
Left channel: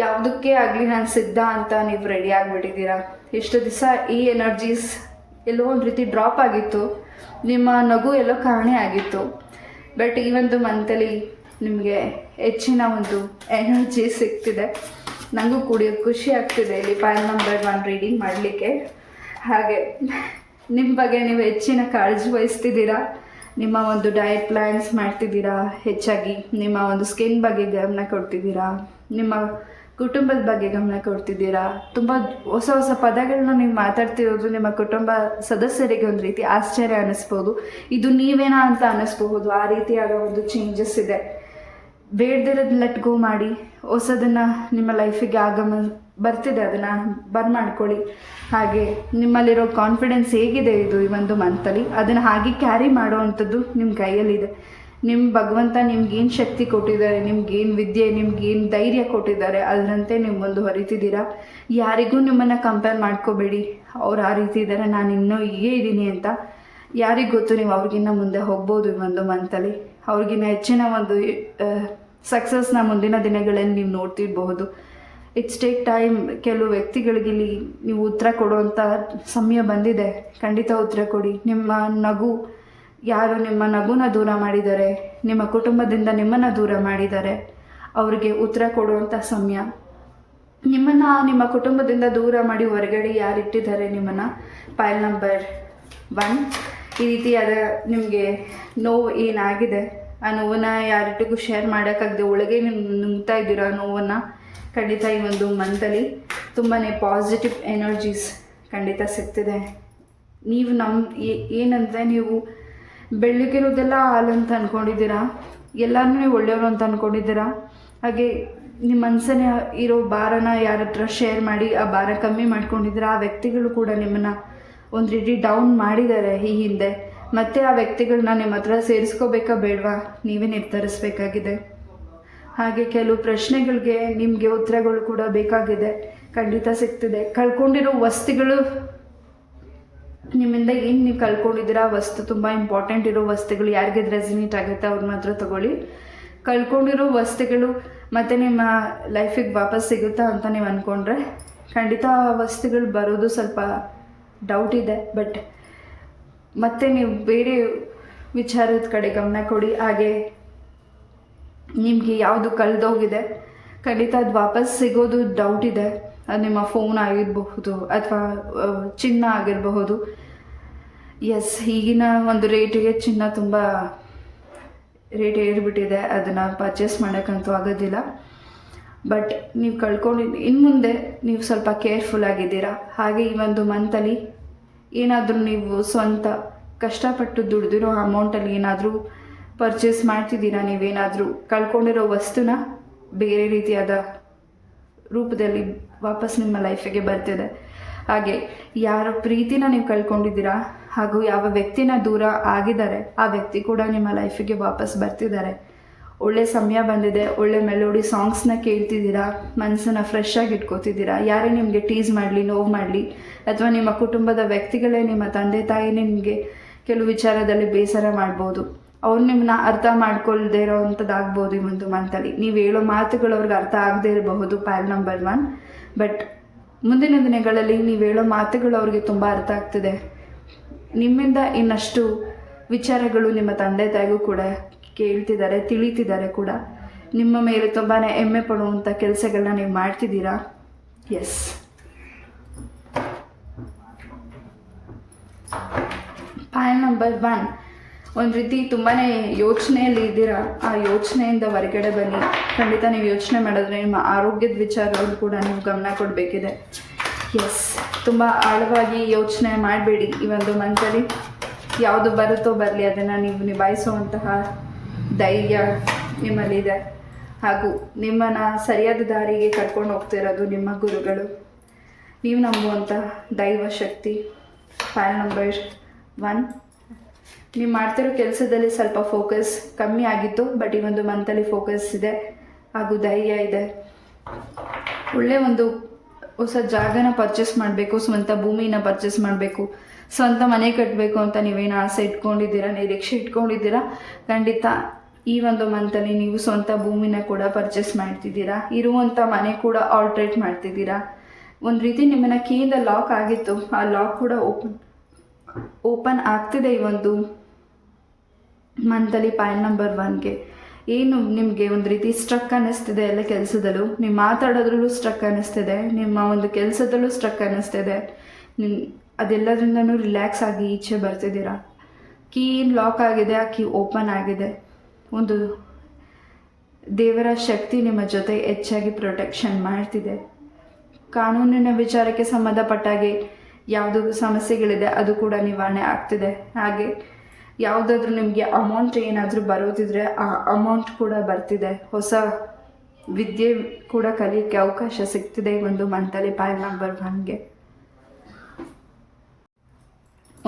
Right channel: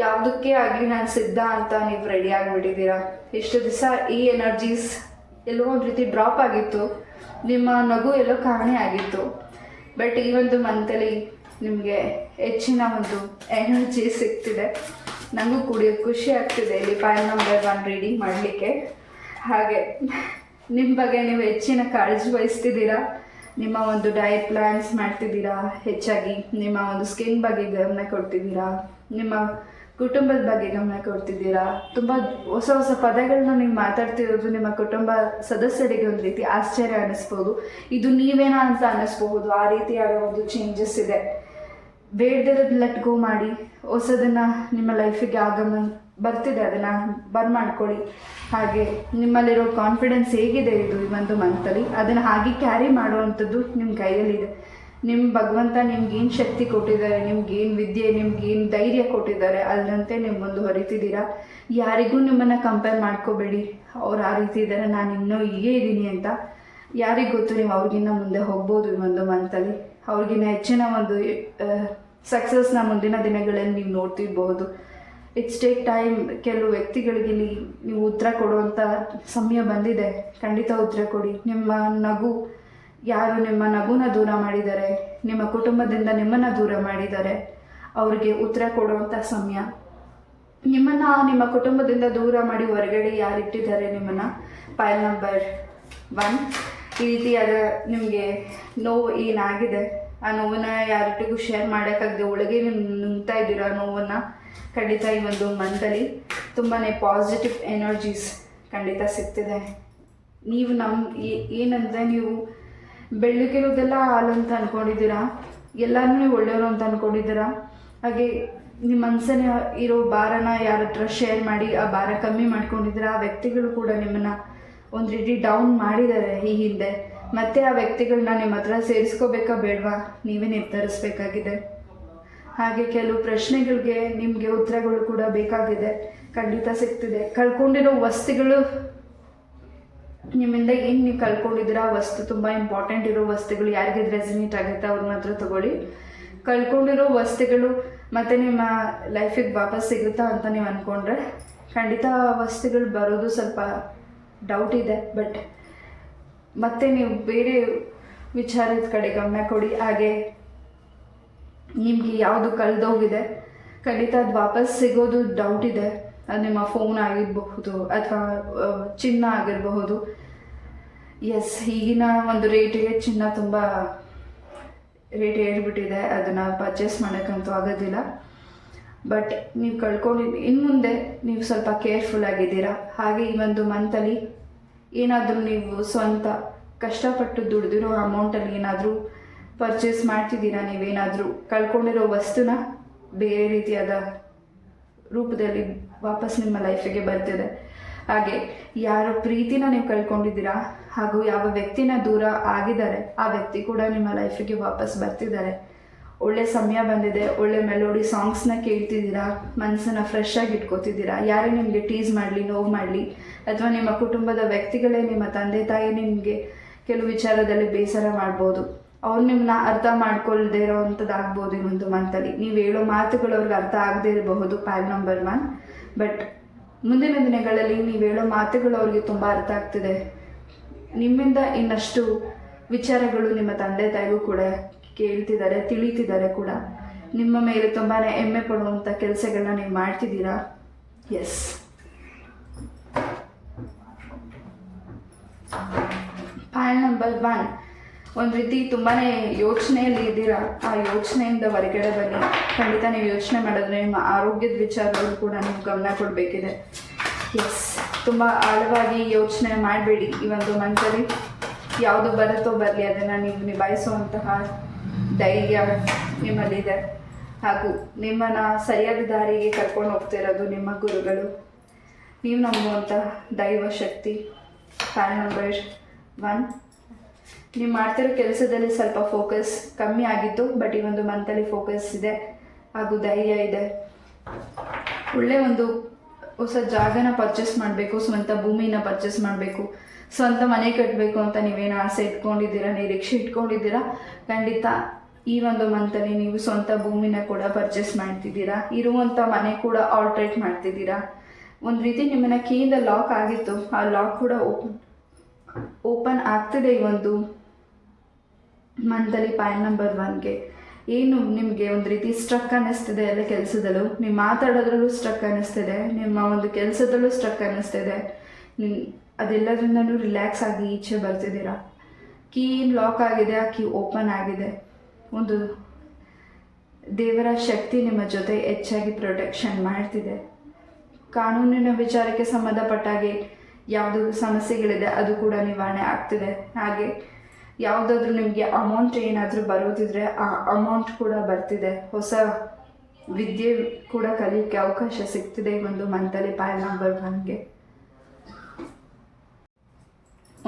ಯಾವುದಕ್ಕೆ ಆಗಲಿ ನಾನು ಸಿದ್ಧ ಅಂತ ನೀವು ರೆಡಿ ಆಗಿಬಿಟ್ಟಿದ್ದೀರಾ. ಎಷ್ಟು ದಿವಸ ಈ ಎನರ್ಜೀಸ್ ಎಲ್ಲೋ ಒಂದು ರೀತಿ ಡ್ರಾಪ್ ಆಗಿತ್ತು, ನಿಮ್ಮ ನಗು ಎಲ್ಲೋ ಕಾಣೆ ಆಗಿತ್ತು. ಬಟ್ ಈ ಒಂದು ಮಂತಲ್ಲಿ ನಿಮಗೆ ಹೆಚ್ಚಿನ ಒಂದು ಎನರ್ಜಿ ಸಿಗ್ತಿದೆ. ನನಗೂ ಕೂಡ ಖುಷಿ ಆಗ್ತಿದೆ ಇಲ್ಲಿ ಪಾಯಲ್ ನಂಬರ್ 1 ರೀಡಿಂಗ್ ಮಾಡಲಿಕ್ಕೆ. ಹಾಗೆ ನಿಮ್ಮ ಬಗ್ಗೆ ನೀವು ಹೆಚ್ಚಿನ ಕಾಳಜಿ ವಹಿಸ್ತಿದ್ದೀರಾ. ನಿಮ್ಮ ಒಂದು ಡಯಟ್ ಪ್ಲ್ಯಾನ್ಸ್ ಮಾಡ್ತಿದ್ದೀರಾ. ಹೆಚ್ಚಾಗಿ ನಿಮ್ಮ ಒಂದು ಸ್ಕಿನ್ ಬಗ್ಗೆ ಗಮನ ಕೊಡ್ತಿದ್ದೀರಾ. ನಿಮ್ಮ ಕುಟುಂಬದ ಬಗ್ಗೆ ಗಮನ ಕೊಡ್ತಿದ್ದೀರಾ. ತುಂಬ ಹೊಸ ಹೊಸ ಪದಗಳನ್ನ ನೀವು ಮಾತಾಡ್ತಿರೋದು ನಿಮ್ಮ ಕುಟುಂಬ ಸದಸ್ಯರಿಗೆ ಒಂದು ರೀತಿ ಆಶ್ಚರ್ಯ ಅನ್ನಿಸ್ಬೋದು. ಇದು ನೀವೇನಾ ಅಂತ ಅನ್ನಿಸ್ಬಹುದು. ಆ ರೀತಿಯಾದ ಒಂದು ಚೇಂಜಸ್ ಇದೆ. ಬೇಡದಿರೋದು ಲೆಟ್ ಗೋ ಮಾಡಿ. ಹೊಸದನ್ನು ನಿಮ್ಮ ಲೈಫಿಗೆ ಬರ್ತಿದೆ, ಅದನ್ನು ಮಾಡ್ಕೊಳ್ಳಿ. ಹಾಗೆ ನಿಮ್ಮಲ್ಲಿರೋ ಕಾನ್ಫಿಡೆನ್ಸ್ ಹೇಗಿದೆ ಇದು ಈ ಒಂದು ಮಂತಲ್ಲಿ, ಅದನ್ನು ಹಾಗೆ ಕ್ಯಾರಿ ಮಾಡೋವಂಥದ್ದು ನಿಮ್ಮ ಕೈಯಲ್ಲಿದೆ. ನಿಮ್ಮ ಭಗವಂತ ನಿಮ್ಗೇನು ಶಕ್ತಿ ಕೊಟ್ಟಿದ್ದಾರೆ, ನಿಮ್ಗೇನು ವಿದ್ಯೆ, ನಿಮ್ಗೇನು ಧೈರ್ಯ ಕೊಟ್ಟಿದ್ದಾರೆ, ಅದರಂತೆ ನೀವು ಮುಂದೆ ಹೊರಿತಿದ್ದೀರಾ. ಯಾರಿಗೂ ನಿಮ್ಮನ್ನು ಕಂಪೇರ್ ಮಾಡ್ಕೋಬೇಡಿ. ಅವ್ರು ಆ ರೀತಿ ಇದ್ದಾರೆ, ನಾನು ಇನ್ನೂ ಹೀಗೆ ಇದ್ದೀನಿ ಅಂತ. ಯಾರಿಗೆ ಗೊತ್ತು, ನೀವು ಅವ್ರಿಗಿನ್ನ ಮುಂದೆ ಹೋಗ್ಬೋದು ಈ ಒಂದು ಮಂತಲ್ಲಿ. ಅವ್ರಿಗಿನ್ನ ಹೆಚ್ಚಿನ ಒಂದು ಸಕ್ಸಸ್ನ ಮುಂದಿನ ದಿನಗಳಲ್ಲಿ ನೀವು ನೋಡ್ತಿರ್ಬಹುದು. It's take time. ಕೆಲವು ವ್ಯಕ್ತಿಗಳಿಗೆ ಇಲ್ಲಿ ನೀವು ಉತ್ತರ ಕೊಡುವಂಥ ಸಮಯ ಬಂದಿದೆ. ಖಂಡಿತ ಉತ್ತರ ಕೊಡಿ. ನಿಮ್ಮ ನಗು, ಯಾರು ನಿಮ್ಮ ನಗುನ ದೂರ ಮಾಡಿದ್ದಾರೆ, ನಿಮ್ಮ ಕುಟುಂಬದಿಂದ ನಿಮ್ಮನ್ನು ದೂರ ಮಾಡಿದ್ದಾರೆ, ಅವರಿಗೆ ಉತ್ತರ ಕೊಡುವಂಥ ಸಮಯ. ನಿಮ್ಮನ್ನು ನಿಮ್ಮ ಕುಟುಂಬದಿಂದ ದೂರ ಮಾಡಿ ಹೊರಗಡೆ ಯಾರಿಟ್ಟಿದ್ದಾರೆ ನಿಮ್ಮನ್ನು, ಪಾಯಲ್ ನಂಬರ್ 1 ಈ ರೀತಿಯಾದ ನಿಮಗೆ ನೋವು ಏನಾಗಿದೆ, ಆ ನೋವನ್ನು ಯಾರಿಟ್ಟಿಗೂ ಶೇರ್ ಮಾಡೋಕ್ಕಾಗದೆ ಒಳಗೆ ನೀವು ನುಂಗ್ತಾ ಇದ್ದೀರ ಆ ನೋವನ್ನು. ಖಂಡಿತ ಈ ಒಂದು ಮಂತಲ್ಲಿ ತುಂಬಾ ಪಾಸಿಟಿವ್ ಎನರ್ಜೀಸ್ ಖಂಡಿತ ಸಿಗ್ತಿದೆ. ನೀವು ಏನಂದರೆ ನೀವು ಬೆಳಗಿರೋದೆಲ್ಲ ಹಾಲು ಅಂತ ಅಂದ್ಕೊಂಡಿದ್ದೀರಾ, ಎಲ್ಲರೂ ನೀವು ಒಳ್ಳೆಯವರು ಅಂತ ಅಂದ್ಕೊಂಡಿದ್ದೀರಾ. ಹಾಗೆ ನಿಮ್ಮ ಮನಸ್ಸನ್ನ ಇರೋ ಭಾರನ ಯಾರ ಹತ್ರ ಶೇರ್ ಮಾಡಿ ಆ ಭಾರ ಕಮ್ಮಿ ಮಾಡ್ಕೊಂಡಿದ್ದೀರಾ. ಆ ವ್ಯಕ್ತಿಗಳು ಕೂಡ ನಿಮ್ಮನ್ನು ಒಂದು ರೀತಿ ಡೌನ್ ಮಾಡಿದ್ದಾರೆ ಈ ಹಿಂದೆ. ಮತ್ತೆ ಆ ವ್ಯಕ್ತಿಗಳನ್ನ ನಿಮ್ಮ ಹತ್ರ ಸೇರಿಸ್ಕೋಬೇಕಾ ಬೇಡವಾ, ನೀವೇ ನಿರ್ಧರಿಸಬೇಕಾಗಿದೆ. ಹಾಗೆ ಕೆಲವು ಪ್ರಶ್ನೆಗಳಿಗೆ ನಿಮಗೆ ಉತ್ತರಗಳು ಕೂಡ ಬೇಕಾಗಿದೆ. ಖಂಡಿತ ಸಿಗ್ತಿದೆ. ಕಳ್ಕೊಂಡಿರೋ ವಸ್ತುಗಳು ನಿಮ್ಮಿಂದ ಏನು ನೀವು ಕಳ್ಕೊಂಡಿದ್ದೀರಾ, ವಸ್ತು ತುಂಬ ಇಂಪಾರ್ಟೆಂಟ್ ಇರೋ ವಸ್ತುಗಳು ಯಾರಿಗೆ ರೆಸಿನೇಟ್ ಆಗುತ್ತೆ ಅವ್ರನ್ನ ಹತ್ರ ತಗೊಳ್ಳಿ. ಕಳ್ಕೊಂಡಿರೋ ವಸ್ತುಗಳು ಮತ್ತು ನಿಮ್ಮ ಲೈಫಿಗೆ ವಾಪಸ್ ಸಿಗುತ್ತಾ ಅಂತ ನೀವು ಅಂದ್ಕೊಂಡ್ರೆ ಖಂಡಿತ ವಸ್ತುಗಳು ಬರೋದು ಸ್ವಲ್ಪ ಡೌಟ್ ಇದೆ. ಬಟ್ ಮತ್ತೆ ನೀವು ಬೇರೆ ವಿಚಾರದ ಕಡೆ ಗಮನ ಕೊಡಿ. ಹಾಗೆ ನಿಮಗೆ ಯಾವುದು ಕಳೆದೋಗಿದೆ ಖಂಡಿತ ಅದು ವಾಪಸ್ ಸಿಗೋದು ಡೌಟ್ ಇದೆ. ಅದು ನಿಮ್ಮ ಫೋನ್ ಆಗಿರಬಹುದು ಅಥವಾ ಚಿನ್ನ ಆಗಿರಬಹುದು. ಎಸ್, ಈಗಿನ ಒಂದು ರೇಟಿಗೆ ಚಿನ್ನ ತುಂಬ ರೇಟ್ ಏರಿಬಿಟ್ಟಿದೆ. ಅದನ್ನು ಪರ್ಚೇಸ್ ಮಾಡೋಕ್ಕಂತೂ ಆಗೋದಿಲ್ಲ. ಬಟ್ ನೀವು ಇನ್ನು ಮುಂದೆ ನೀವು ಸ್ವಲ್ಪ ಕೇರ್ಫುಲ್ ಆಗಿದ್ದೀರಾ. ಹಾಗೆ ಈ ಒಂದು ಮಂತಲ್ಲಿ ಏನಾದರೂ ನೀವು ಸ್ವಂತ ಕಷ್ಟಪಟ್ಟು ದುಡ್ದಿರೋ ಅಮೌಂಟಲ್ಲಿ ಏನಾದರೂ ಪರ್ಚೇಸ್ ಮಾಡ್ತಿದ್ದೀರಾ, ನೀವೇನಾದರೂ ಕಳ್ಕೊಂಡಿರೋ ವಸ್ತುನ ಬೇರೆ ರೀತಿಯಾದ ರೂಪದಲ್ಲಿ ವಾಪಸ್ ನಿಮ್ಮ ಲೈಫಿಗೆ ಬರ್ತಿದೆ. ಹಾಗೆ ಯಾರ ಪ್ರೀತಿನ ನೀವು ಕಳ್ಕೊಂಡಿದ್ದೀರಾ ಹಾಗೂ ಯಾವ ವ್ಯಕ್ತಿನ ದೂರ ಆಗಿದ್ದಾರೆ ಆ ವ್ಯಕ್ತಿ ಕೂಡ ನಿಮ್ಮ ಲೈಫಿಗೆ ವಾಪಸ್ ಬರ್ತಿದ್ದಾರೆ. ಒಳ್ಳೆ ಸಮಯ ಬಂದಿದೆ. ಒಳ್ಳೆ ಮೆಲೋಡಿ ಸಾಂಗ್ಸ್ನ ಕೇಳ್ತಿದ್ದೀರಾ, ಮನಸ್ಸನ್ನು ಫ್ರೆಶ್ ಆಗಿ ಇಟ್ಕೋತಿದ್ದೀರಾ. ಯಾರೇ ನಿಮಗೆ ಟೀಸ್ ಮಾಡಲಿ, ನೋವು ಮಾಡಲಿ, ಅಥವಾ ನಿಮ್ಮ ಕುಟುಂಬದ ವ್ಯಕ್ತಿಗಳೇ, ನಿಮ್ಮ ತಂದೆ ತಾಯಿ ನಿಮಗೆ ಕೆಲವು ವಿಚಾರದಲ್ಲಿ ಬೇಸರ ಮಾಡ್ಬೋದು. ಅವ್ರು ನಿಮ್ಮನ್ನ ಅರ್ಥ ಮಾಡ್ಕೊಳ್ದೇ ಇರೋವಂಥದ್ದಾಗ್ಬೋದು ಈ ಒಂದು ಮಂತಲ್ಲಿ. ನೀವು ಹೇಳೋ ಮಾತುಗಳು ಅವ್ರಿಗೆ ಅರ್ಥ ಆಗದೇ ಇರಬಹುದು ಪಾಯಲ್ ನಂಬರ್ 1. ಬಟ್ ಮುಂದಿನ ದಿನಗಳಲ್ಲಿ ನೀವು ಹೇಳೋ ಮಾತುಗಳು ಅವ್ರಿಗೆ ತುಂಬ ಅರ್ಥ ಆಗ್ತಿದೆ. ನಿಮ್ಮಿಂದ ಇನ್ನಷ್ಟು ವಿಚಾರಗಳು ನಿಮ್ಮ ತಂದೆ ತಾಯಿಗೂ ಕೂಡ ಕೇಳ್ತಿದ್ದಾರೆ, ತಿಳಿತಿದ್ದಾರೆ ಕೂಡ. ನಿಮ್ಮ ಮೇಲೆ ತುಂಬಾ ಹೆಮ್ಮೆ ಪಡುವಂಥ ಕೆಲಸಗಳನ್ನ ನೀವು ಮಾಡ್ತಿದ್ದೀರಾ. ಎಸ್, ಪಾಯಲ್ ನಂಬರ್ 1 ಒಂದು ರೀತಿ ತುಂಬಾ ಯೋಚನೆಯಲ್ಲಿ ಇದ್ದೀರಾ. ಆ ಯೋಚನೆಯಿಂದ ಹೊರಗಡೆ ಬನ್ನಿ. ಖಂಡಿತ ನೀವು ಯೋಚನೆ ಮಾಡಿದ್ರೆ ನಿಮ್ಮ ಆರೋಗ್ಯದ ವಿಚಾರಗಳು ಕೂಡ ನೀವು ಗಮನ ಕೊಡಬೇಕಿದೆ. ಎಸ್, ತುಂಬ ಆಳವಾಗಿ ಯೋಚನೆ ಮಾಡಬೇಡಿ ಈ ಒಂದು ಮಂತಲ್ಲಿ. ಯಾವುದು ಬರುತ್ತೋ ಬರಲಿ, ಅದನ್ನು ನೀವು ನಿಭಾಯಿಸುವಂತಹ ಧೈರ್ಯ ನಿಮ್ಮಲ್ಲಿದೆ. ಹಾಗೂ ನಿಮ್ಮನ್ನು ಸರಿಯಾದ ದಾರಿಗೆ ಕರ್ಕೊಂಡು ಹೋಗ್ತಿರೋದು ನಿಮ್ಮ ಗುರುಗಳು. ನೀವು ನಂಬುವಂಥ ದೈವ ಶಕ್ತಿ. File number 1. ನೀವು ಮಾಡ್ತಿರೋ ಕೆಲಸದಲ್ಲಿ ಸ್ವಲ್ಪ ಫೋಕಸ್ ಕಮ್ಮಿ ಆಗಿತ್ತು, ಬಟ್ ಈ ಒಂದು ಮಂತಲ್ಲಿ ಫೋಕಸ್ ಇದೆ ಹಾಗೂ ಧೈರ್ಯ ಇದೆ. ಒಳ್ಳೆ ಒಂದು ಹೊಸ ಜಾಗನ ಪರ್ಚೇಸ್ ಮಾಡಬೇಕು, ಸ್ವಂತ ಭೂಮಿನ ಪರ್ಚೇಸ್ ಮಾಡಬೇಕು, ಸ್ವಂತ ಮನೆ ಕಟ್ಟಬೇಕು ಅಂತ ನೀವೇನು ಆಸೆ ಇಟ್ಕೊಂಡಿದ್ದೀರಾ, ನಿರೀಕ್ಷೆ ಇಟ್ಕೊಂಡಿದ್ದೀರಾ, ಖಂಡಿತ ಈ ಒಂದು ಮಂತಲ್ಲಿ ನೀವು ಸ್ವಂತ ಭೂಮಿನ ಕೂಡ ಪರ್ಚೇಸ್ ಮಾಡ್ತಿದ್ದೀರಾ. ಇರುವಂಥ ಮನೆ ಕೂಡ ಆಲ್ಟ್ರೇಟ್ ಮಾಡ್ತಿದ್ದೀರಾ. ಒಂದು ರೀತಿ ನಿಮ್ಮನ್ನ ಕೀಯಿಂದ ಲಾಕ್ ಆಗಿತ್ತು, ಆ ಲಾಕ್ ಕೂಡ ಓಪನ್ ಆಗ್ತಿದೆ ಈ ಒಂದು ಮಂತಲ್ಲಿ. ಪಾಯಿಂಟ್ ನಂಬರ್ 1ಗೆ ಏನು ನಿಮಗೆ ಒಂದು ರೀತಿ ಸ್ಟ್ರಕ್ ಅನ್ನಿಸ್ತಿದೆ ಎಲ್ಲ ಕೆಲಸದಲ್ಲೂ, ನೀವು ಮಾತಾಡೋದ್ರಲ್ಲೂ ಸ್ಟ್ರಕ್ ಅನ್ನಿಸ್ತಿದೆ, ನಿಮ್ಮ ಒಂದು ಕೆಲಸದಲ್ಲೂ ಸ್ಟ್ರಕ್ ಅನ್ನಿಸ್ತಿದೆ, ಅದೆಲ್ಲದ್ರಿಂದನೂ ರಿಲ್ಯಾಕ್ಸ್ ಆಗಿ ಈಚೆ ಬರ್ತಿದ್ದೀರಾ. ಕೀ ಲಾಕ್ ಆಗಿದೆ, ಆ ಕೀ ಓಪನ್ ಆಗಿದೆ. ಒಂದು ದೇವರ ಶಕ್ತಿ ನಿಮ್ಮ ಜೊತೆ ಹೆಚ್ಚಾಗಿ ಪ್ರೊಟೆಕ್ಷನ್ ಮಾಡ್ತಿದೆ. ಕಾನೂನಿನ ವಿಚಾರಕ್ಕೆ ಸಂಬಂಧಪಟ್ಟಾಗೆ ಯಾವುದೂ ಸಮಸ್ಯೆಗಳಿದೆ ಅದು ಕೂಡ ನಿವಾರಣೆ ಆಗ್ತಿದೆ. ಹಾಗೆ ಯಾವುದಾದ್ರೂ ನಿಮಗೆ ಅಮೌಂಟ್ ಏನಾದರೂ ಬರೋದಿದ್ರೆ ಆ ಅಮೌಂಟ್ ಕೂಡ ಬರ್ತಿದೆ. ಹೊಸ ವಿದ್ಯೆ ಕೂಡ ಕಲಿಯೋಕ್ಕೆ ಅವಕಾಶ ಸಿಗ್ತಿದೆ ಈ ಒಂದು ಮಂತಲ್ಲಿ. ಪಾಯಿಂಟ್ ನಂಬರ್ 1ಗೆ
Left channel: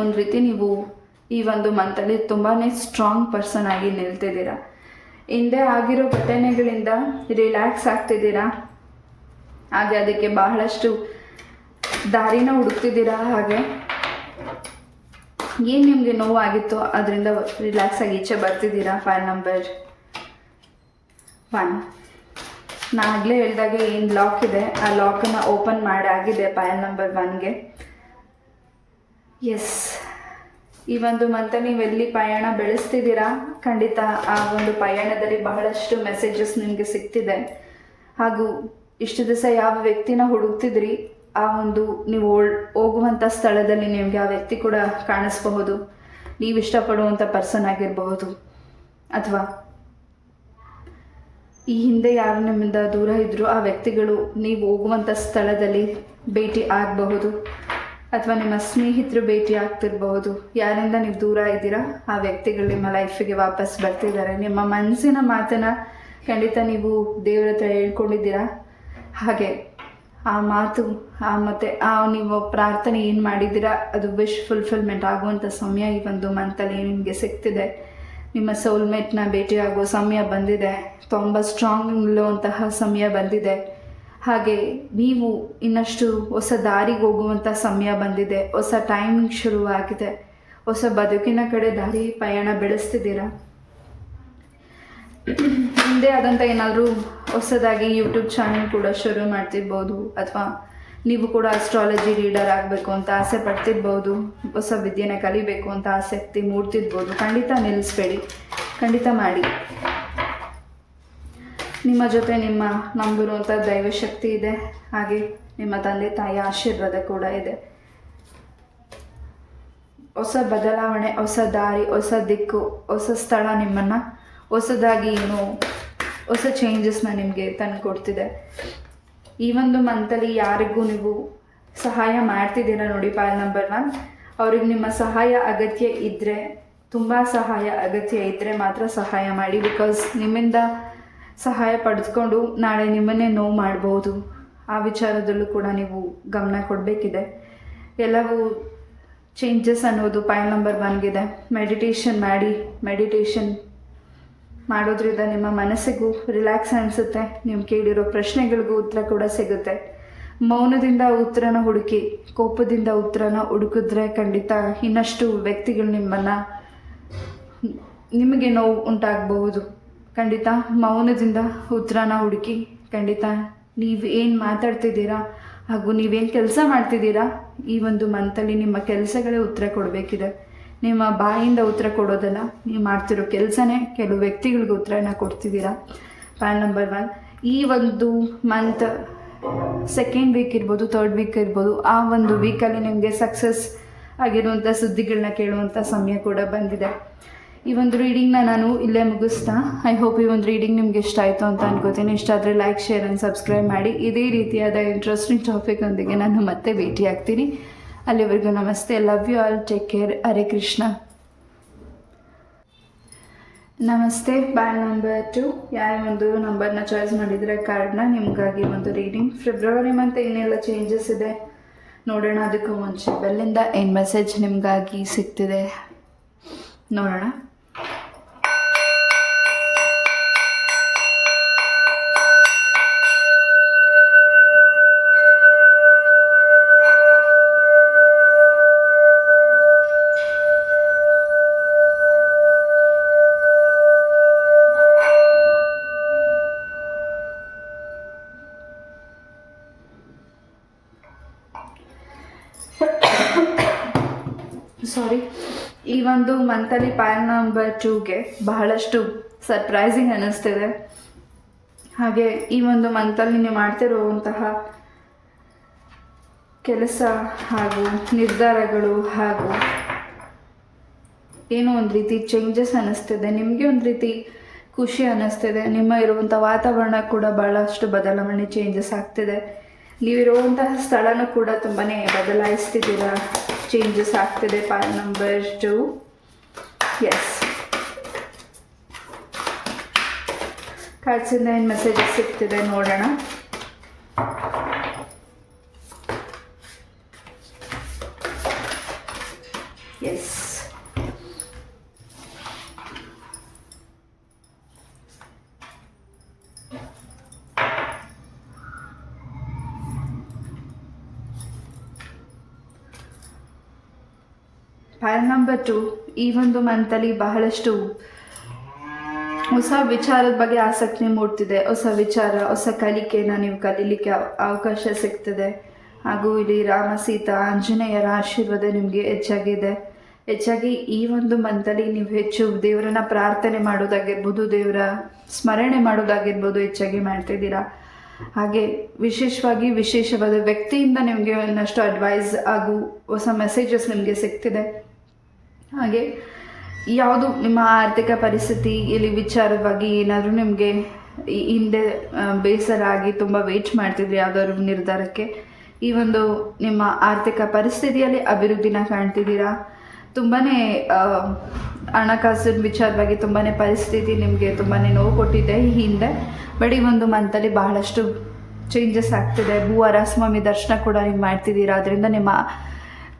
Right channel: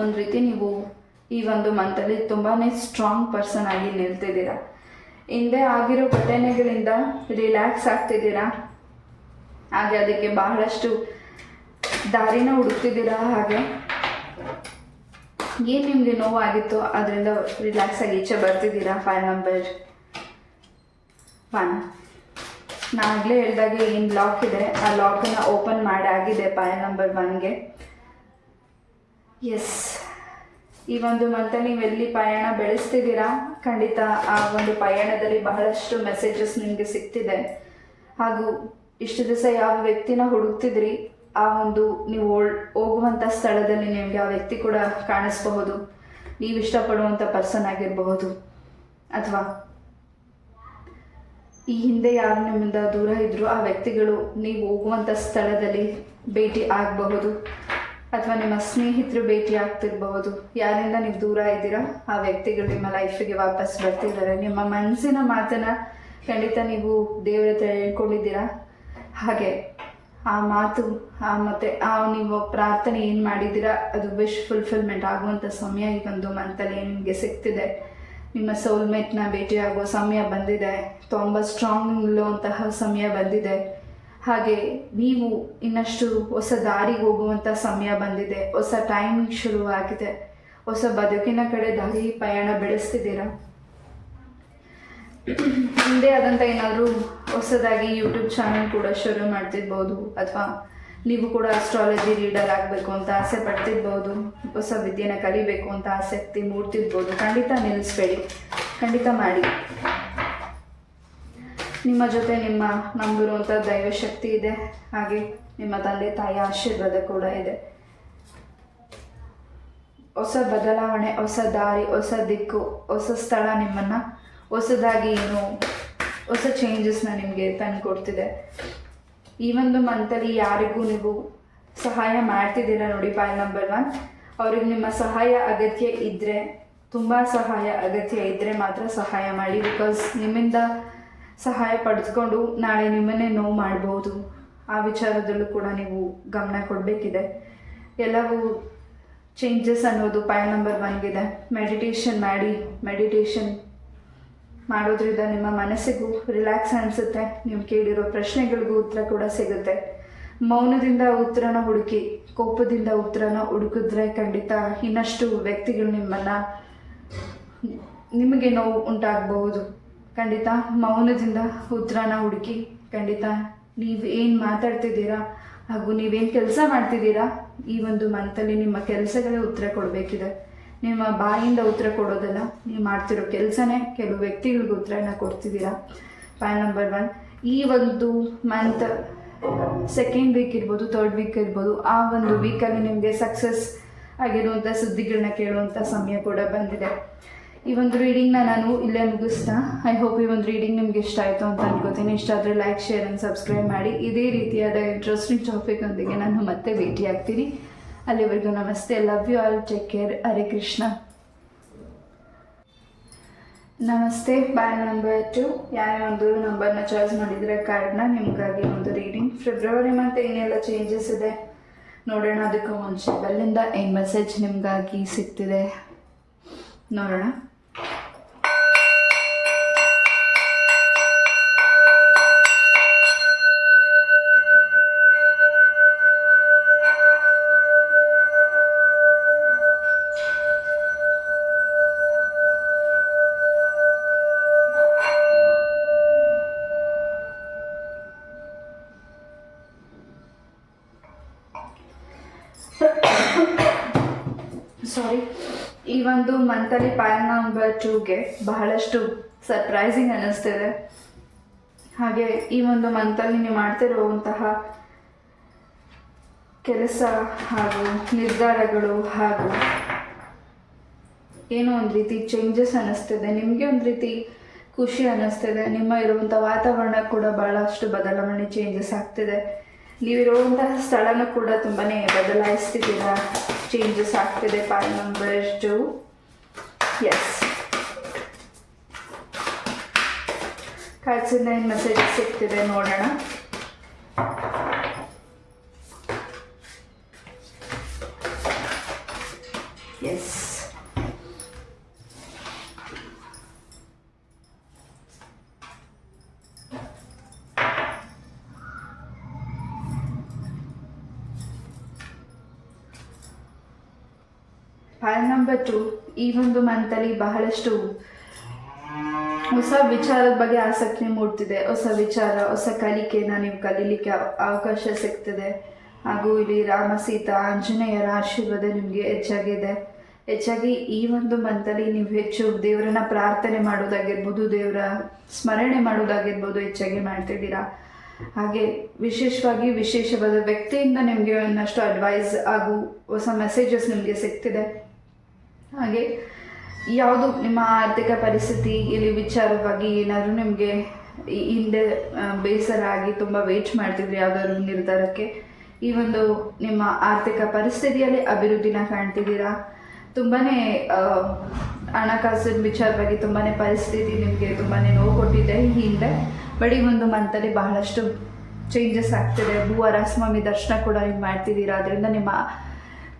ಒಂದು ರೀತಿ ನೀವು ಈ ಒಂದು ಮಂತಲ್ಲಿ ತುಂಬಾ ಸ್ಟ್ರಾಂಗ್ ಪರ್ಸನ್ ಆಗಿ ನಿಲ್ತಿದ್ದೀರಾ. ಹಿಂದೆ ಆಗಿರೋ ಘಟನೆಗಳಿಂದ ರಿಲ್ಯಾಕ್ಸ್ ಆಗ್ತಿದ್ದೀರಾ. ಹಾಗೆ ಅದಕ್ಕೆ ಬಹಳಷ್ಟು ದಾರಿನ ಹುಡುಕ್ತಿದ್ದೀರಾ. ಹಾಗೆ ಏನು ನಿಮಗೆ ನೋವಾಗಿತ್ತು ಅದರಿಂದ ರಿಲ್ಯಾಕ್ಸ್ ಆಗಿ ಈಚೆ ಬರ್ತಿದ್ದೀರಾ. File number 1. ನಾನು ಆಗಲೇ ಹೇಳಿದಾಗೆ ಏನು ಲಾಕ್ ಇದೆ ಆ ಲಾಕನ್ನು ಓಪನ್ ಮಾಡಾಗಿದೆ ಫೈಲ್ ನಂಬರ್ 1ಗೆ. ಎಸ್, ಈ ಒಂದು ಮಂತ ನೀವೆಲ್ಲಿ ಪಯಣ ಬೆಳೆಸ್ತಿದ್ದೀರಾ, ಖಂಡಿತ ಆ ಒಂದು ಪಯಣದಲ್ಲಿ ಬಹಳಷ್ಟು ಮೆಸೇಜಸ್ ನಿಮಗೆ ಸಿಗ್ತಿದೆ. ಹಾಗೂ ಇಷ್ಟು ದಿವಸ ಯಾವ ವ್ಯಕ್ತಿನ ಹುಡುಕ್ತಿದ್ರಿ, ಆ ಒಂದು ನೀವು ಹೋಗುವಂಥ ಸ್ಥಳದಲ್ಲಿ ನಿಮಗೆ ಆ ವ್ಯಕ್ತಿ ಕೂಡ ಕಾಣಿಸ್ಬಹುದು. ನೀವು ಇಷ್ಟಪಡುವಂಥ ಪರ್ಸನ್ ಆಗಿರಬಹುದು, ಅಥವಾ ಈ ಹಿಂದೆ ಯಾರು ನಿಮ್ಮಿಂದ ದೂರ ಇದ್ದರೂ ಆ ವ್ಯಕ್ತಿಗಳು ನೀವು ಹೋಗುವಂಥ ಸ್ಥಳದಲ್ಲಿ ಭೇಟಿ ಆಗಬಹುದು, ಅಥವಾ ನಿಮ್ಮ ಸ್ನೇಹಿತರು ಭೇಟಿ ಆಗ್ತಿರಬಹುದು. ಯಾರಿಂದ ನೀವು ದೂರ ಇದ್ದೀರಾ ಆ ವ್ಯಕ್ತಿಗಳು ನಿಮ್ಮ ಲೈಫಿಗೆ ವಾಪಸ್ ಬರ್ತಿದ್ದಾರೆ. ನಿಮ್ಮ ಮನಸ್ಸಿನ ಮಾತನ್ನು ಖಂಡಿತ ನೀವು ದೇವರ ಹತ್ರ ಹೇಳ್ಕೊಂಡಿದ್ದೀರಾ. ಹಾಗೆ ಆ ಮಾತು ಮತ್ತು ನೀವು ಪ್ರಾರ್ಥನೆ ಏನು ಮಾಡಿದ್ದೀರಾ ಅದು ವಿಶ್ ಫುಲ್ಫಿಲ್ಮೆಂಟ್ ಆಗುವಂಥ ಸಮಯ ಈ ಒಂದು ಮಂತಲ್ಲಿ ನಿಮಗೆ ಸಿಗ್ತಿದೆ. ನಿಮ್ಮ ಸೋಲ್ಮೇಟ್ನ ಭೇಟಿಯಾಗೋ ಸಮಯ ಬಂದಿದೆ. ತುಂಬ ಸ್ಟ್ರಾಂಗ್ ನಿಲ್ಲುವಂತಹ ಸಮಯ ಬಂದಿದೆ. ಹಾಗೆ ನೀವು ಇನ್ನಷ್ಟು ಹೊಸ ದಾರಿಗೆ ಹೋಗುವಂಥ ಸಮಯ ಬಂದಿದೆ. ಹೊಸ ಟೈಮಿಂಗ್ ಶುರುವಾಗಿದೆ. ಹೊಸ ಬದುಕಿನ ಕಡೆ ದಾರಿ ಪಯಣ ಬೆಳೆಸ್ತಿದ್ದೀರಾ. ಹಿಂದೆ ಆದಂಥ ಏನಾದರೂ ಹೊಸದಾಗಿ ಯೂಟ್ಯೂಬ್ ಚಾನಲ್ ಕೂಡ ಶುರು ಮಾಡ್ತಿರ್ಬೋದು, ಅಥವಾ ನೀವು ಕೂಡ ಅಸ್ಟ್ರಾಲಜಿ ರೀಡರ್ ಆಗಬೇಕು ಅಂತ ಆಸೆ ಪಡ್ತಿರ್ಬೋದು, ಹೊಸ ವಿದ್ಯೆನ ಕಲಿಬೇಕು ಅಂತ ಆಸಕ್ತಿ ಮೂಡ್ತಿರ್ಬೋದು. ಖಂಡಿತ ನಿಲ್ಲಿಸ್ಬೇಡಿ, ಖಂಡಿತ ಮಾಡಿ. ನಿಮ್ಮ ಜೊತೆ ನಿಮ್ಮ ನಂಬಿರುವಂಥ ದೈವಶಕ್ತಿ ಇದೆ. ಹಾಗೆ ನಿಮ್ಮ ತಂದೆ ತಾಯಿಯ ಆಶೀರ್ವಾದ ಕೂಡ ಇದೆ. ಹೊಸ ಬದಲಾವಣೆ, ಹೊಸ ದಾರಿ, ಹೊಸ ದಿಕ್ಕು, ಹೊಸ ಸ್ಥಳ ನಿಮ್ಮನ್ನು ಹೊಸದಾಗಿ ಹೊಸ ಚೇಂಜಸ್ನ ನಿಮಗೆ ತಂದು ಕೊಡ್ತಿದೆ. ಈ ಒಂದು ಮಂತಲ್ಲಿ ಯಾರಿಗೂ ನೀವು ಸಹಾಯ ಮಾಡ್ತಿದ್ದೀರಾ ನೋಡಿ, ಪಾಯಿಂಟ್ ನಂಬರ್ 1. ಅವ್ರಿಗೆ ನಿಮ್ಮ ಸಹಾಯ ಅಗತ್ಯ ಇದ್ದರೆ, ತುಂಬ ಸಹಾಯ ಅಗತ್ಯ ಇದ್ದರೆ ಮಾತ್ರ ಸಹಾಯ ಮಾಡಿ. ಬಿಕಾಸ್ ನಿಮ್ಮಿಂದ ಸಹಾಯ ಪಡೆದುಕೊಂಡು ನಾಳೆ ನಿಮ್ಮನ್ನೇ ನೋವು ಮಾಡ್ಬೋದು. ಆ ವಿಚಾರದಲ್ಲೂ ಕೂಡ ನೀವು ಗಮನ ಕೊಡಬೇಕಿದೆ. ಎಲ್ಲವೂ ಚೇಂಜಸ್ ಅನ್ನೋದು ಪಾಯಿಂಟ್ ನಂಬರ್ 1ಗಿದೆ. ಮೆಡಿಟೇಷನ್ ಮಾಡಿ. ಮೆಡಿಟೇಷನ್ ಮಾಡೋದ್ರಿಂದ ನಿಮ್ಮ ಮನಸ್ಸಿಗೂ ರಿಲ್ಯಾಕ್ಸ್ ಅನಿಸುತ್ತೆ. ನೀವು ಕೇಳಿರೋ ಪ್ರಶ್ನೆಗಳಿಗೂ ಉತ್ತರ ಕೂಡ ಸಿಗುತ್ತೆ. ಮೌನದಿಂದ ಉತ್ತರನ ಹುಡುಕಿ, ಕೋಪದಿಂದ ಉತ್ತರನ ಹುಡುಕಿದ್ರೆ ಖಂಡಿತ ಇನ್ನಷ್ಟು ವ್ಯಕ್ತಿಗಳು ನಿಮಗೆ ನೋವು ಉಂಟಾಗಬಹುದು. ಖಂಡಿತ ಮೌನದಿಂದ ಉತ್ತರನ ಹುಡುಕಿ. ಖಂಡಿತ ನೀವು ಏನು ಮಾತಾಡ್ತಿದ್ದೀರಾ ಹಾಗೂ ನೀವೇನು ಕೆಲಸ ಮಾಡ್ತಿದ್ದೀರಾ, ಈ ಒಂದು ಮಂತಲ್ಲಿ ನಿಮ್ಮ ಕೆಲಸಗಳೇ ಉತ್ತರ ಕೊಡಬೇಕಿದೆ. ನಿಮ್ಮ ಬಾಯಿಂದ ಉತ್ತರ ಕೊಡೋದಲ್ಲ, ನೀವು ಮಾಡ್ತಿರೋ ಕೆಲಸನೇ ಕೆಲವು ವ್ಯಕ್ತಿಗಳಿಗೆ ಉತ್ತರನ ಕೊಡ್ತಿದ್ದೀರಾ. Point number 1. ಈ ಒಂದು ಮಂತ್ ಸೆಕೆಂಡ್ ವೀಕ್ ಇರ್ಬೋದು, ಥರ್ಡ್ ವೀಕ್ ಇರ್ಬೋದು, ಆ ಒಂದು ವೀಕಲ್ಲಿ ನಿಮಗೆ ಸಕ್ಸಸ್ ಆಗಿರುವಂಥ ಸುದ್ದಿಗಳನ್ನ ಕೇಳುವಂಥ ಸಮಯ ಕೂಡ ಬಂದಿದೆ. ಈ ಒಂದು ರೀಡಿಂಗ್ನ ನಾನು ಇಲ್ಲೇ ಮುಗಿಸ್ತಾ, ಐ ಹೋಪ್ ಈ ಒಂದು ರೀಡಿಂಗ್ ನಿಮ್ಗೆ ಇಷ್ಟ ಆಯಿತು ಅಂತ ಅನ್ಕೋತೀನಿ. ಇಷ್ಟ ಆದರೆ ಲೈಕ್, ಶೇರ್ ಆ್ಯಂಡ್ ಸಬ್ಸ್ಕ್ರೈಬ್ ಮಾಡಿ. ಇದೇ ರೀತಿಯಾದ ಇಂಟ್ರೆಸ್ಟಿಂಗ್ ಟಾಪಿಕ್ನೊಂದಿಗೆ ನಾನು ಮತ್ತೆ ಭೇಟಿ ಆಗ್ತೀನಿ. ಅಲ್ಲಿವರೆಗೂ ನಮಸ್ತೆ. Love you all. Take care. Hare Krishna. ನಮಸ್ತೆ. ಬ್ಯಾಂಡ್ ನಂಬರ್ 2 ಯಾವ ಒಂದು ನಂಬರ್ನ ಚಾಯ್ಸ್ ಮಾಡಿದರೆ ಕಾರ್ಡ್ನ ನಿಮಗಾಗಿ ಒಂದು ರೀಡಿಂಗ್. ಫೆಬ್ರವರಿ ಮಂತ್ ಏನೆಲ್ಲ ಚೇಂಜಸ್ ಇದೆ ನೋಡೋಣ. ಅದಕ್ಕೂ ಮುಂಚೆ ಬೆಲ್ಲಿಂದ ಏನು ಮೆಸೇಜ್ ನಿಮಗಾಗಿ ಸಿಗ್ತಿದೆ ನೋಡೋಣ. ಸಾರಿ, ಈ ಒಂದು ಮಂತಲ್ಲಿ ಪ್ಯಾನ್ ನಂಬರ್ 2ಗೆ ಬಹಳಷ್ಟು ಸರ್ಪ್ರೈಸಿಂಗ್ ಅನ್ನಿಸ್ತಿದೆ. ಹಾಗೆ ಈ ಒಂದು ಮಂತಲ್ಲಿ ನೀವು ಮಾಡ್ತಿರುವಂತಹ ಕೆಲಸ ಹಾಗೂ ನಿರ್ಧಾರಗಳು ಹಾಗೂ ಏನೋ ಒಂದು ರೀತಿ ಚೇಂಜಸ್ ಅನ್ನಿಸ್ತಿದೆ. ನಿಮಗೆ ಒಂದು ರೀತಿ ಖುಷಿ ಅನ್ನಿಸ್ತಿದೆ. ನಿಮ್ಮ ಇರುವಂಥ ವಾತಾವರಣ ಕೂಡ ಬಹಳಷ್ಟು ಬದಲಾವಣೆ ಚೇಂಜಸ್ ಆಗ್ತಿದೆ. ನೀವಿರುವಂತಹ ಸ್ಥಳನೂ ಕೂಡ ತುಂಬಾ ಬದಲಾಯಿಸ್ತಿದ್ದೀರಾ, ಚೇಂಜಸ್ ಆಗ್ತಿದೆ. PAN number 2. ಎಸ್, ಕಾರ್ಡ್ಸಿಂದ ಏನು ಮೆಸೇಜಸ್ ಸಿಗ್ತಿದೆ ನೋಡೋಣ. ಎಸ್, ಪ್ಯಾನ್ ನಂಬರ್ 2 ಈ ಒಂದು ಮಂತಲ್ಲಿ ಬಹಳಷ್ಟು ಹೊಸ ವಿಚಾರದ ಬಗ್ಗೆ ಆಸಕ್ತಿ ಮೂಡ್ತಿದೆ. ಹೊಸ ವಿಚಾರ, ಹೊಸ ಕಲಿಕೆನ ನೀವು ಕಲೀಲಿಕ್ಕೆ ಅವಕಾಶ ಸಿಗ್ತದೆ. ಹಾಗೂ ಇಲ್ಲಿ ರಾಮ, ಸೀತಾ, ಆಂಜನೇಯರ ಆಶೀರ್ವಾದ ನಿಮಗೆ ಹೆಚ್ಚಾಗಿ ಈ ಒಂದು ಮಂತಲ್ಲಿ ನೀವು ಹೆಚ್ಚು ದೇವರನ್ನ ಪ್ರಾರ್ಥನೆ ಮಾಡೋದಾಗಿರ್ಬೋದು, ದೇವರ ಸ್ಮರಣೆ ಮಾಡೋದಾಗಿರ್ಬೋದು ಹೆಚ್ಚಾಗಿ ಮಾಡ್ತಿದ್ದೀರಾ. ಹಾಗೆ ವಿಶೇಷವಾದ ವ್ಯಕ್ತಿಯಿಂದ ನಿಮಗೆ ಇನ್ನಷ್ಟು ಅಡ್ವೈಸ್ ಹಾಗೂ ಹೊಸ ಮೆಸೇಜಸ್ ನಿಮಗೆ ಸಿಗ್ತಿದೆ. ಹಾಗೆ ಯಾವುದು ನಿಮ್ಮ ಆರ್ಥಿಕ ಪರಿಸ್ಥಿತಿ ಇಲ್ಲಿ ವಿಚಾರವಾಗಿ ಏನಾದರೂ ನಿಮಗೆ ಹಿಂದೆ ಬೇಸರ ಆಗಿ ತುಂಬ ವೇಟ್ ಮಾಡ್ತಿದ್ರಿ ಯಾವುದಾದ್ರು ನಿರ್ಧಾರಕ್ಕೆ, ಈ ಒಂದು ನಿಮ್ಮ ಆರ್ಥಿಕ ಪರಿಸ್ಥಿತಿಯಲ್ಲಿ ಅಭಿವೃದ್ಧಿನ ಕಾಣ್ತಿದ್ದೀರಾ. ತುಂಬಾ ಹಣಕಾಸಿನ ವಿಚಾರವಾಗಿ ತುಂಬಾ ಪರಿಸ್ಥಿತಿ ನಿಮಗೆ ತುಂಬಾ ನೋವು ಕೊಟ್ಟಿದೆ ಈ ಹಿಂದೆ. ಬಟ್ ಈ ಒಂದು ಮಂತಲ್ಲಿ ಬಹಳಷ್ಟು ಚೇಂಜಸ್ ಆಗ್ತಿದೆ. ಭೂವರಾಸ್ವಾಮಿ ದರ್ಶನ ಕೂಡ ನೀವು ಮಾಡ್ತಿದ್ದೀರಾ. ಅದರಿಂದ ನಿಮ್ಮ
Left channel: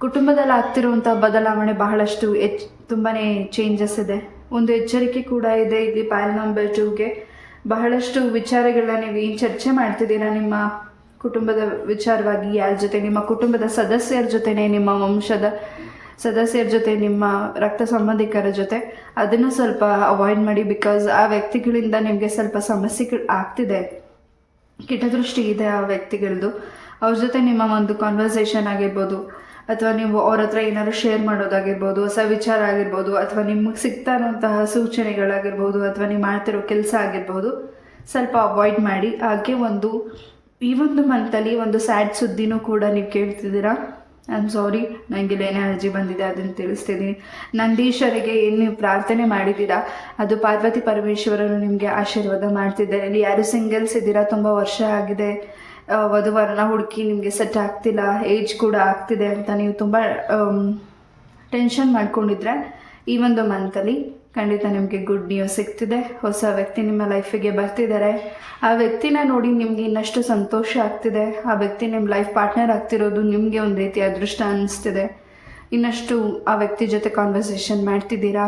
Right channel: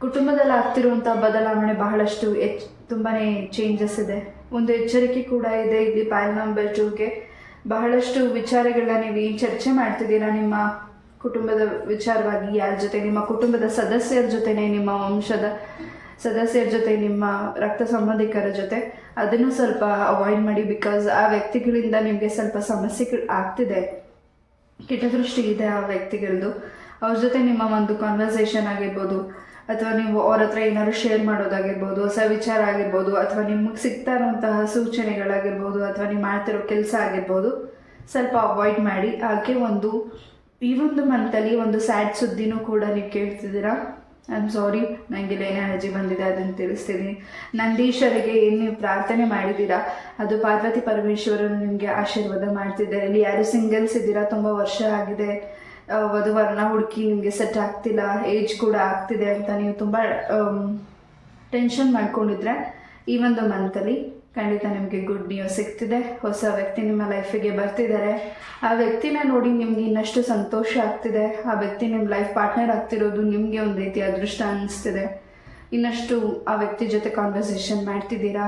ಕುಟುಂಬದಲ್ಲಿ ಆಗ್ತಿರುವಂಥ ಬದಲಾವಣೆ ಬಹಳಷ್ಟು ತುಂಬಾ ಚೇಂಜಸ್ ಇದೆ. ಒಂದು ಎಚ್ಚರಿಕೆ ಕೂಡ ಇದೆ ಇಲ್ಲಿ ಪ್ಯಾನ್ ನಂಬರ್ 2ಗೆ. ಬಹಳಷ್ಟು ವಿಚಾರಗಳನ್ನ ನೀವು ಏನು ಚರ್ಚೆ ಮಾಡ್ತಿದ್ದೀರಾ ನಿಮ್ಮ ಕುಟುಂಬದ ವಿಚಾರವಾಗಿ, ಯಾರ ಜೊತೆ, ನಿಮ್ಮ ಕುಟುಂಬದ ಸದಸ್ಯರ ಜೊತೆನೇ, ನಿಮ್ಮ ವಂಶದ ಸದಸ್ಯರ ಜೊತೆ, ನಿಮ್ಮ ರಕ್ತ ಸಂಬಂಧಿಕರ ಜೊತೆ, ಅದನ್ನು ಸ್ವಲ್ಪ ಅವಾಯ್ಡ್ ಮಾಡಿ. ಬಿಕಾಸ್ ಆ ವ್ಯಕ್ತಿಗಳಿಂದ ನಿಮಗೆ ಸ್ವಲ್ಪ ಸಮಸ್ಯೆಗಳು ಆಗ್ತಿದೆ, ಕೆಟ್ಟದೃಷ್ಟಿ ಇದೆ ಆ ವ್ಯಕ್ತಿಗಳದ್ದು. ಅವ್ರ ಜೊತೆ ನಿಮ್ಮ ಒಂದು ಕಾನ್ವರ್ಸೇಷನ್ ಆಗಿರ್ಬೋದು, ಅಥವಾ ನೀವು ಅವ್ರ ಹತ್ರ ಏನಾದ್ರು ಶೇರ್ ಮಾಡೋದಾಗಿರ್ಬೋದು, ಹೊಸ ವಿಚಾರ ಆಗಿರ್ಬೋದು, ಅಥವಾ ನಿಮಗೆ ಸಿಗ್ತಾ ಇರುವಂತಹ ಸೂಚನೆಗಳಾಗಿರ್ಬೋದು, ಅಥವಾ ನೀವು ಮಾಡ್ತಿರೋ ಕೆಲಸ ಆಗಿರ್ಬೋದು, ಸ್ವಲ್ಪ ಅವಾಯ್ಡ್ ಮಾಡಿ. ಹಾಗೆ ಈ ಒಂದು ಮಂತಲ್ಲಿ ಒಂದು ಸ್ಯಾಡ್ ಸುದ್ದಿನೂ ಕೂಡ ನೀವು ಕೇಳ್ತಿದ್ದೀರಾ. ಐ ಆಮ್ ಸಾರಿ, ನನಗೆ ಏನೇ ಅರ್ಜಿ ಬಂದಿದೆ ಅದನ್ನು ತಿಳಿಸ್ತಿದ್ದೀನಿ. ನಂದೀಶ್ವರಿಗೆ ಏನು ನೀವು ಪ್ರಾರ್ಥನೆ ಮಾಡಿದ್ದೀರಾ ಅದು ಪಾರ್ವತಿ ಪರಮೇಶ್ವರನು ನಿಮಗೆ ಆಶೀರ್ವಾದ ಮಾಡ್ತಿದ್ದಾರೆ. ಇಲ್ಲಿ ಯಾರು ಸಿಂಗಲ್ಸ್ ಇದ್ದೀರಾ, ತುಂಬ ವರ್ಷ ಆಗಿದೆ, ವಧುವರನ ಹುಡುಕಿ ನಿಮಗೆ ಸೆಟ್ ಆಗ್ತಿಲ್ಲ, ಏಜ್ ಕೂಡ ಆಗ್ತಿದೆ ಅಂತ ನೀವು ತುಂಬ ಟೆನ್ಷನ್ ಮಾಡ್ಕೊಂಡಿದ್ರೆ, ಈ ಒಂದು ಮಂತಲ್ಲಿ ಖಂಡಿತ ನಿಮಗೆ ಗುಡ್ ನ್ಯೂಸ್ ಸಿಗ್ತಿದೆ. ಹೊಸ ವ್ಯಕ್ತಿ ನಿಮ್ಮ ಲೈಫಿಗೆ ಬರ್ತಿದ್ದಾರೆ. ಆ ವ್ಯಕ್ತಿನ ನೋಡಿ ನಿಮಗೆ ಇನ್ನಷ್ಟು ಸಂತೋಷ ಆಗ್ತಿದೆ. ಆ ವ್ಯಕ್ತಿ ನಿಮ್ಮ ಲೈಫ್ ಪಾರ್ಟ್ನರ್ ಆಗ್ತಿರೋದು ನಿಮಗೆ ಒಂದು ರೀತಿ ಅದೃಷ್ಟ ಅನ್ನಿಸ್ತಿದೆ. ಇನ್ನಷ್ಟು ಆ ವ್ಯಕ್ತಿ ಜೊತೆ ಕಾನ್ವರ್ಸೇಷನ್ ಮಾಡ್ತಿದ್ದೀರಾ.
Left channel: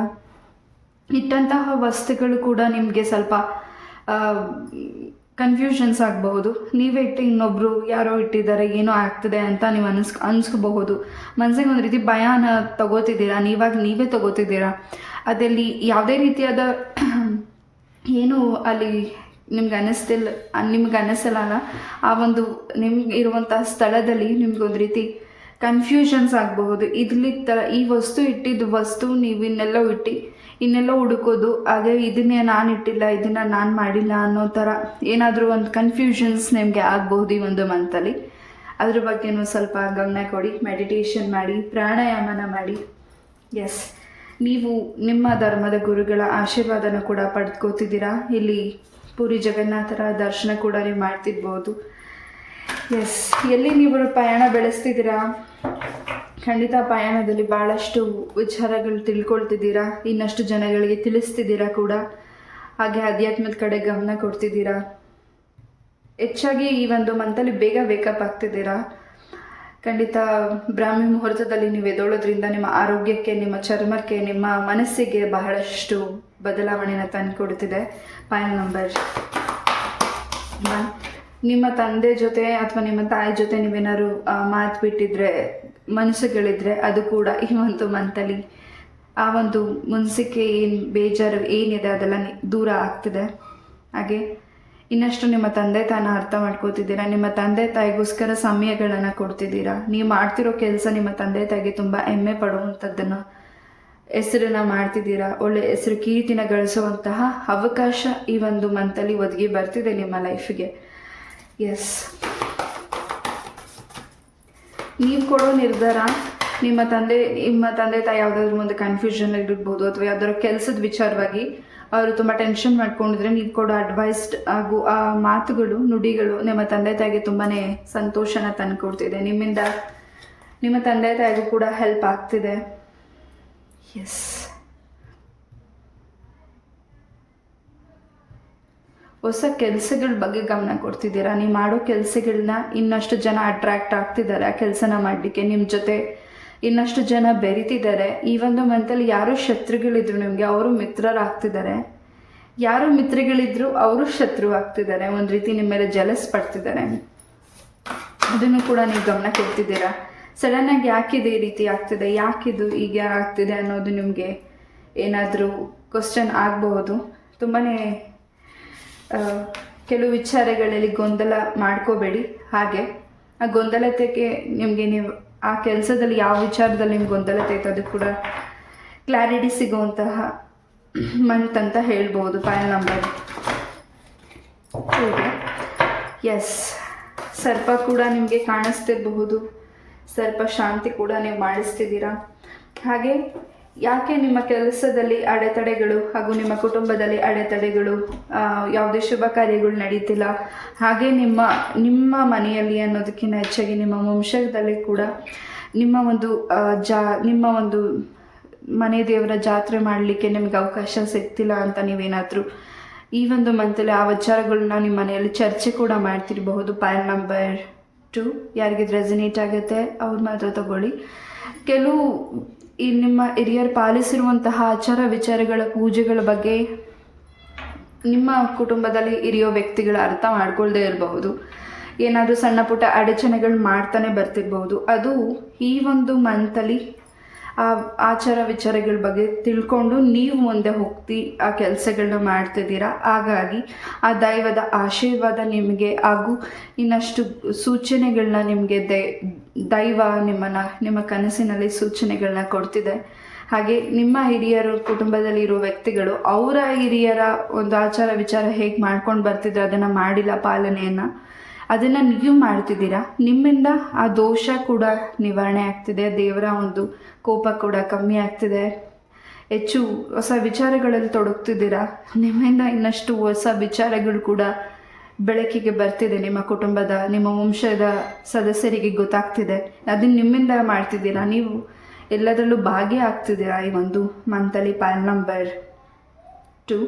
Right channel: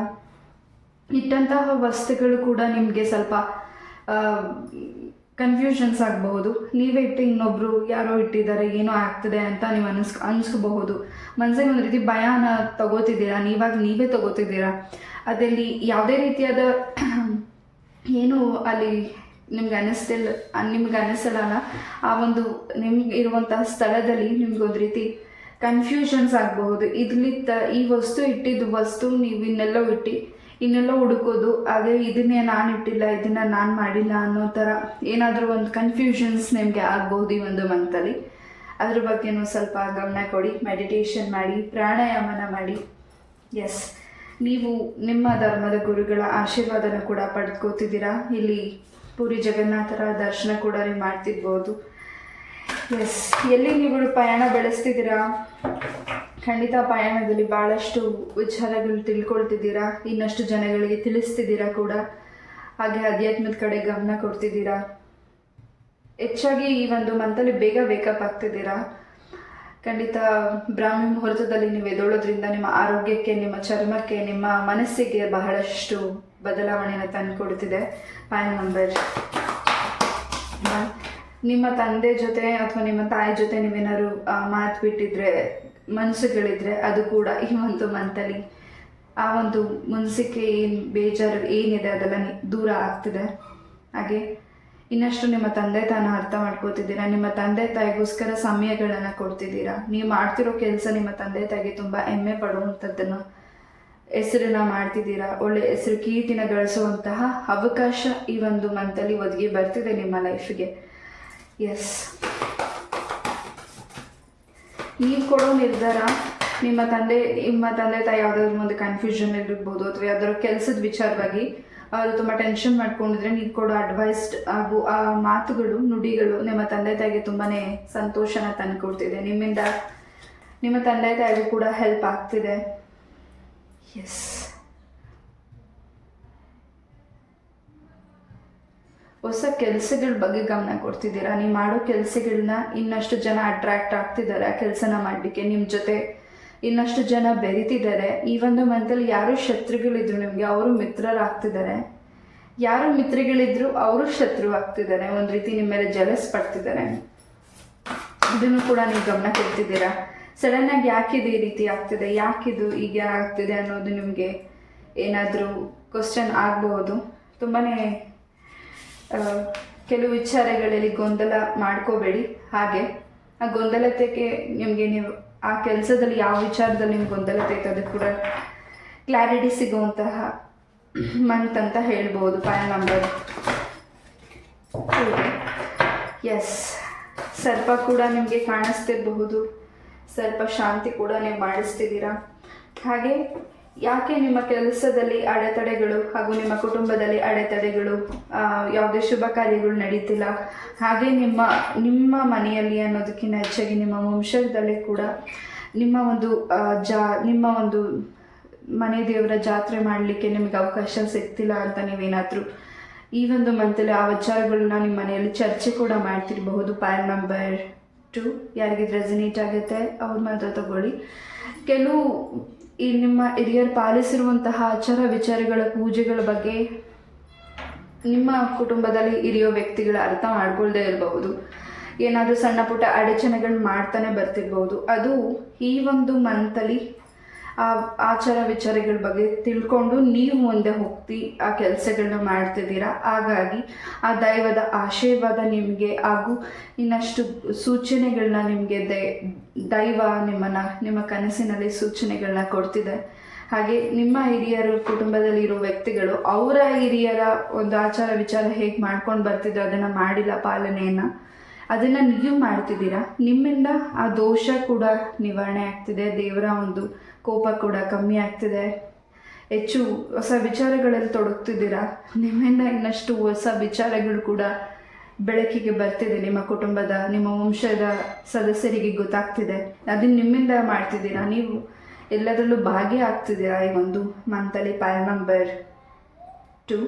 ಇಟ್ಟಂತಹ ವಸ್ತುಗಳು ಕೂಡ ನಿಮಗೆ ಸ್ವಲ್ಪ ಕನ್ಫ್ಯೂಷನ್ಸ್ ಆಗಬಹುದು. ನೀವೇ ಇಟ್ಟು ಇನ್ನೊಬ್ಬರು ಯಾರೋ ಇಟ್ಟಿದ್ದಾರೆ, ಏನೋ ಆಗ್ತದೆ ಅಂತ ನೀವು ಅನಿಸ್ಕೋಬಹುದು. ಮನಸ್ಸಿಗೆ ಒಂದು ರೀತಿ ಭಯನ ತಗೋತಿದ್ದೀರಾ, ನೀವೇ ತಗೋತಿದ್ದೀರಾ. ಅದಲ್ಲಿ ಯಾವುದೇ ರೀತಿಯಾದ ಏನು ಅಲ್ಲಿ ನಿಮ್ಗೆ ಅನ್ನಿಸಲ್ಲ. ಆ ಒಂದು ನಿಮ್ಗೆ ಇರುವಂತಹ ಸ್ಥಳದಲ್ಲಿ ನಿಮ್ಗೆ ಒಂದು ರೀತಿ ಕನ್ಫ್ಯೂಷನ್ಸ್ ಆಗಬಹುದು. ಈ ವಸ್ತು ಇಟ್ಟಿದ್ದು ವಸ್ತು ನೀವು ಇನ್ನೆಲ್ಲೋ ಹುಡುಕೋದು, ಹಾಗೆ ಇದನ್ನೇ ನಾನು ಇಟ್ಟಿಲ್ಲ, ಇದನ್ನು ನಾನು ಮಾಡಿಲ್ಲ ಅನ್ನೋ ಥರ ಏನಾದರೂ ಒಂದು ಕನ್ಫ್ಯೂಷನ್ಸ್ ನಿಮಗೆ ಆಗಬಹುದು ಈ ಒಂದು ಮಂತಲ್ಲಿ. ಅದ್ರ ಬಗ್ಗೆನೂ ಸ್ವಲ್ಪ ಗಮನ ಕೊಡಿ. ಮೆಡಿಟೇಷನ್ ಮಾಡಿ, ಪ್ರಾಣಾಯಾಮನ ಮಾಡಿ. ಎಸ್, ನೀವು ನಿಮ್ಮ ಧರ್ಮದ ಗುರುಗಳ ಆಶೀರ್ವಾದನ ಕೂಡ ಪಡೆದುಕೋತಿದ್ದೀರಾ. ಇಲ್ಲಿ ಪುರಿ ಜಗನ್ನಾಥರ ದರ್ಶನ ಕೂಡ ನೀವು ಮಾಡ್ತಿರ್ಬೋದು. ಎಸ್, ಎಲ್ಲಿ ನೀವು ಪಯಣ ಬೆಳೆಸ್ತಿದ್ದೀರಾ ಖಂಡಿತ ಪಯಣದಲ್ಲಿ ಭಾಳಷ್ಟು ವಿಚಾರಗಳು ತಿಳ್ಕೊಳ್ತಿದ್ದೀರಾ, ಇನ್ನಷ್ಟು ಜನಗಳಿಗೆ ತಿಳಿಸ್ತಿದ್ದೀರಾ ಕೂಡ. ಹಾಗೆ ಅಧ್ಯಾತ್ಮದ ಕಡೆ ಗಮನ ಕೊಡ್ತಿದ್ದೀರಾ. ಹೆಚ್ಚಾಗಿ ಈ ಒಂದು ಮಂತಲ್ಲಿ ಬೇಗ ವೇಕಪ್ ಆಗ್ತಿದ್ದೀರಾ. ಖಂಡಿತ ಬ್ರಾಹ್ಮಿ ಮುಹೂರ್ತದಲ್ಲಿ ನೀವು ಎದ್ದೋಳೋದ್ರಿಂದ ನಿಮ್ಮ ಆರೋಗ್ಯಕ್ಕೆ, ನಿಮ್ಮ ಚರ್ಮಕ್ಕೆ, ನಿಮ್ಮ ಮನಸ್ಸಿಗೆ ಬಹಳಷ್ಟು ಬದಲಾವಣೆನ ತಂದುಕೊಡ್ತಿದೆ. ಪಾಯಿಂಟ್ ನಂಬರ್ 1, ನಿಮ್ಮ ತಂದೆ ಜೊತೆ ಅಥವಾ ನಿಮ್ಮ ತಾಯಿ ಜೊತೆ ನೀವೇನಾದ್ರು ಮಾತು ಬಿಟ್ಟಿದ್ರೆ, ಮನಸ್ಸುಗಳಿದ್ರೆ ಅದು ಕೂಡ ಈ ಒಂದು ಮಂತಲ್ಲಿ ಆ ಒಂದು ಮುನ್ಸಿಕೆ ಏನು ಬೇಜಾರು ಏನಿದೆ ಅದೆಲ್ಲ ದೂರ ಆಗ್ತಿದೆ. ಹಾಗೆ ಇನ್ನಷ್ಟು ನಿಮ್ಮ ತಂದೆ ತಾಯಿನ ಅರ್ಥ ಮಾಡ್ಕೋತಿದ್ದೀರಾ. ನಿಮ್ಮ ತಂದೆ ತಾಯಿಗೋಸ್ಕರ ಸಮಯಗಳನ್ನು ಕೊಡ್ತಿದ್ದೀರಾ. ನೀವು ಮಾಡ್ತಿರೋ ಕೆಲಸ ನಿಮ್ಮ ತಂದೆ ತಾಯಿಗೆ ತುಂಬ ಹೆಮ್ಮೆ ಪಡುವಂಥದ್ದನ್ನು ಹೆಸರನ್ನ ಮಾಡ್ತಿದ್ದೀರಾ. ಒಳ್ಳೆ ಹೆಸರು ಕೀರ್ತಿನ ಗಳಿಸುವಂತಹ ಅವಕಾಶ ಈ ಒಂದು ಮಂತಲ್ಲಿ ಒದಗಿ ಬರ್ತಿದೆ ನಿಮ್ಮ ಲೈಫಿಗೆ. ಎಸ್, ನೀವು ಕೊಡೋ ನಿರ್ಧಾರ ನಿಮ್ಮ ತಂದೆ ತಾಯಿ ಯಾವುದಾದ್ರೂ ಒಂದು ಕನ್ಫ್ಯೂಷನ್ ಇರ್ಬೋದು ಅಥವಾ ಯಾವ್ದಾದ್ರು ಕೆಲಸದ ವಿಚಾರವಾಗಿ ಅವರು ತುಂಬ ಟೆನ್ಷನ್ ಮಾಡ್ಕೊಂಡಿದ್ರೆ ನೀವು ಕೊಡೋ ಅಡ್ವೈಸ್ಡ್ ಹಾಗೂ ಆ ಮಾತುಗಳು, ನುಡಿಗಳು ನಿಮ್ಮ ತಂದೆ ತಾಯಿಗೆ ತುಂಬಾ ಸಂತೋಷನ ತಂದುಕೊಡ್ತಿದೆ. ನಿಮ್ಮಿಂದ ನಿಮ್ಮ ತಂದೆ ತಾಯಿಗೂ ಕೂಡ ಹೆಲ್ಪ್ ಆಗ್ತಿದೆ. ಎಸ್, ಹೊಸ ಕೆಲಸಗಳ ಬಗ್ಗೆ ಗಮನ ಕೊಡ್ತಿದ್ದೀರಾ. ನೀವು ಮಾಡೋ ಕೆಲಸಗಳನ್ನ ಇನ್ನಷ್ಟು ಜನ ಅಟ್ರಾಕ್ಟ್ ಆಗ್ತಿದ್ದಾರೆ ಆ ಕೆಲಸನ ಮಾಡಲಿಕ್ಕೆ. ನಿಮ್ಮ ಜೊತೆ ಇನ್ನಷ್ಟು ಜನ ಬೆರಿತಿದ್ದಾರೆ. ಈ ಒಂದು ಮಂತಲ್ಲಿ ಯಾರು ಶತ್ರುಗಳಿದ್ರು ನಿಮಗೆ ಅವರು ಮಿತ್ರರಾಗ್ತಿದ್ದಾರೆ. ಯಾರು ಮಿತ್ರಗಳಿದ್ರು ಅವರು ಶತ್ರು ಆಗ್ತಿದ್ದಾರೆ. ಒಂದು ರೀತಿ ನಿಮ್ಮ ಮೇಲೆ ಜಲಸ್ ಪಡ್ತಿದ್ದಾರೆ. ಅದನ್ನು ಕೂಡ ನೀವು ಗಮನ ಕೊಡ್ತಿದ್ದೀರಾ. ಸಡನ್ನಾಗಿ ಯಾಕಿದೆ ಈ ರೀತಿ ಆಗ್ತಿದೆ, ಯಾಕಿದು ಹೀಗೆ ಆಗ್ತಿದೆ ಅನ್ನೋದು ನಿಮಗೆ ಏನಾದರೂ ಕ್ವಶನ್ ಆಗಬಹುದು. ತುಂಬಾ ಕೆಲವು ವಿಚಾರಗಳಲ್ಲಿ ಗೊಂದಲ ಮಾಡ್ಕೋಬೇಡಿ. ಹಾಗೆ ಆ ಗೊಂದಲತೆಗೆ ನಿಮಗೆ ನೀವು ಆ ಕೆಲಸದಲ್ಲಿ ಯಾವ ವಿಚಾರದಲ್ಲಿ ನಿಮ್ಗೆ ಗೊಂದಲತೆ ಇತ್ತು ಅದಕ್ಕೆ ಕೂಡ ಕ್ಲಾರಿಟಿ ಸಿಗುವಂತಹ ಮಂತ್ ಅಂತ ಹೇಳ್ಬೋದು. Point number 2. ಎಸ್, ಸ್ವಲ್ಪ ಕೂಡ ನಿಮಗೆ ಕಾಣಿಸ್ತಿರಬಹುದು. ಸ್ವಲ್ಪ ಶಾಂತಿ ಕೂಡ ನೀವು ಮಾಡಿಸ್ತಿದ್ದೀರಾ. ಹಾಗೆ ಯಾಕೆ ನಿಮ್ಮ ಕೆಲಸದಲ್ಲಿ ಅಡೆತಡೆಗಳು ಹಾಗೂ ನಿಮ್ಮ ಕುಟುಂಬದಲ್ಲಿ ಅಡೆತಡೆಗಳು, ಯಾವುದೇ ಶುಭ ಕಾರ್ಯಗಳು ನಡೀತಿಲ್ಲ, ಹಾಗೆ ನಿಮ್ಮ ಮನೆಯಲ್ಲಿ ಅನ್ನೋದಕ್ಕಿಂತ ಹೆಚ್ಚಾಗಿ ನಿಮ್ಮ ವಂಶದಲ್ಲಿ ಕೂಡ ನಿಮ್ಮ ಒಂದು ಮನೆ ದೇವರ ಜಾತ್ರೆ ಮಾಡಲಿಕ್ಕೆ ನಿಮಗೆ ಅವಕಾಶ ಸಿಗ್ತಿಲ್ಲ ಅಂತ ನೀವೇನಾದರೂ ಈ ಒಂದು ಮಂತಲ್ಲಿ ಆ ವಿಚಾರಗಳನ್ನ ನಿಮ್ಮ ಮನೆಯಲ್ಲಿ ಚರ್ಚೆ ಕೂಡ ಮಾಡ್ತಿರಬಹುದು. ಪಾಯಿಂಟ್ ನಂಬರ್ 2, ಯಾರಿಗೆ ರೆಸನೇಟ್ ಆಗುತ್ತೆ ಅವ್ರ ಮಾತ್ರ ತಗೊಳ್ಳಿ. ಕೆಲವು ಈ ನಿಮ್ಮ ಹಿರಿಯರು ಪಾಲಿಸಿರುವಂತಹ ಆಚಾರ ವಿಚಾರಗಳ ಪೂಜೆಗಳ ಬಗ್ಗೆ ನಿಮ್ಮ ಕುಟುಂಬದಲ್ಲಿ ಹಿರಿಯೋ ವ್ಯಕ್ತಿಗಳ ಅರ್ಥ ಮಾಡ್ಕೊಳ್ದೇ ಇರಬಹುದು. ಏನಾದರೂ ಸಣ್ಣ ಪುಟ್ಟ ಅಡಚಣೆಗಳು ಮಾಡ್ತಾನೆ ಬರ್ತಿರ್ಬೋದು. ಅದು ಈ ಒಂದು ಮಂತಲ್ಲಿ ಆ ಆಚಾರ ವಿಚಾರಗಳ ಬಗ್ಗೆ ತಿಳ್ಕೊಂಡು ನೀವು ಮುಂದೆ ಹೋಗ್ತಿ ಆ ಕೆಲಸಗಳನ್ನ ಮಾಡ್ತಿದ್ದೀರಾ. ಹಾಗಾಗಿ ಆ ದೈವದ ಆಶೀರ್ವಾದ ನಿಮಗೆ ಹಾಗೂ ಇನ್ನಷ್ಟು ಸೂಚನೆಗಳನ್ನ ನಿಮಗೆ ದೈವ ನಿಮ್ಮ ಕನಸಿನಲ್ಲಿ ಸೂಚನೆಗಳನ್ನ ಕೊಡ್ತಿದೆ. ಹಾಗೆ ನಿಮ್ಮ ಹಿರಿಯರು ಕುಟುಂಬದಲ್ಲಿ ಇರೋ ವ್ಯಕ್ತಿಗಳು ಅವರ ಹಿರಿಯರ ಒಂದು ಆಚಾರ ವಿಚಾರ ಹೇಗೆ ಮಾಡ್ಕೊಂಡು ಬರ್ತಿದ್ರು ಅದನ್ನು ಮಾಡಿಲ್ಲ ಪಾಲನೆಯನ್ನು, ಅದನ್ನು ನೀವು ಮಾಡ್ತಿದ್ದೀರಾ. ನಿಮ್ಮಿಂದ ಆ ದೋಷ ಕೂಡ ನಿವಾರಣೆ ಆಗ್ತಿದೆ. ದೇವರ ಒಂದು ಕೋಪ ಕೂಡ ಕಮ್ಮಿ ಆಗ್ತಿದೆ. ಹೆಚ್ಚು ಹೊಸ ವಿಚಾರಗಳಲ್ಲಿ ತೊಡಗ್ತಿದ್ದೀರಾ. ನಿಮ್ಮಿಂದ ಇನ್ನಷ್ಟು ಹೊಸ ವಿಚಾರಗಳು ಕೂಡ ಬೆಳಕಿಗೆ ಬರ್ತಿದೆ. ನಿಮ್ಮ ಕುಟುಂಬದ, ನಿಮ್ಮ ವಂಶದ ಸದಸ್ಯರಿಗೆ ಗೊತ್ತಾಗ್ತಿದೆ. ಅದನ್ನು ನಿಮ್ಮಿಂದ ಮಾಡ್ತಿದ್ದೀರಾ. ನೀವು ಎಲ್ಲದರಲ್ಲೂ ಭಾಗಿಯಾಗ್ತಿದ್ದೀರಾ ಈ ಒಂದು ಮಂತಲ್ಲಿ. Point number 2.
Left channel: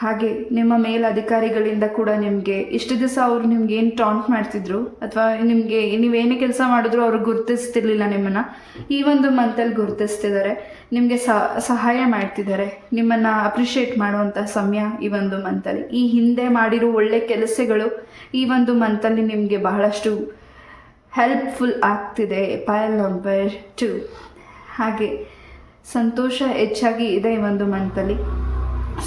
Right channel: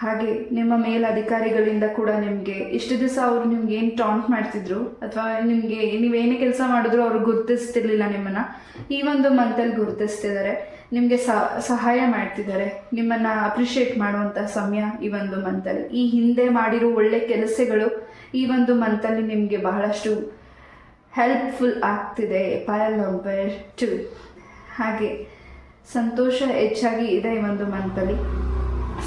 ಹಾಗೆ ನಿಮ್ಮ ಮೇಲಧಿಕಾರಿಗಳಿಂದ ಕೂಡ ನಿಮಗೆ ಇಷ್ಟು ದಿವಸ ಅವರು ನಿಮ್ಗೆ ಏನು ಟಾಂಟ್ ಮಾಡ್ತಿದ್ರು ಅಥವಾ ನಿಮಗೆ ನೀವೇನೇ ಕೆಲಸ ಮಾಡಿದ್ರು ಅವರು ಗುರುತಿಸ್ತಿರ್ಲಿಲ್ಲ ನಿಮ್ಮನ್ನು, ಈ ಒಂದು ಮಂತಲ್ಲಿ ಗುರುತಿಸ್ತಿದ್ದಾರೆ. ನಿಮಗೆ ಸಹಾಯ ಮಾಡ್ತಿದ್ದಾರೆ. ನಿಮ್ಮನ್ನು ಅಪ್ರಿಷಿಯೇಟ್ ಮಾಡುವಂಥ ಸಮಯ ಈ ಒಂದು ಮಂತಲ್ಲಿ. ಈ ಹಿಂದೆ ಮಾಡಿರೋ ಒಳ್ಳೆ ಕೆಲಸಗಳು ಈ ಒಂದು ಮಂತಲ್ಲಿ ನಿಮಗೆ ಬಹಳಷ್ಟು ಹೆಲ್ಪ್ಫುಲ್ ಆಗ್ತಿದೆ. Point number 2. ಹಾಗೆ ಸಂತೋಷ ಹೆಚ್ಚಾಗಿ ಇದೆ ಈ ಒಂದು ಮಂತಲ್ಲಿ.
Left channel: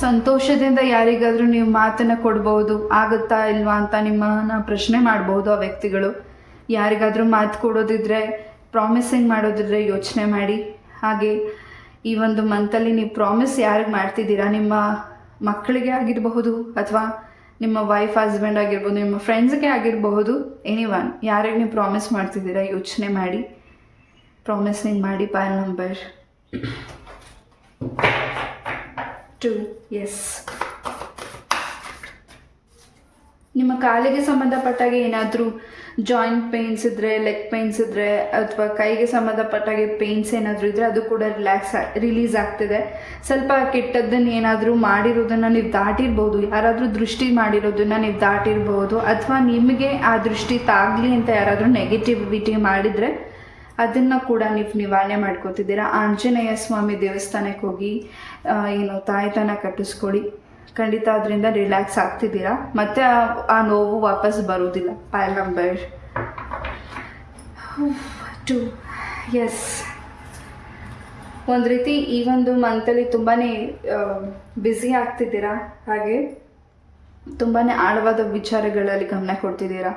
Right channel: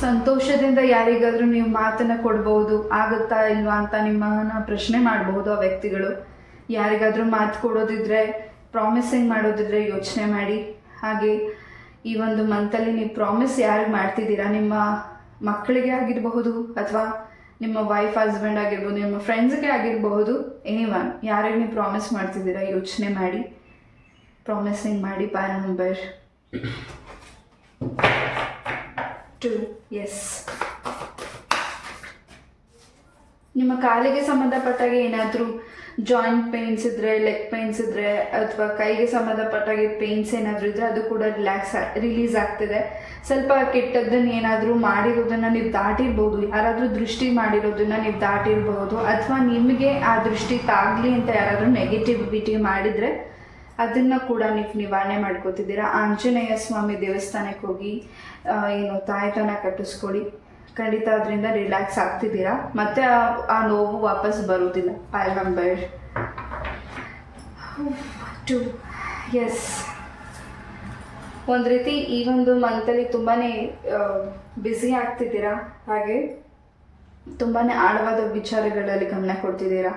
ಸಂತೋಷದಿಂದ ಯಾರಿಗಾದರೂ ನೀವು ಮಾತನ್ನು ಕೊಡ್ಬೋದು. ಆಗುತ್ತಾ ಇಲ್ವಾ ಅಂತ ನಿಮ್ಮನ್ನು ಪ್ರಶ್ನೆ ಮಾಡ್ಬೋದು ಆ ವ್ಯಕ್ತಿಗಳು. ಯಾರಿಗಾದರೂ ಮಾತು ಕೊಡೋದಿದ್ರೆ, ಪ್ರಾಮಿಸಿಂಗ್ ಮಾಡೋದಿದ್ರೆ ಯೋಚನೆ ಮಾಡಿ. ಹಾಗೆ ಈ ಒಂದು ಮಂತಲ್ಲಿ ನೀವು ಪ್ರಾಮಿಸ್ ಯಾರಿಗೆ ಮಾಡ್ತಿದ್ದೀರಾ, ನಿಮ್ಮ ಮಕ್ಕಳಿಗೆ ಆಗಿರಬಹುದು ಅಥವಾ ನಿಮ್ಮ ವೈಫ್ ಹಸ್ಬೆಂಡ್ ಆಗಿರ್ಬೋದು, ನಿಮ್ಮ ಫ್ರೆಂಡ್ಸ್ಗೆ ಆಗಿರಬಹುದು, ಎನಿವನ್ ಯಾರಿಗೆ ನೀವು ಪ್ರಾಮಿಸ್ ಮಾಡ್ತಿದ್ದೀರಾ ಯೋಚನೆ ಮಾಡಿ ಪ್ರಾಮಿಸಿಂಗ್ ಮಾಡಿ. Point number 2. ಎಸ್, ನಿಮ್ಮ ಕಾಲಿಗೆ ಸಂಬಂಧಪಟ್ಟಾಗೆ ಏನಾದರೂ ಜಾಯಿಂಟ್ ಪೇಯ್ನ್ಸ್ ಇದ್ದರೆ, ಲೆಗ್ ಪೇಯ್ನ್ಸ್ ಇದ್ದರೆ, ಅಥವಾ ಕೈಗೆ ಸಂಬಂಧಪಟ್ಟಾಗೆ ಪೇಯ್ನ್ಸ್ ಏನಾದರೂ ಇದ್ದರೆ ಅದು ಕೂಡ ರಿಲೀಸ್ ಆಗ್ತಿದೆ. ಸ್ವಲ್ಪ ಕೆಟ್ಟದ್ದನ್ನು ಏನಾದರೂ ಮಾಡಿರೋದನ್ನು ನೀವು ದಾಟಿರ್ಬೋದು, ಯಾರಾದರೂ ದೃಷ್ಟಿ ಮಾಡಿರೋದನ್ನು ನೀವು ದಾಟಿರ್ಬೋದು, ಅಥವಾ ನಿಮಗೆ ಆ ದೃಷ್ಟಿ ತಾಗಲಿ ಅಂತ ಯಾರಾದರೂ ನೆಗೆಟಿವಿಟಿ ಮಾಡಿದರೆ ಅದನ್ನು ಕೂಡ ನೀವು ನಿವಾರಣೆ ಮಾಡ್ಕೋತಿದ್ದೀರಾ. ಆಂಜನೇಯ ಸ್ವಾಮಿ ದೇವಸ್ಥಾನಕ್ಕೆ ಹೋಗಿ ತಾಯ್ತನ ಕಟ್ಟಿಸ್ಕೊಳ್ಳಿ. ಖಂಡಿತ ಅದರಿಂದ ರಿಲ್ಯಾಕ್ಸ್ ಆಗ್ತಿದ್ದೀರಾ, ಮತ್ತು ಆ ನೋವು ವಾಪಸ್ ಬರೋದಿಲ್ಲ. ಪೈಲ್ ನಂಬರ್ 2. ಎಸ್, ಒಂದು ರೀತಿ ಈ ಒಂದು ಮಂತಲ್ಲಿ ತುಂಬಾ ಬ್ಯುಸಿ ಆಗ್ತಿದ್ದೀರಾ, ಹಾಗೆ ತುಂಬಾ ಆಳವಾದ ವಿಚಾರಗಳಲ್ಲಿ ಗಮನ ಕೊಡ್ತಿದ್ದೀರಾ.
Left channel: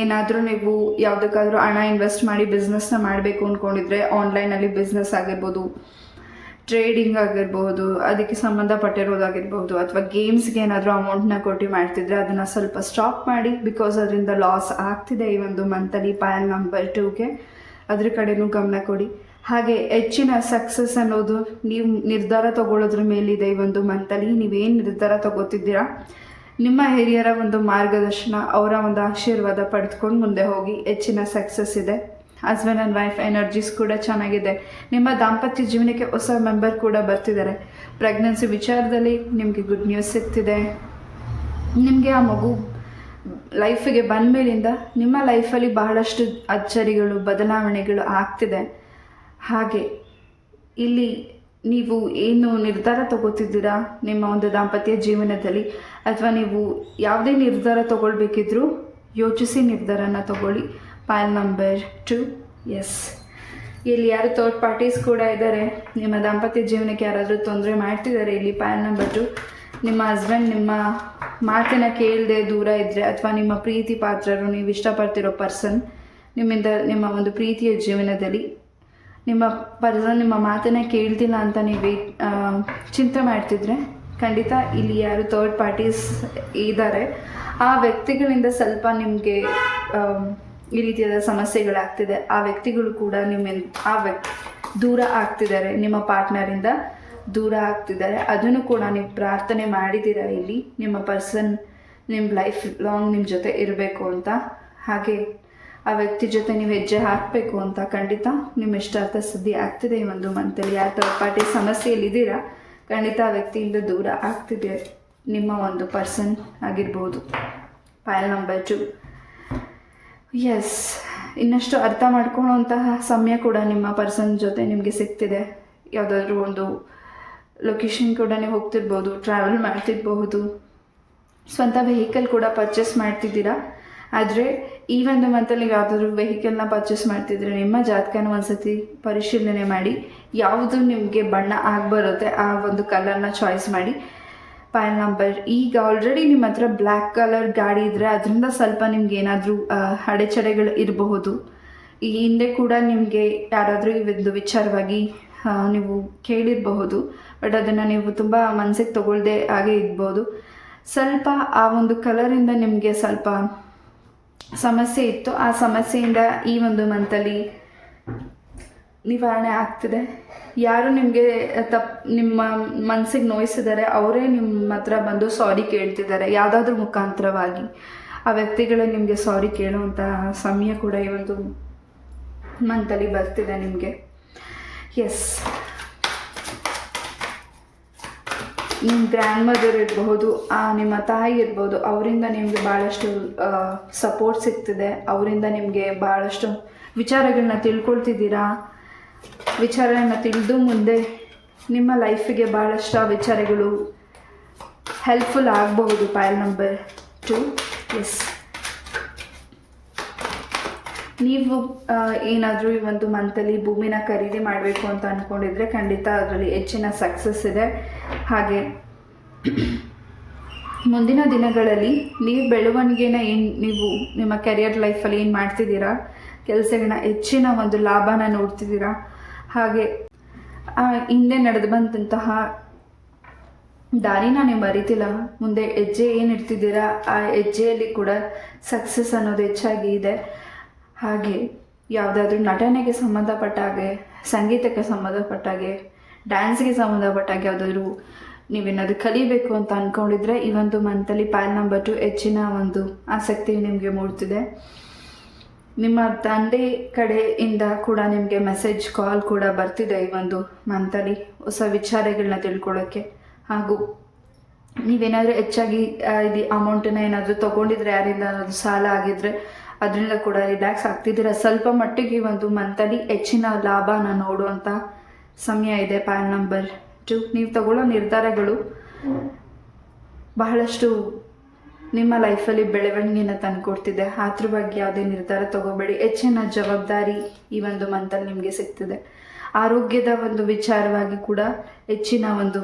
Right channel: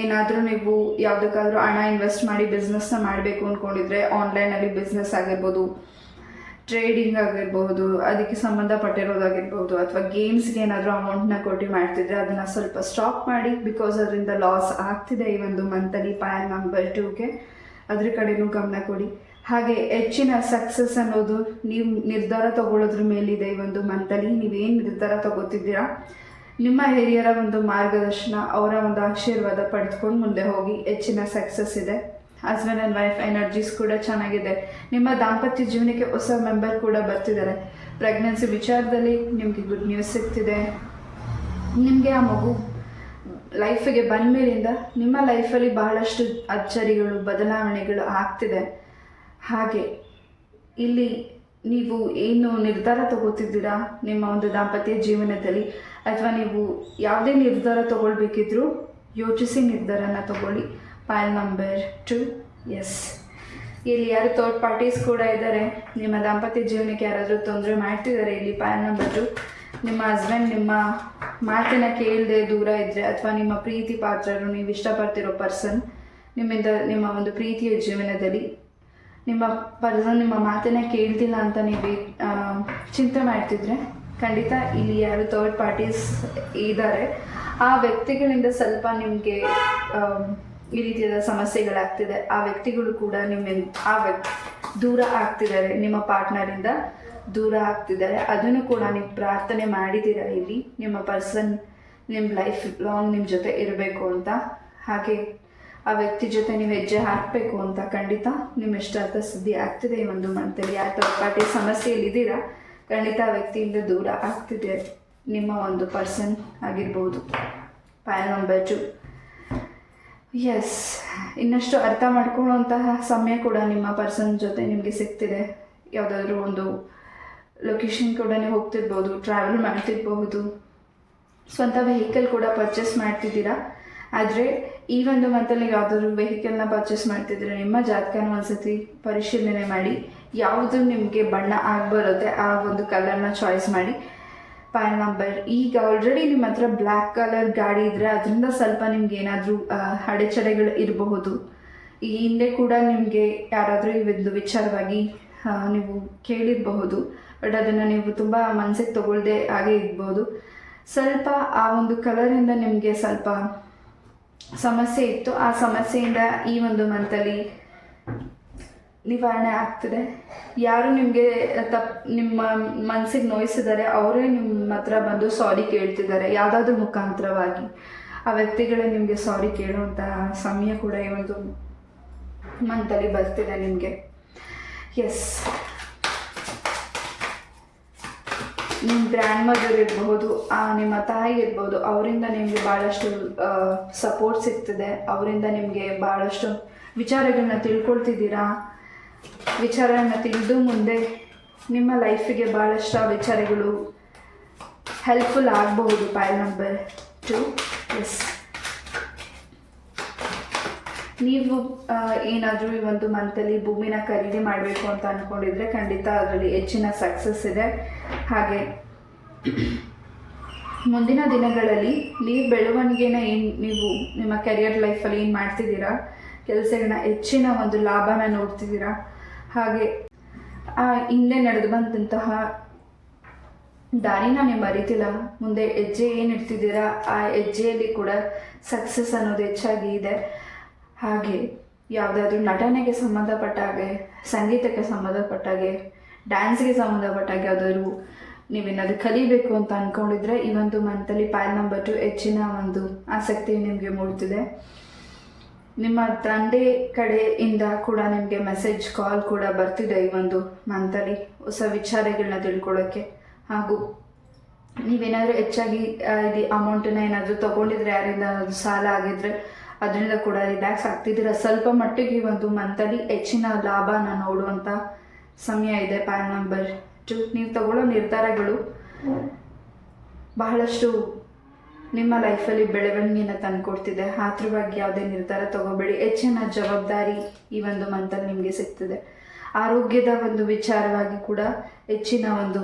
ಏನಾದರೂ ನೀವು ಯಾವುದಕ್ಕಾದ್ರೂ ಹಣ ಇನ್ವೆಸ್ಟ್ ಮಾಡಿ ಬಿಸ್ನೆಸ್ನ ಮಾಡಬೇಕು ಅಂದ್ಕೊಂಡಿದ್ರೆ, ಆನ್ಲೈನಲ್ಲಿ ಬಿಸ್ನೆಸ್ ಆಗಿರ್ಬೋದು, ಟ್ರೇಡಿಂಗ್ ಆಗಿರ್ಬೋದು, ಅದಕ್ಕೆ ಸಂಬಂಧಪಟ್ಟಿರೋದಾಗಿರ್ಬೋದು, ಅಥವಾ ಗೇಮ್ಸ್ಗೆ ಏನಾದರೂ ಅಮೌಂಟ್ನ ಕೊಟ್ಟು ಮಾಡ್ತಿದ್ರೆ ಅದನ್ನು ಸ್ವಲ್ಪ ಸ್ಟಾಪ್ ಮಾಡಿ. ಬಿಕಾಸ್ ಅದರಿಂದ ಲಾಸ್ ಆಗ್ತಿದೆ ಈ ಒಂದು ಮಂತಲ್ಲಿ. ಪೈಲ್ ನಂಬರ್ 2ಗೆ ಅದ್ರ ಕಡೆನೂ ಗಮನ ಕೊಡಿ. ಹಾಗೆ ಹೆಚ್ಚಿನ ಸಕ್ಸಸ್ ಅನ್ನೋದು ನೀವು ನಿರ್ಧಾರ ತಗೊಳ್ಳೋದ್ರ ಮೇಲಿದೆ. ಈ ಒಂದು ಮಂತಲ್ಲಿ ನೀವೇನು ನಿರ್ಧಾರ ತಗೋತಿದ್ದೀರಾ, ನಿಮ್ಮ ಹಿರಿಯರ ಒಂದು ಮಾರ್ಗದರ್ಶನ, ಅವರ ಒಂದು ಆಶೀರ್ವಾದ ಪಡೆದುಕೊಂಡು ಮುಂದೆ ಹೋಗಿ. ಹೆಚ್ಚಿನ ಸಕ್ಸಸ್ ಇದೆ. ಹಸ್ಬೆಂಡ್ ಆ್ಯಂಡ್ ವೈಫ್ ಎನರ್ಜೀಸ್ ಕೂಡ ಚೆನ್ನಾಗಿದೆ. ನಿಮ್ಮ ದಾಂಪತ್ಯ ಜೀವನಕ್ಕೆ ಹೊಸ ಮೆಂಬರ್ ಕೂಡ ಬರ್ತಿದ್ದಾರೆ. ಪ್ರೆಗ್ನೆನ್ಸಿ ವಿಚಾರದಲ್ಲಿ ನಿಮಗೆ ಗುಡ್ ನ್ಯೂಸ್ ಸಿಗ್ತಿದೆ. ನಿಮಗೆ ಆ ಮಗು ಲೈಫಿಗೆ ಬಂದ ಮೇಲಿಂದ ನಿಮ್ಮ ಲೈಫಲ್ಲಿ ಬಹಳಷ್ಟು ಅಚ್ಚರಿಗಳು, ಬದಲಾವಣೆಗಳು ಆಗ್ತಿದೆ. ಹಾಗೆ ಇಲ್ಲಿ ನೀವು ಏನು ನಿರ್ಧಾರ ತಗೋತಿದ್ದೀರಾ ನಿಮ್ಮ ಒಂದು ದಾಂಪತ್ಯ ಜೀವನದಲ್ಲಿ, ಅಥವಾ ನೀವು ಯಾವುದೇ ನಿರ್ಧಾರ ತಗೊಳ್ಬೇಕಿದ್ರೂ ಯೋಚಿಸಿ ನಿರ್ಧಾರನ ತಗೊಳ್ಳಿ. ಪೈಲ್ ನಂಬರ್ 2. ಎಸ್, ಇಲ್ಲಿ ಯಾರು ಥರ್ಡ್ ಪಾರ್ಟೀಸ್ ಕೂಡ ಇದ್ದಾರೆ, ನಿಮ್ಮ ದಾಂಪತ್ಯ ಜೀವನಕ್ಕೆ ಯಾರಾದರೂ ತೊಂದರೆ ಮಾಡ್ತಿದ್ದಾರೆ. ಇಲ್ಲಿ ಪೈಲ್ ನಂಬರ್ 2, ನಿಮ್ಮ ಹಸ್ಬೆಂಡ್ ನಿಮ್ಮ ಮಾತನ್ನು ಕೇಳದೆ ದೂರ ಇದ್ದರೆ, ಅಥವಾ ನಿಮ್ಮ ಪ್ರೀತಿ ಪಾತ್ರರು, ನೀವು ಇಷ್ಟಪಡ್ತಿರೋ ಪರ್ಸನ್ ನಿಮ್ಮಿಂದ ನಿಮ್ಮ ಒಂದು ಪ್ರೀತಿಯ ಜೀವನದಲ್ಲಿ ನಿಮ್ಮ ಪರ್ಸನ್ ನಿಮ್ಮ ಮಾತನ್ನು ಕೇಳ್ತಿಲ್ಲ ಅಂತ ನೀವು ಚಿಂತೆ ಮಾಡ್ತಿದ್ರೆ, ಖಂಡಿತ ಇಲ್ಲಿ ಯಾರು ಥರ್ಡ್ ಪಾರ್ಟೀಸ್ ಇದ್ದಾರೆ ಆ ವ್ಯಕ್ತಿಗಳಿಂದ ಸ್ವಲ್ಪ ನಿಮಗೆ ಈ ರೀತಿಯಾದ ಸಮಸ್ಯೆಗಳಾಗ್ತಿದೆ. ಆ ವ್ಯಕ್ತಿಗಳು ಕೂಡ ದೂರ ಆಗ್ತಿದ್ದಾರೆ, ನಿಮ್ಮ ಪಾರ್ಟ್ನರಿಂದ ದೂರ ಆಗ್ತಿದ್ದಾರೆ. ಅದನ್ನು ಕೂಡ ನೀವು ಪ್ರಾರ್ಥನೆ ಮಾಡಿದ್ದೀರ ಇಲ್ಲಿ ನಿಮ್ಮ ಪರ್ಸನ್ ನಿಮ್ಮ ಲೈಫ್ ಲಾಂಗ್ ನಿಮ್ಮ ಜೊತೆ ಇರಬೇಕು ಅಂತ. ಹಾಗೆ ಆ ವ್ಯಕ್ತಿ ಜೊತೆ ನೀವು ಹೆಜ್ಜೆ ಹಾಕಬೇಕು ಅಂತ. ಖಂಡಿತ ನಿಮ್ಮ ಇಷ್ಟಾರ್ಥ ಸಿದ್ಧಿ ಆಗ್ತಿದೆ ಈ ಒಂದು ಮಂತಲ್ಲಿ. ಯಾವ ಥರ್ಡ್ ಪಾರ್ಟಿ ಸಮಸ್ಯೆಯಲ್ಲಿದ್ದೀರಾ, ಖಂಡಿತ ಆ ವ್ಯಕ್ತಿಯಿಂದ ದೂರ ಆಗ್ತಿದೆ ನಿಮ್ಮ ಒಂದು ಪರ್ಸನ್ ಆಗಿರ್ಬೋದು. ಪೈಲ್ ನಂಬರ್ 2. ಎಸ್, ಇನ್ನಷ್ಟು ಅರ್ಥ ಮಾಡ್ಕೊಳ್ಳುವಂತಹ ಸಮಯ ಕೂಡ ನಿಮ್ಮ ಪರ್ಸನ್ ಜೊತೆ ನಿಮಗೆ ಸಿಗ್ತಿದೆ. ಯಾವುದಾದ್ರೂ ಒಂದು ಲೊಕೇಶನ್ ಕೂಡ ನೀವು ಹೋಗ್ತಿರ್ಬೋದು, ಟ್ರಾವೆಲ್ ಮಾಡ್ತಿರ್ಬಹುದು, ಸ್ವಂತ ವೆಹಿಕಲ್ ಕೂಡ ಪರ್ಚೇಸ್ ಮಾಡ್ತಿದ್ದೀರಾ. ಆದರೆ ಈ ಒಂದು ಮಂತಲ್ಲಿ ಯಾವುದಾದ್ರೂ ವೆಹಿಕಲ್ನ ಪರ್ಚೇಸ್ ಮಾಡ್ತಿದ್ರೆ ನಿಮ್ಮ ಜಾತಕನ ಒಂದ್ಸತಿ ಪರಿಶೀಲನೆ ಮಾಡಿ. ಯಾವುದು ನಿಮಗೆ ಬಣ್ಣ ಆಗಿಬರುತ್ತೆ ಆ ಒಂದು ಕಲರ್ನ ಚಾಯ್ಸ್ ಮಾಡಿ. ಪೈಲ್ ನಂಬರ್, ಈಗ ಆಲ್ರೆಡಿ ನಿಮ್ಮ ಹತ್ರ ಬ್ಲ್ಯಾಕ್ ಕಲರ್ ಗಾಡಿ ಇದ್ದರೆ ಅದರಿಂದ ಸ್ವಲ್ಪ ನಿಮ್ಗೆ ಏನಾದರೂ ಅಡೆಚಣೆಗಳು ಇರಬಹುದು. ಈ ಹಿಂದೆ ಕೂಡ ನಿಮಗೆ ಯಾರಾದರೂ ಈ ಒಂದು ವಿಚಾರವಾಗಿ ನೀವು ಕೇಳಿರಬಹುದು, ಬಟ್ ಅದನ್ನು ನೀವು ತುಂಬ ಮನಸ್ಸಿಗೆ ತಗೊಳ್ಳದೆ ಹಾಗೆ ಇರ್ಬೋದು. ಸ್ವಲ್ಪ ಆ ಒಂದು ಕಲರಿಂದ ನಿಮಗೆ ಸ್ವಲ್ಪ ಸಮಸ್ಯೆ ಇತ್ತು. ಆ ಸಮಸ್ಯೆಯಿಂದ ಈ ಒಂದು ಮಂತಲ್ಲಿ ನಿವಾರಣೆ ಆಗ್ತಿದೆ. ಯಾರು ನಿಮಗೆ ನಿಮ್ಮ ಮನಸ್ಸಿಗೆ ನೋಯಿಸಿದ್ದಾರೆ ಅವರೇ ನಿಮ್ಮ ಹತ್ರ ಬಂದು ಸಾರಿ ಕೇಳ್ತಿದ್ದಾರೆ ಯಾವುದಾದ್ರೂ ಮುಖಾಂತರವಾಗಿ. ಆ ವ್ಯಕ್ತಿಗಳೇ ನಿಮಗೆ ಸಾರಿ ಕೇಳುವಂತಹ ಸಮಯ ಕೂಡ ಈ ಒಂದು ಮಂತಲ್ಲಿ ಬರ್ತಿದೆ ನಿಮಗೆ. ಎಸ್, ನಿಮ್ಮ ಗ್ರ್ಯಾಂಡ್ ಮದರ್ ಇರಬಹುದು, ನಿಮ್ಮ ತಾಯಿ ಇರ್ಬೋದು, ಅವರಿಂದ ನಿಮಗೆ ಭಾಳಷ್ಟು ಸಪೋರ್ಟ್ ಸಿಗ್ತಿದೆ. ಅವರಿಂದ ನಿಮಗೆ ಭಾಳಷ್ಟು ವಿಚಾರಗಳನ್ನ ತಿಳ್ಕೊಳ್ತಿದ್ದೀರಾ. ವಿಚಾರಗಳನ್ನ ತಿಳಿದು ಮುಂದೆ ನಿಮ್ಮ ಲೈಫಿಗೆ ಭಾಳಷ್ಟು ಆ ವಿಚಾರಗಳು ಹೆಲ್ಪ್ಫುಲ್ ಆಗಬಹುದು. ಪೈಲ್ ನಂಬರ್ 2. ಎಸ್, ನೀವು ಏನಾದರೂ ಈ ಒಂದು ಮಂತಲ್ಲಿ ಭೂಮಿನ ಖರೀದಿ ಮಾಡಬೇಕು ಅಂತ ಅಂದ್ಕೊಂಡಿದ್ರೆ ಖಂಡಿತ ಅದರಲ್ಲಿ ಹೆಚ್ಚಿನ ಸಕ್ಸಸ್ ಇದೆ. ಹಾಗೆ ಮುಂದಿನ ದಿನಗಳಲ್ಲಿ ನೀವು ಬೆಳವಣಿಗೆನ ನೀವು ನಿಮ್ಮ ಕೆರಿಯರ್ ಲೈಫಲ್ಲಿ ಏನು ಮಾಡ್ತಿದ್ದೀರಾ, ಕೆಲಸಗಳನ್ನ ಹೆಚ್ಚಿನ ಒಂದು ಲಾಭನ ನೋಡ್ತಿದ್ದೀರಾ. ಹಾಗೆ ಹಿಂದೆ ನಡೆದು ಬಂದಂತಹ ದಾರಿನ ನೀವು ಅರಿತಿಲ್ಲ, ಮುಂದೆ ಹೆಜ್ಜೆ ಏನು ಇಡ್ತಿದ್ದೀರಾ ಆ ಹೆಜ್ಜೆಯಲ್ಲಿ ಕೂಡ ಸಕ್ಸಸ್ ಅನ್ನೋದು ಹೆಚ್ಚಾಗಿ ಇದೆ. ಹಾಗೆ ಯಾವುದಾದ್ರೂ ನಟನೆಗೆ ಸಂಬಂಧಪಟ್ಟ ಹಾಗೆ, ಸಂಗೀತಕ್ಕೆ ಸಂಬಂಧಪಟ್ಟ ಹಾಗೆ, ಡ್ಯಾನ್ಸ್ಗೆ ಸಂಬಂಧಪಟ್ಟ ಹಾಗೆ ಯಾವುದಾದ್ರೂ ನೀವೇನಾದರೂ ಕಲಿಬೇಕು ಅಂತ ಅಂದ್ಕೊಂಡಿದ್ರೆ ಈ ಒಂದು ಮಂತಲ್ಲಿ ಪೈಲ್ ನಂಬರ್ 2 ಹೆಚ್ಚಿನ ಒಂದು ಆಸಕ್ತಿ ನಿಮಗೆ ಮೂಡ್ತಿದೆ. ನಿಮ್ಮ ತಂದೆ ಕಡೆಯಿಂದ ಕೂಡ ನಿಮಗೆ ಮೆಸೇಜ್ ಕಾಲ್ ಕೂಡ ಬರ್ತಿದೆ ಈ ಒಂದು ಮಂತಲ್ಲಿ ಹೊಸ ವಿಚಾರಗಳನ್ನ ತಿಳ್ಕೊಳ್ಳೋಕ್ಕೆ. ಹಾಗೂ ನೀವೇನಾದರೂ ಹೆಚ್ಚಾಗಿ ಇದು ಅಮೌಂಟನ್ನು ಏನಾದರೂ ತೊಗೊಂಡಿದ್ರೆ ಯಾರಿಂದ ಅದು ಸಾಲ ಆಗಿದ್ರೆ ಅದರಿಂದ ಕೂಡ ರಿಲ್ಯಾಕ್ಸ್ ಆಗ್ತಿದ್ದೀರ. ಸ್ವಲ್ಪ ಮಟ್ಟಿಗೆ ಈ ಒಂದು ಮಂತಲ್ಲಿ ಹೆಚ್ಚಿನ ಲಾಭನ ನೋಡುವಂಥ ಸಮಯ ಇದೆ. ಪ್ಯಾನ್ ನಂಬರ್ 2, ನೀವು ತಗೊಳ್ಳೋ ನಿರ್ಧಾರಗಳು ಬಹಳಷ್ಟು ನಿಮ್ಮ ಲೈಫಲ್ಲಿ ಬೆಳವಣಿಗೆನ ತಂದುಕೊಡ್ತಿದೆ. ಆತುರವಾಗಿ ಯಾವುದೇ ನಿರ್ಧಾರ ತಗೋಬೇಡಿ. ಹೆಚ್ಚಿನ ಜವಾಬ್ದಾರಿ ಈ ಒಂದು ಮಂತಲ್ಲಿ ನಿಮಗೆ ಸಿಗ್ತಿದೆ. ಆರೋಗ್ಯದ ಒಂದು ವಿಚಾರವಾಗಿ ಕೂಡ ಹೆಚ್ಚಿನ ಒಂದು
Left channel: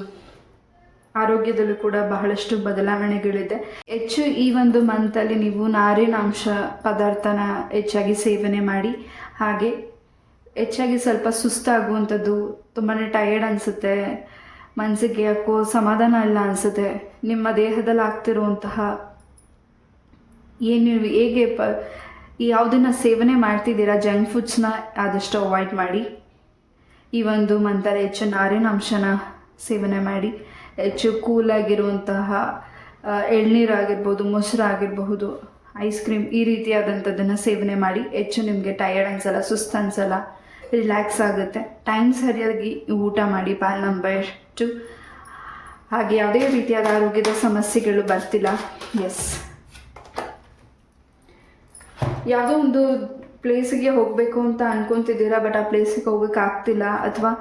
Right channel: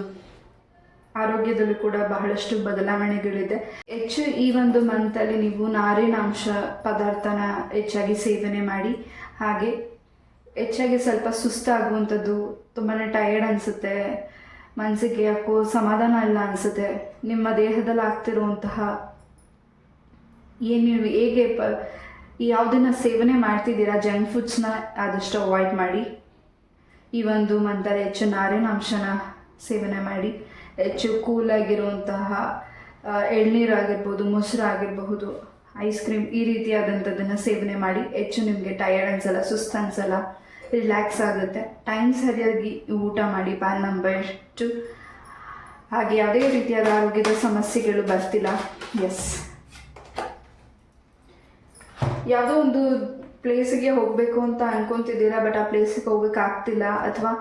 ಆರೋಗ್ಯದಲ್ಲೂ ಕೂಡ ಬಹಳಷ್ಟು ಬದಲಾವಣೆಗಳಿದೆ. ಹೆಚ್ಚು ಈ ಒಂದು ಮಂತಲ್ಲಿ ನೀವು ನಾರಿನಾಂಶ ಪದಾರ್ಥನ ಹೆಚ್ಚಾಗಿ ಸೇವನೆ ಮಾಡಿ. ಹಾಗೆ ಹೆಚ್ಚಾಗಿ ಸ್ವಲ್ಪ ಸುಸ್ತಾಗುವಂಥದ್ದು, ತುಂಬಾ ಟಯರ್ಡ್ ಅನಿಸುತ್ತೆ, ಮನಸ್ಸಿಗೆ ಯಾಕೋ ಸಮಾಧಾನ ಇಲ್ಲ ಅನಿಸುತ್ತೆ, ನಿಮ್ಮ ದೇಹದಲ್ಲಿ ಆಗ್ತಿರುವಂತಹ ಏನು ಹೇಗೆ ಯಾವುದನ್ನ ಸೇವನೆ ಮಾಡ್ತಿದ್ದೀರಾ ಜಂಕ್ ಫುಡ್ಸ್ನ ಆದಷ್ಟು ಅವಾಯ್ಡ್ ಮಾಡಿ. ಈ ಒಂದು ಮಂತಲ್ಲಿ ಹೆಚ್ಚು ನಾರಿನಾಂಶನ ಸೇವನೆ ಮಾಡಿ. ಹೆಚ್ಚು ಕೂಲಾಗಿರುವಂತಹ ಎಳ್ನೀರು ಆಗಿರ್ಬೋದು, ಮೊಸರು ಆಗಿರಬಹುದು, ಐಸ್ ಕ್ರೀಮ್ ಈ ರೀತಿಯಾದಂಥದ್ದನ್ನು ಸೇವನೆ ಮಾಡಿ. ಹೆಚ್ಚು ನಿಮಗೆ ಟಯರ್ಡ್ ಅನಿಸಲ್ಲ, ಸುಸ್ತು ಅನಿಸಲ್ಲ, ರಿಲ್ಯಾಕ್ಸ್ ಆಗುತ್ತೆ. ಟೈಮ್ ಸರಿಯಾಗಿ ಊಟ ಮಾಡಿ. ಪ್ಯಾನ್ ನಂಬರ್ 2, ಹಾಗೆ ಯಾವುದೇ ರೀತಿಯಾದ ಆರೋಗ್ಯದ ಸಮಸ್ಯೆಗಳು ಬರ್ತಿಲ್ಲ. ಎಸ್, ಯಾವುದೋ ಒಂದು ಪ್ಲೇಸಿಗೆ ಹೋಗಬೇಕು ಅಂತ ಅನ್ಕೊತಿದ್ದೀರಾ, ಬಟ್ ಆ ಪ್ಲೇಸಿಗೆ ಹೋಗೋಕ್ಕಾಗ್ತಿಲ್ಲ, ಅಥವಾ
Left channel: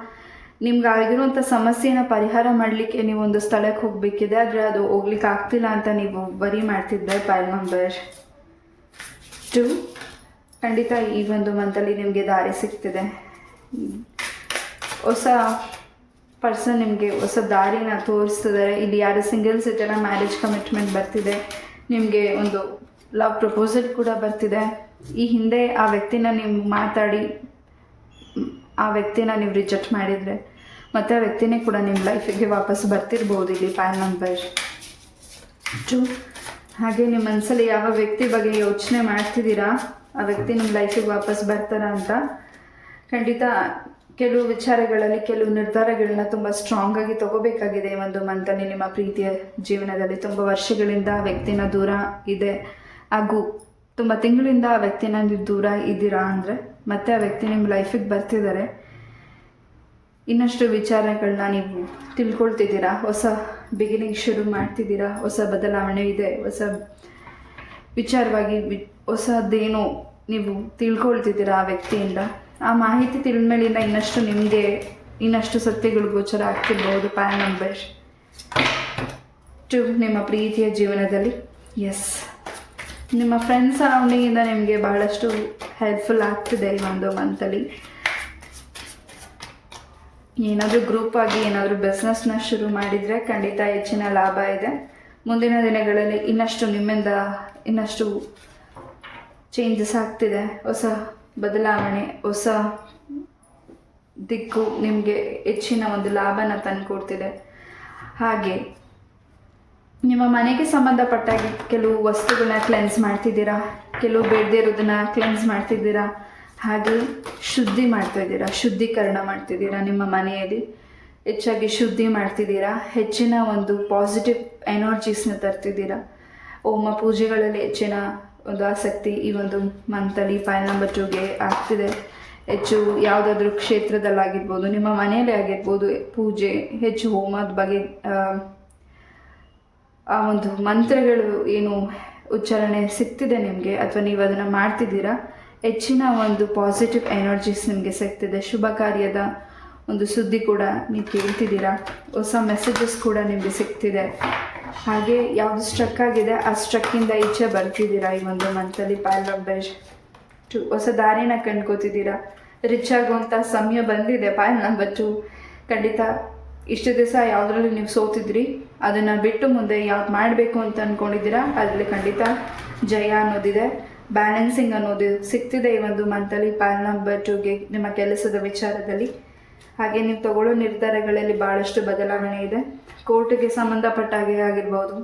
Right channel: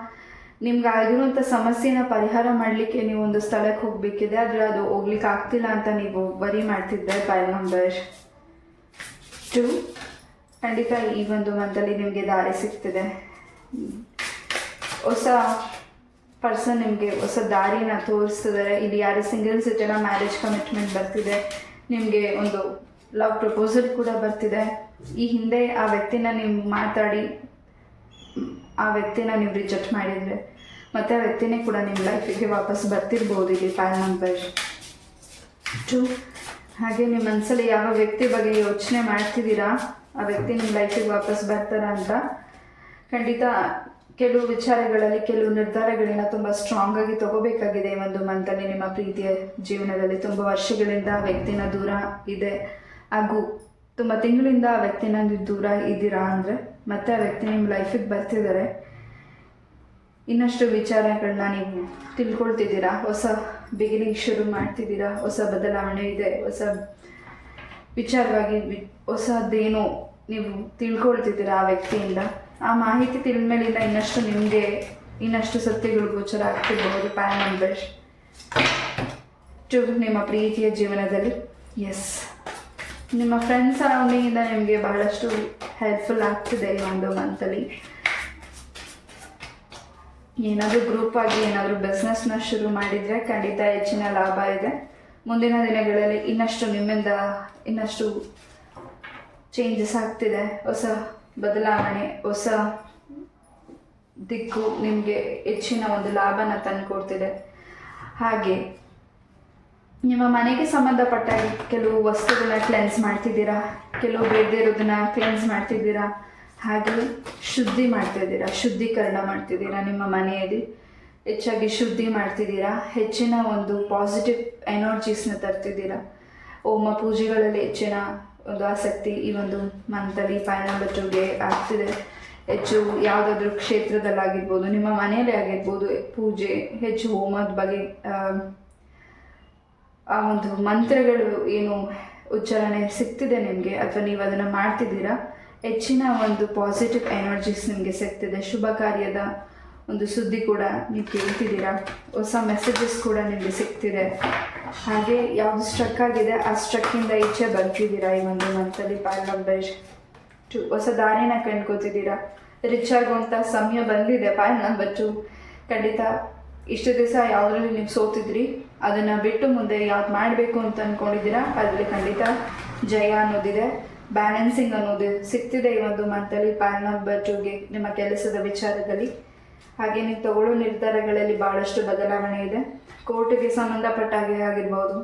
ನಿಮ್ಗೆ ಆಗಿರುವಂಥ ಸಮಸ್ಯೆನ ಪರಿಹಾರ ಮಾಡಲಿಕ್ಕೆ ನೀವು ಒಂದು ಸ್ಥಳಕ್ಕೆ ಹೋಗಬೇಕಿದೆ, ಆದರೆ ಅದು ಹೋಗ್ಲಿಕ್ಕೆ ಆಗ್ತಿಲ್ಲ ಅಂತ ನೀವು ವರಿ ಮಾಡ್ತಿದ್ದೆ. ಪ್ಯಾನ್ ನಂಬರ್ 2, ಖಂಡಿತ ಈ ಒಂದು ಮಂತಲ್ಲಿ ನಿಮಗೆ ದಾರಿ ಸಿಗ್ತಿದೆ. ಹೊಸ ಪರ್ಸನ್ ನಿಮಗೆ ಹೊಸ ದಾರಿನ ತೋರಿಸ್ತಿದ್ದಾರೆ. ಇಲ್ಲಿ ಯಾರು ಸಿಂಗಲ್ಸ್ ಇದ್ದಾರ ಮ್ಯಾರೇಜ್ ಕಮಿಟ್ಮೆಂಟ್ ಬರ್ತಿದೆ. ನಿಮಗೆ ಒಂದು ಲವ್ ಪ್ರಪೋಸಲ್ ಕೂಡ ಬರ್ತಿದೆ. ಈ ಹಿಂದೆ ಆ ವ್ಯಕ್ತಿನ ನೀವು ಮಾತಾಡಿ ಆ ವ್ಯಕ್ತಿನ ನೀವು ರಿಜೆಕ್ಟ್ ಮಾಡಿದರೆ ಮತ್ತು ಆ ವ್ಯಕ್ತಿನೇ ಕೂಡ ನಿಮ್ಮ ಲೈಫಿಗೆ ವಾಪಸ್ ಬರ್ತಿರ್ಬೋದು ಇಲ್ಲಿ ಪ್ಯಾನ್ ನಂಬರ್ 2. ಹಾಗೆ ನಿಮ್ಮ ಮನಸ್ಸಲ್ಲಿ ಯಾವ ವ್ಯಕ್ತಿ ಬಗ್ಗೆ ಯೋಚನೆ ಮಾಡ್ತಿದ್ದೀರಾ, ಆ ವ್ಯಕ್ತಿ ನಿಮ್ಮ ಲೈಫಿಗೆ ವಾಪಸ್ ಬರ್ತಾರ ಅಂತ. ಖಂಡಿತ ಕೆಲವು ವಿಚಾರಗಳಲ್ಲಿ ಕೆಲವು ನಿರ್ಧಾರಗಳನ್ನ ತುಂಬ ಸ್ಟ್ರಾಂಗ್ ಆಗಿ ತಗೋಬೇಕಾಗಿದೆ ಈ ಒಂದು ಮಂತಲ್ಲಿ. ನಿಮ್ಮ ಪ್ರೀತಿಯ ಜೀವನದಲ್ಲಿ ತುಂಬ ವರ್ಷಗಳಿಂದ ಆ ವ್ಯಕ್ತಿನ ದೂರ ಇದೆ, ಹಾಗೂ ತುಂಬ ತಿಂಗಳಿಂದ ಆ ವ್ಯಕ್ತಿನ ನೀವು ದೂರ ಇದ್ದೀರಾ ಅಂದರೆ ಮತ್ತೆ ಆ ವ್ಯಕ್ತಿ ನಿಮ್ಮ ಲೈಫಿಗೆ ಬರ್ತಿದ್ದಾರೆ. ಇನ್ನಷ್ಟು ವಿಚಾರಗಳನ್ನ ನೀವು ತಿಳ್ಕೊಳ್ತಿದ್ದೀರಾ, ಹೊಸ ಬಿಗಿನಿಂಗ್ ಶುರು ಮಾಡ್ತಿದ್ದೀರಾ, ಹೊಸ ಬದಲಾವಣೆ ಇದೆ, ಹೊಸ ವಿಚಾರವಾಗಿ ಹೊಸದೇನೋ ನೀವು ತಿಳ್ಕೊಳ್ತಿದ್ದೀರಾ ಆ ವ್ಯಕ್ತಿಯಿಂದ. ಆ ಮಾಹಿತಿ ತಿಳಿದ್ಮೇಲಿಂದ ಇನ್ನಷ್ಟು ಸತ್ಯಗಳು ಗೋಚರ ಆಗ್ತಿರ್ಬೋದು. ಪ್ಯಾನ್ ನಂಬರ್ 2, ನಿಮ್ಮ ಪ್ರೀತಿಯ ಜೀವನದಲ್ಲಿ. ಎಸ್, ನಿಮ್ಮ ಫ್ರೆಂಡ್ಸ್ ಸರೌಂಡಿಂಗಿಂದ ನಿಮಗೆ ಬಹಳಷ್ಟು ಹೆಲ್ಪ್ಫುಲ್ ಆಗ್ತಿದೆ ಈ ಒಂದು ಮಂತಲ್ಲಿ. ಏನಾದರೂ ಗ್ರೂಪ್ ಆಗಿ ಏನಾದರೂ ಬಿಸ್ನೆಸ್ನ ಶುರು ಮಾಡಿದರೆ ಖಂಡಿತ ಹೆಚ್ಚಿನ ಲಾಭ ಇದೆ. ಮುಂದಿನ ದಿನಗಳಲ್ಲಿ ನಿಮ್ಮಿಂದ ಇನ್ನಷ್ಟು ಚೇಂಜಸ್ ಆಗ್ತಿದೆ. ಹೊಸ ಬದಲಾವಣೆ, ಹೊಸ ದಿಕ್ಕು ನಿಮಗೆ ಹೆಚ್ಚಿನ ಒಂದು ಲಾಭನ ತಂದುಕೊಡ್ತಿದೆ. ಹಾಗೆ ನಿಮ್ಮ ಮನೆಗೆ ಸಂಬಂಧಪಟ್ಟ ಕೆಲವು ವಸ್ತುಗಳನ್ನ ಕ್ಲೆನ್ಸ್ ಮಾಡ್ತಿದ್ದೀರಾ, ಕೆಲವು ಬೇಡದೇ ಇರೋದನ್ನ ಕ್ಲೆನ್ಸ್ ಮಾಡ್ತಿದ್ದೀರಾ, ಹಾಗೆ ಶುದ್ಧೀಕರಣ ಮಾಡ್ತಿದ್ದೀರಾ. ನಿಮ್ಮ ಮನೆಯಲ್ಲಿ ಹೆಚ್ಚಾಗಿ ಶುದ್ಧಿ ಮಾಡ್ತಿದ್ದೀರಾ, ಹೆಚ್ಚಿನ ಒಂದು ಪಾಸಿಟಿವ್ ಎನರ್ಜೀಸ್ನ ತರ್ತಿದ್ದೀರಾ. ಹೋಮ ಪೂಜೆಗಳಲ್ಲಿ ಹೆಚ್ಚಿನ ಒಂದು ಆಸಕ್ತಿ ಈ ಒಂದು ಮಂತಲ್ಲಿ ಪ್ಯಾನ್ ನಂಬರ್ 2ಗೆ ಆಗ್ತಿದೆ. ಹೆಚ್ಚು ಯಾವುದಾದ್ರೂ ಕ್ಷೇತ್ರದಲ್ಲಾಗಿರ್ಬೋದು, ನಿಮ್ಮ ಮನೆಯಲ್ಲೇ ಆಗಿರ್ಬೋದು, ಪೂಜೆ, ಹೆಚ್ಚು ಹೋಮದ ಬಗ್ಗೆ ಆ ಒಂದು ಮಂತ್ರಗಳು ಏನು ಉಚ್ಚಾರಣೆ ಸಿಗ್ತಿದೆ ನಿಮಗೆ, ಅಥವಾ ನೀವು ಅದನ್ನು ಮಾಡ್ತಿದ್ದೀರಾ, ಹೆಚ್ಚಿನ ಒಂದು ಪಾಸಿಟಿವ್ ಎನರ್ಜೀಸ್ ನಿಮಗೆ ಸಿಗ್ತಿದೆ. ಶುಭ ಕಾರ್ಯದ ಒಂದು ಸುದ್ದಿ ಕೂಡ ನೀವು ಕೇಳ್ತಿದ್ದೀರಾ, ಹೊಸ ಮೆಸೇಜಸ್ ಕೂಡ ನಿಮಗೆ ಸಿಗ್ತಿದೆ. ಹಾಗೆ ಯಾವುದು ಸ್ಟ್ರಕ್ ಆಗಿದೆ ಆ ಸ್ಟ್ರಕ್ಕಿಂದ ಈಚೆ ಬರ್ತಿದ್ದೀರಾ ಈ ಒಂದು ಮಂತಲ್ಲಿ. ಪ್ಯಾನ್ ನಂಬರ್ 2, ಹೊಸ ದಾರಿನ ಕಂಡ್ಕೋತಿದ್ದೀರಾ. ರಿಚ್ ಆಗುವಂಥ ಸಮಯ ಬಂದಿದೆ. ಪ್ಯಾನ್ ನಂಬರ್ 2, ಖಂಡಿತ ಇಷ್ಟು ದಿವಸ ಯಾವುದ್ರಲ್ಲಿ ನೀವು ಸೋತಿದ್ರಿ ಅದನ್ನು ಬಿಟ್ಟು ಮುಂದೆ ಯಾವ್ದು ಮಾಡಬೇಕು ಅಂತ ಅಂದ್ಕೊಂಡಿದ್ದೀರಾ ಅದರಲ್ಲಿ ಖಂಡಿತ ಜಯ ಅನ್ನೋದಿದೆ. ಬ್ಯಾಲೆನ್ಸಿಂಗ್ ಅನ್ನೋದು ಸಿಗ್ತಿದೆ ಈ ಒಂದು ಮಂತಲ್ಲಿ ಪ್ಯಾನ್ ನಂಬರ್ 2ಗೆ ನಿಮ್ಮ ಕೆಲಸದ ವಿಚಾರದಲ್ಲಿ. ಹಾಗೆ ನೀವು ತಗೊಳ್ಳೋ ನಿರ್ಧಾರಗಳಲ್ಲಿ ಭಾಳಷ್ಟು ಬದಲಾವಣೆ ಇದೆ. ಕೋರ್ಟ್ಗೆ ಸಂಬಂಧಪಟ್ಟಾಗೆ ಆಗಿರ್ಬೋದು,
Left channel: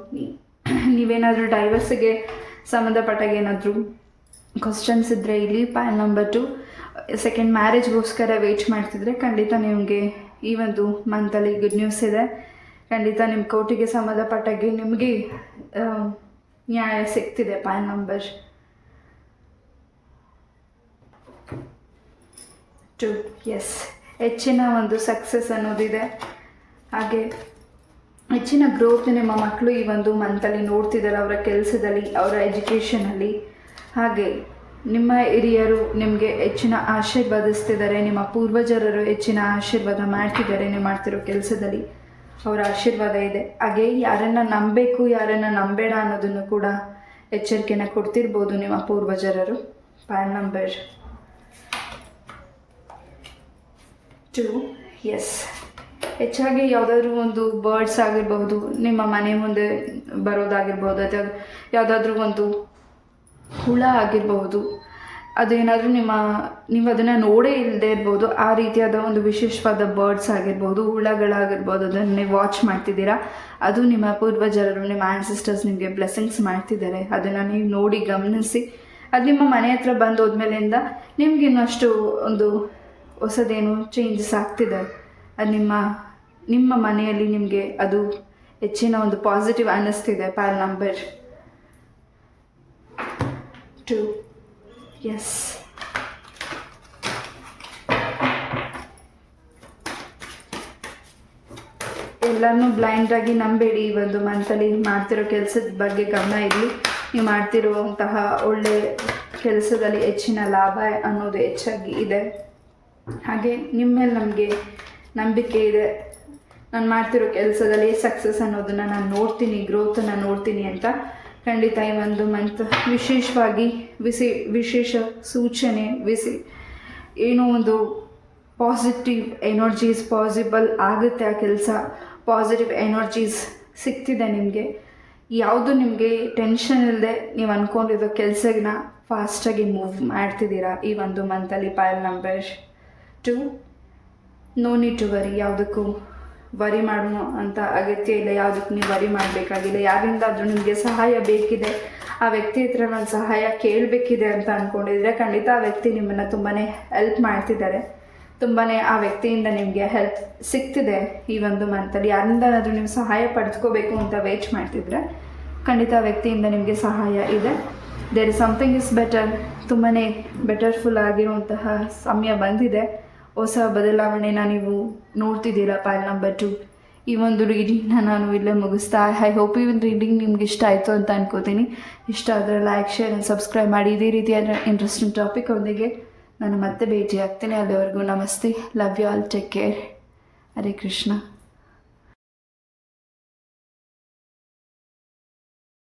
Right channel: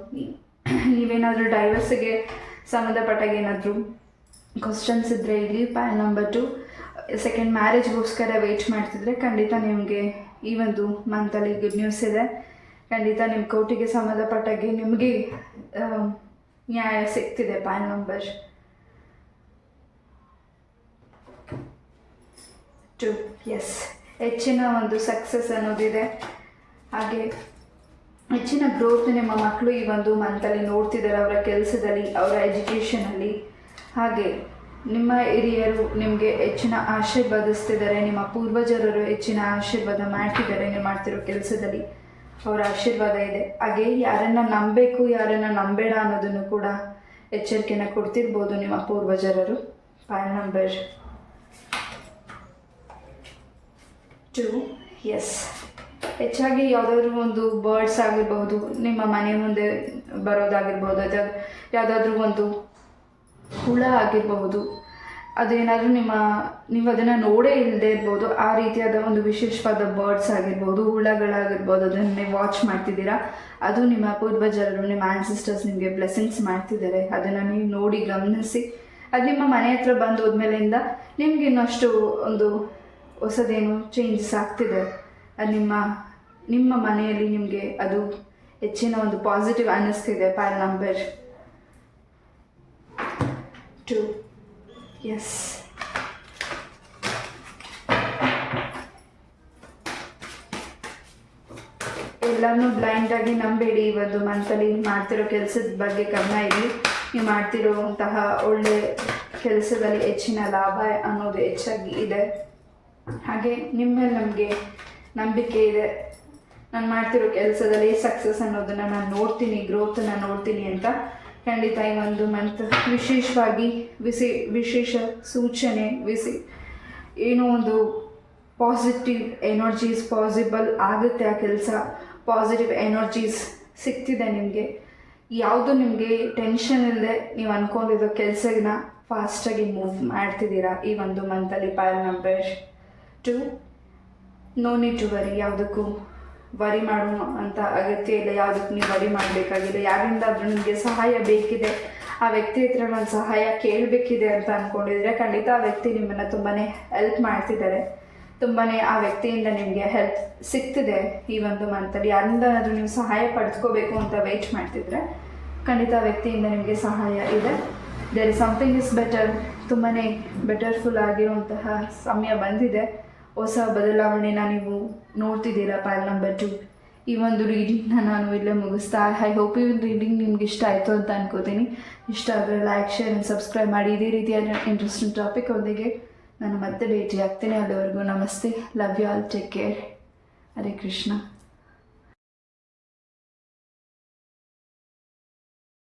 ನೀವೇನಾದರೂ ಡೈವರ್ಸಿಗೆ ಸಂಬಂಧಪಟ್ಟಾಗ ಏನಾದರೂ ಕ್ವಶನ್ಸ್ ಇದ್ದರೆ ಇಲ್ಲಿ ಪ್ಯಾನ್ ನಂಬರ್ 2 ಸೆಕೆಂಡ್ ಮ್ಯಾರೇಜ್ಗೋಸ್ಕರ ವೆಯ್ಟ್ ಮಾಡ್ತಿದ್ರೆ ಖಂಡಿತ ನಿಮಗೆ ಈ ಒಂದು ಮಂತಲ್ಲಿ ಗುಡ್ ನ್ಯೂಸ್ ಇದೆ. ಖಂಡಿತ ನಿಮ್ಮ ಕೋರ್ಟಿಗೆ ಸಂಬಂಧಪಟ್ಟಾಗೆ ನಿಮಗೆ ನ್ಯಾಯ ಸಿಗ್ತಿದೆ. PAN number 2. ಎಸ್, ಹೆಚ್ಚಿನ ಒಂದು ಸಕ್ಸಸ್ ಅನ್ನೋದಿದೆ. ಹಾಗೆ ಹೆಚ್ಚಿನ ಗ್ರೋತ್ ನಿಮ್ಮ ಮಕ್ಕಳು ಈ ಒಂದು ಮಂತಲ್ಲಿ ನೋಡ್ತಿದ್ದಾರೆ, ಅವರ ಕೆಲಸದಲ್ಲಿ, ಅವರ ಎಜುಕೇಷನಲ್ಲಿ. ಹಾಗೆ ನಿಮ್ಮ ಹಿರಿಯರು ನಿಮಗೆ ಹೆಚ್ಚಿನ ಆಶೀರ್ವಾದಿಸ್ತಿದ್ದಾರೆ, ನಿಮ್ಮ ಪೂರ್ವಜರರು ಹೆಚ್ಚಿನ ಆಶೀರ್ವಾದ ಮಾಡ್ತಿದ್ದಾರೆ ನೀವು ಮಾಡ್ತಿರೋ ಕೆಲಸದಲ್ಲಿ, ಅವರ ಆಶೀರ್ವಾದ ಇದೆ. ಹಾಗೆ ಯಾರನ್ನು ನಂಬಬೇಕು ಯಾರನ್ನು ನಂಬೇಡ ಅನ್ನೋದನ್ನು ಕೂಡ ಎಚ್ಚರಿಕೆನ ಕೊಡ್ತಿರ್ಬೋದು ನಿಮ್ಮ ಪೂರ್ವಜರರು. ಪೈಲ್ ನಂಬರ್ 2. ಎಸ್, ಹೆಚ್ಚಾಗಿ ಯಾವುದಾದ್ರೂ ಒಂದು ಬರ್ಡ್ಸ್ ಆಗಿರ್ಬೋದು, ನಿಮ್ಮ ಮನೆ ಮುಂದೆ ಬರೋದಾಗಿರ್ಬೋದು, ಅಥವಾ ಯಾವುದಾದ್ರೂ ಒಂದು ಹುಳ ಆಗಿರಬಹುದು, ಅದೇನಾದರೂ ನೀವು ಅದನ್ನು ನೋಡೇ ಇಲ್ಲದೆ ಇರ್ಬೋದು, ಆ ರೀತಿಯಾದ ಒಂದು ವಿಶೇಷವಾದ ಬರ್ಡ್ಸ್ ಆಗಿರ್ಬೋದು, ಹುಳಗಳಾಗಿರ್ಬೋದು, ಅದನ್ನು ನೀವು ವಾಚ್ ಮಾಡ್ತಿದ್ದೀರಾ. ಅದು ನಿಮ್ಮ ಪೂರ್ವಜರರು, ನಿಮ್ಮ ಆನ್ಸಿಸ್ಟರ್ಸ್ ನಿಮಗೆ ಬ್ಲೆಸ್ಸಿಂಗ್ಸ್ ಮಾಡ್ತಿದ್ದಾರೆ. ಅದನ್ನು ನೀವು ನೋಡಿ ಗಮನಿಸಿ, ಅದು ನಿಮ್ಮ ಮನೆ ಹತ್ರ ಬಂದು ಹೋದ್ಮೇಲಿಂದ ನಿಮ್ಗೆ ಇನ್ನಷ್ಟು ಒಂದು ಹೊಸದೇನು ಚೇಂಜಸ್ ಆಗ್ತಿದೆ. ಅದು ನಿಮ್ಮ ಮನೆಯಲ್ಲಿ ನಿಮಗೆ ಅದು ಹೆಚ್ಚಿನ ಒಂದು ಪಾಸಿಟಿವ್ ಅನ್ನಿಸ್ತಿದೆ. ಪೈಲ್ ನಂಬರ್ 2. ಎಸ್, ಎಲ್ಲನೂ ಬ್ಲೈಂಡಾಗಿ ನಂಬೇಡಿ. ಈ ಒಂದು ಮಂತಲ್ಲಿ ಮಾಡ್ತಿರೋ ಕೆಲಸದ ಬಗ್ಗೆ ಗಮನ ಇರಲಿ. ನೀವು ಮಾಡ್ತಿರುವಂತಹ ಒಳ್ಳೆ ಕೆಲಸದಲ್ಲಿ ಹೆಚ್ಚಿನ ಲಾಭ ಅನ್ನೋದು ಹೆಚ್ಚಾಗಿ ಇದೆ. ಹಾಗೆ ನಿಮ್ಮ ಮೇಲೆ ನಮಗೆ ನಂಬಿಕೆ ಇದೆ. ನಾನು ಮಾಡ್ತಿರೋ ಕೆಲಸದಲ್ಲಿ ಸಕ್ಸಸ್ ಅನ್ನೋದನ್ನು ನಾನು ನೋಡ್ತೀನಿ, ಗ್ರೋತನ್ನು ನೋಡ್ತೀನಿ ಅಂತ. ಖಂಡಿತ ಈ ಒಂದು ಮಂತ್ ವಿಶೇಷವಾಗಿ ವಿಶೇಷ ಸೂಚನೆ, ಏನೋ ಒಂದು ಪಾಸಿಟಿವ್ ಎನರ್ಜೀಸ್ ಪಾಸಿಬಲ್ ಆಗುತ್ತೆ. ಆ ಕೆಲಸ ಪಾಸಿಟಿವ್ ಎನರ್ಜೀಸ್ ಸಿಗ್ತಿದೆ ನಿಮಗೆ. ಯಾವುದು ನಿಮಗೆ ಟೆನ್ಷನ್ ಇಲ್ಲದೆ ನೀವು ಅಂದ್ಕೊಂಡಿರೋ ಕೆಲಸನ ಫಾಸ್ಟಾಗಿ ಮೂವ್ ಮಾಡ್ತಿದ್ದೀರಾ ಈ ಒಂದು ಮಂತಲ್ಲಿ. File number 2. No need to worry. ಯಾವುದಕ್ಕೂ ವರಿ ಮಾಡೋ ಅಂತ ಅಗತ್ಯ ಇಲ್ಲ. ಯಾವುದಕ್ಕೂ ನೀವು ವರಿ ಮಾಡಬೇಕಾಗಿಲ್ಲ. ಯಾರಿಂದಾದರೂ ನಿಮಗೆ ಸಹಾಯ ಬೇಕಿದೆ, ಆ ವ್ಯಕ್ತಿ ಹತ್ರ ನಾನು ಸಹಾಯ ಕೇಳಬೇಕಿದೆ ಅಂತ ಅಂದ್ಕೊಂಡಿದ್ರೆ ಖಂಡಿತ ಆ ವ್ಯಕ್ತಿ ನಿಮ್ಮನ್ನು ತುಂಬಾ ಹೆಲ್ಪ್ ಮಾಡ್ತಿದ್ದಾರೆ. ತುಂಬಾ ಆ ವ್ಯಕ್ತಿಯಿಂದ ನಿಮಗೆ ಹೆಲ್ಪ್ ಸಿಗ್ತಿದೆ ಈ ಒಂದು ಮಂತಲ್ಲಿ. ಯಾರಿಂದಾದ್ರೂ ನೀವು ಸಹಾಯ ಪಡೆದುಕೋಬೇಕು ಅಂತ ವೇಟ್ ಮಾಡ್ತಿದ್ರೆ ಖಂಡಿತ ಆ ವ್ಯಕ್ತಿಯಿಂದ ನಿಮಗೆ ಸಹಾಯ ಇದೆ. There is something is better. ತುಂಬಾ ಬೆಟರ್ಫುಲ್ ಆಗಿರುವಂತಹ ಸಮಯ ಬಂದಿದೆ. ಹೊಸ ಬದಲಾವಣೆನ ನೀವು ನೋಡ್ತಿದ್ದೀರಾ. ಪೈಲ್ ನಂಬರ್ 2. ಈ ಒಂದು ರೀಡಿಂಗ್ನ ನಾನು ಇಲ್ಲೇ ಮುಗಿಸ್ತಾ. ಐ ಹೋಪ್ ಈ ಒಂದು ರೀಡಿಂಗ್ ನಿಮ್ಗೆ ಇಷ್ಟ ಆಯಿತು ಅಂತ ಅನ್ಕೋತೀನಿ. ಇಷ್ಟ ಆದರೆ ಲೈಕ್, ಶೇರ್ ಆ್ಯಂಡ್ ಸಬ್ಸ್ಕ್ರೈಬ್ ಮಾಡಿ. ಇದೇ ರೀತಿಯಾದ ಇಂಟ್ರೆಸ್ಟಿಂಗ್ ಟಾಪಿಕ್ ಒಂದಿಗೆ ನಾನು ಮತ್ತೆ ಭೇಟಿ ಆಗ್ತೇನೆ. ಅಲ್ಲಿವರೆಗೂ ನಮಸ್ತೆ. Love you all. Take care. Hare Krishna.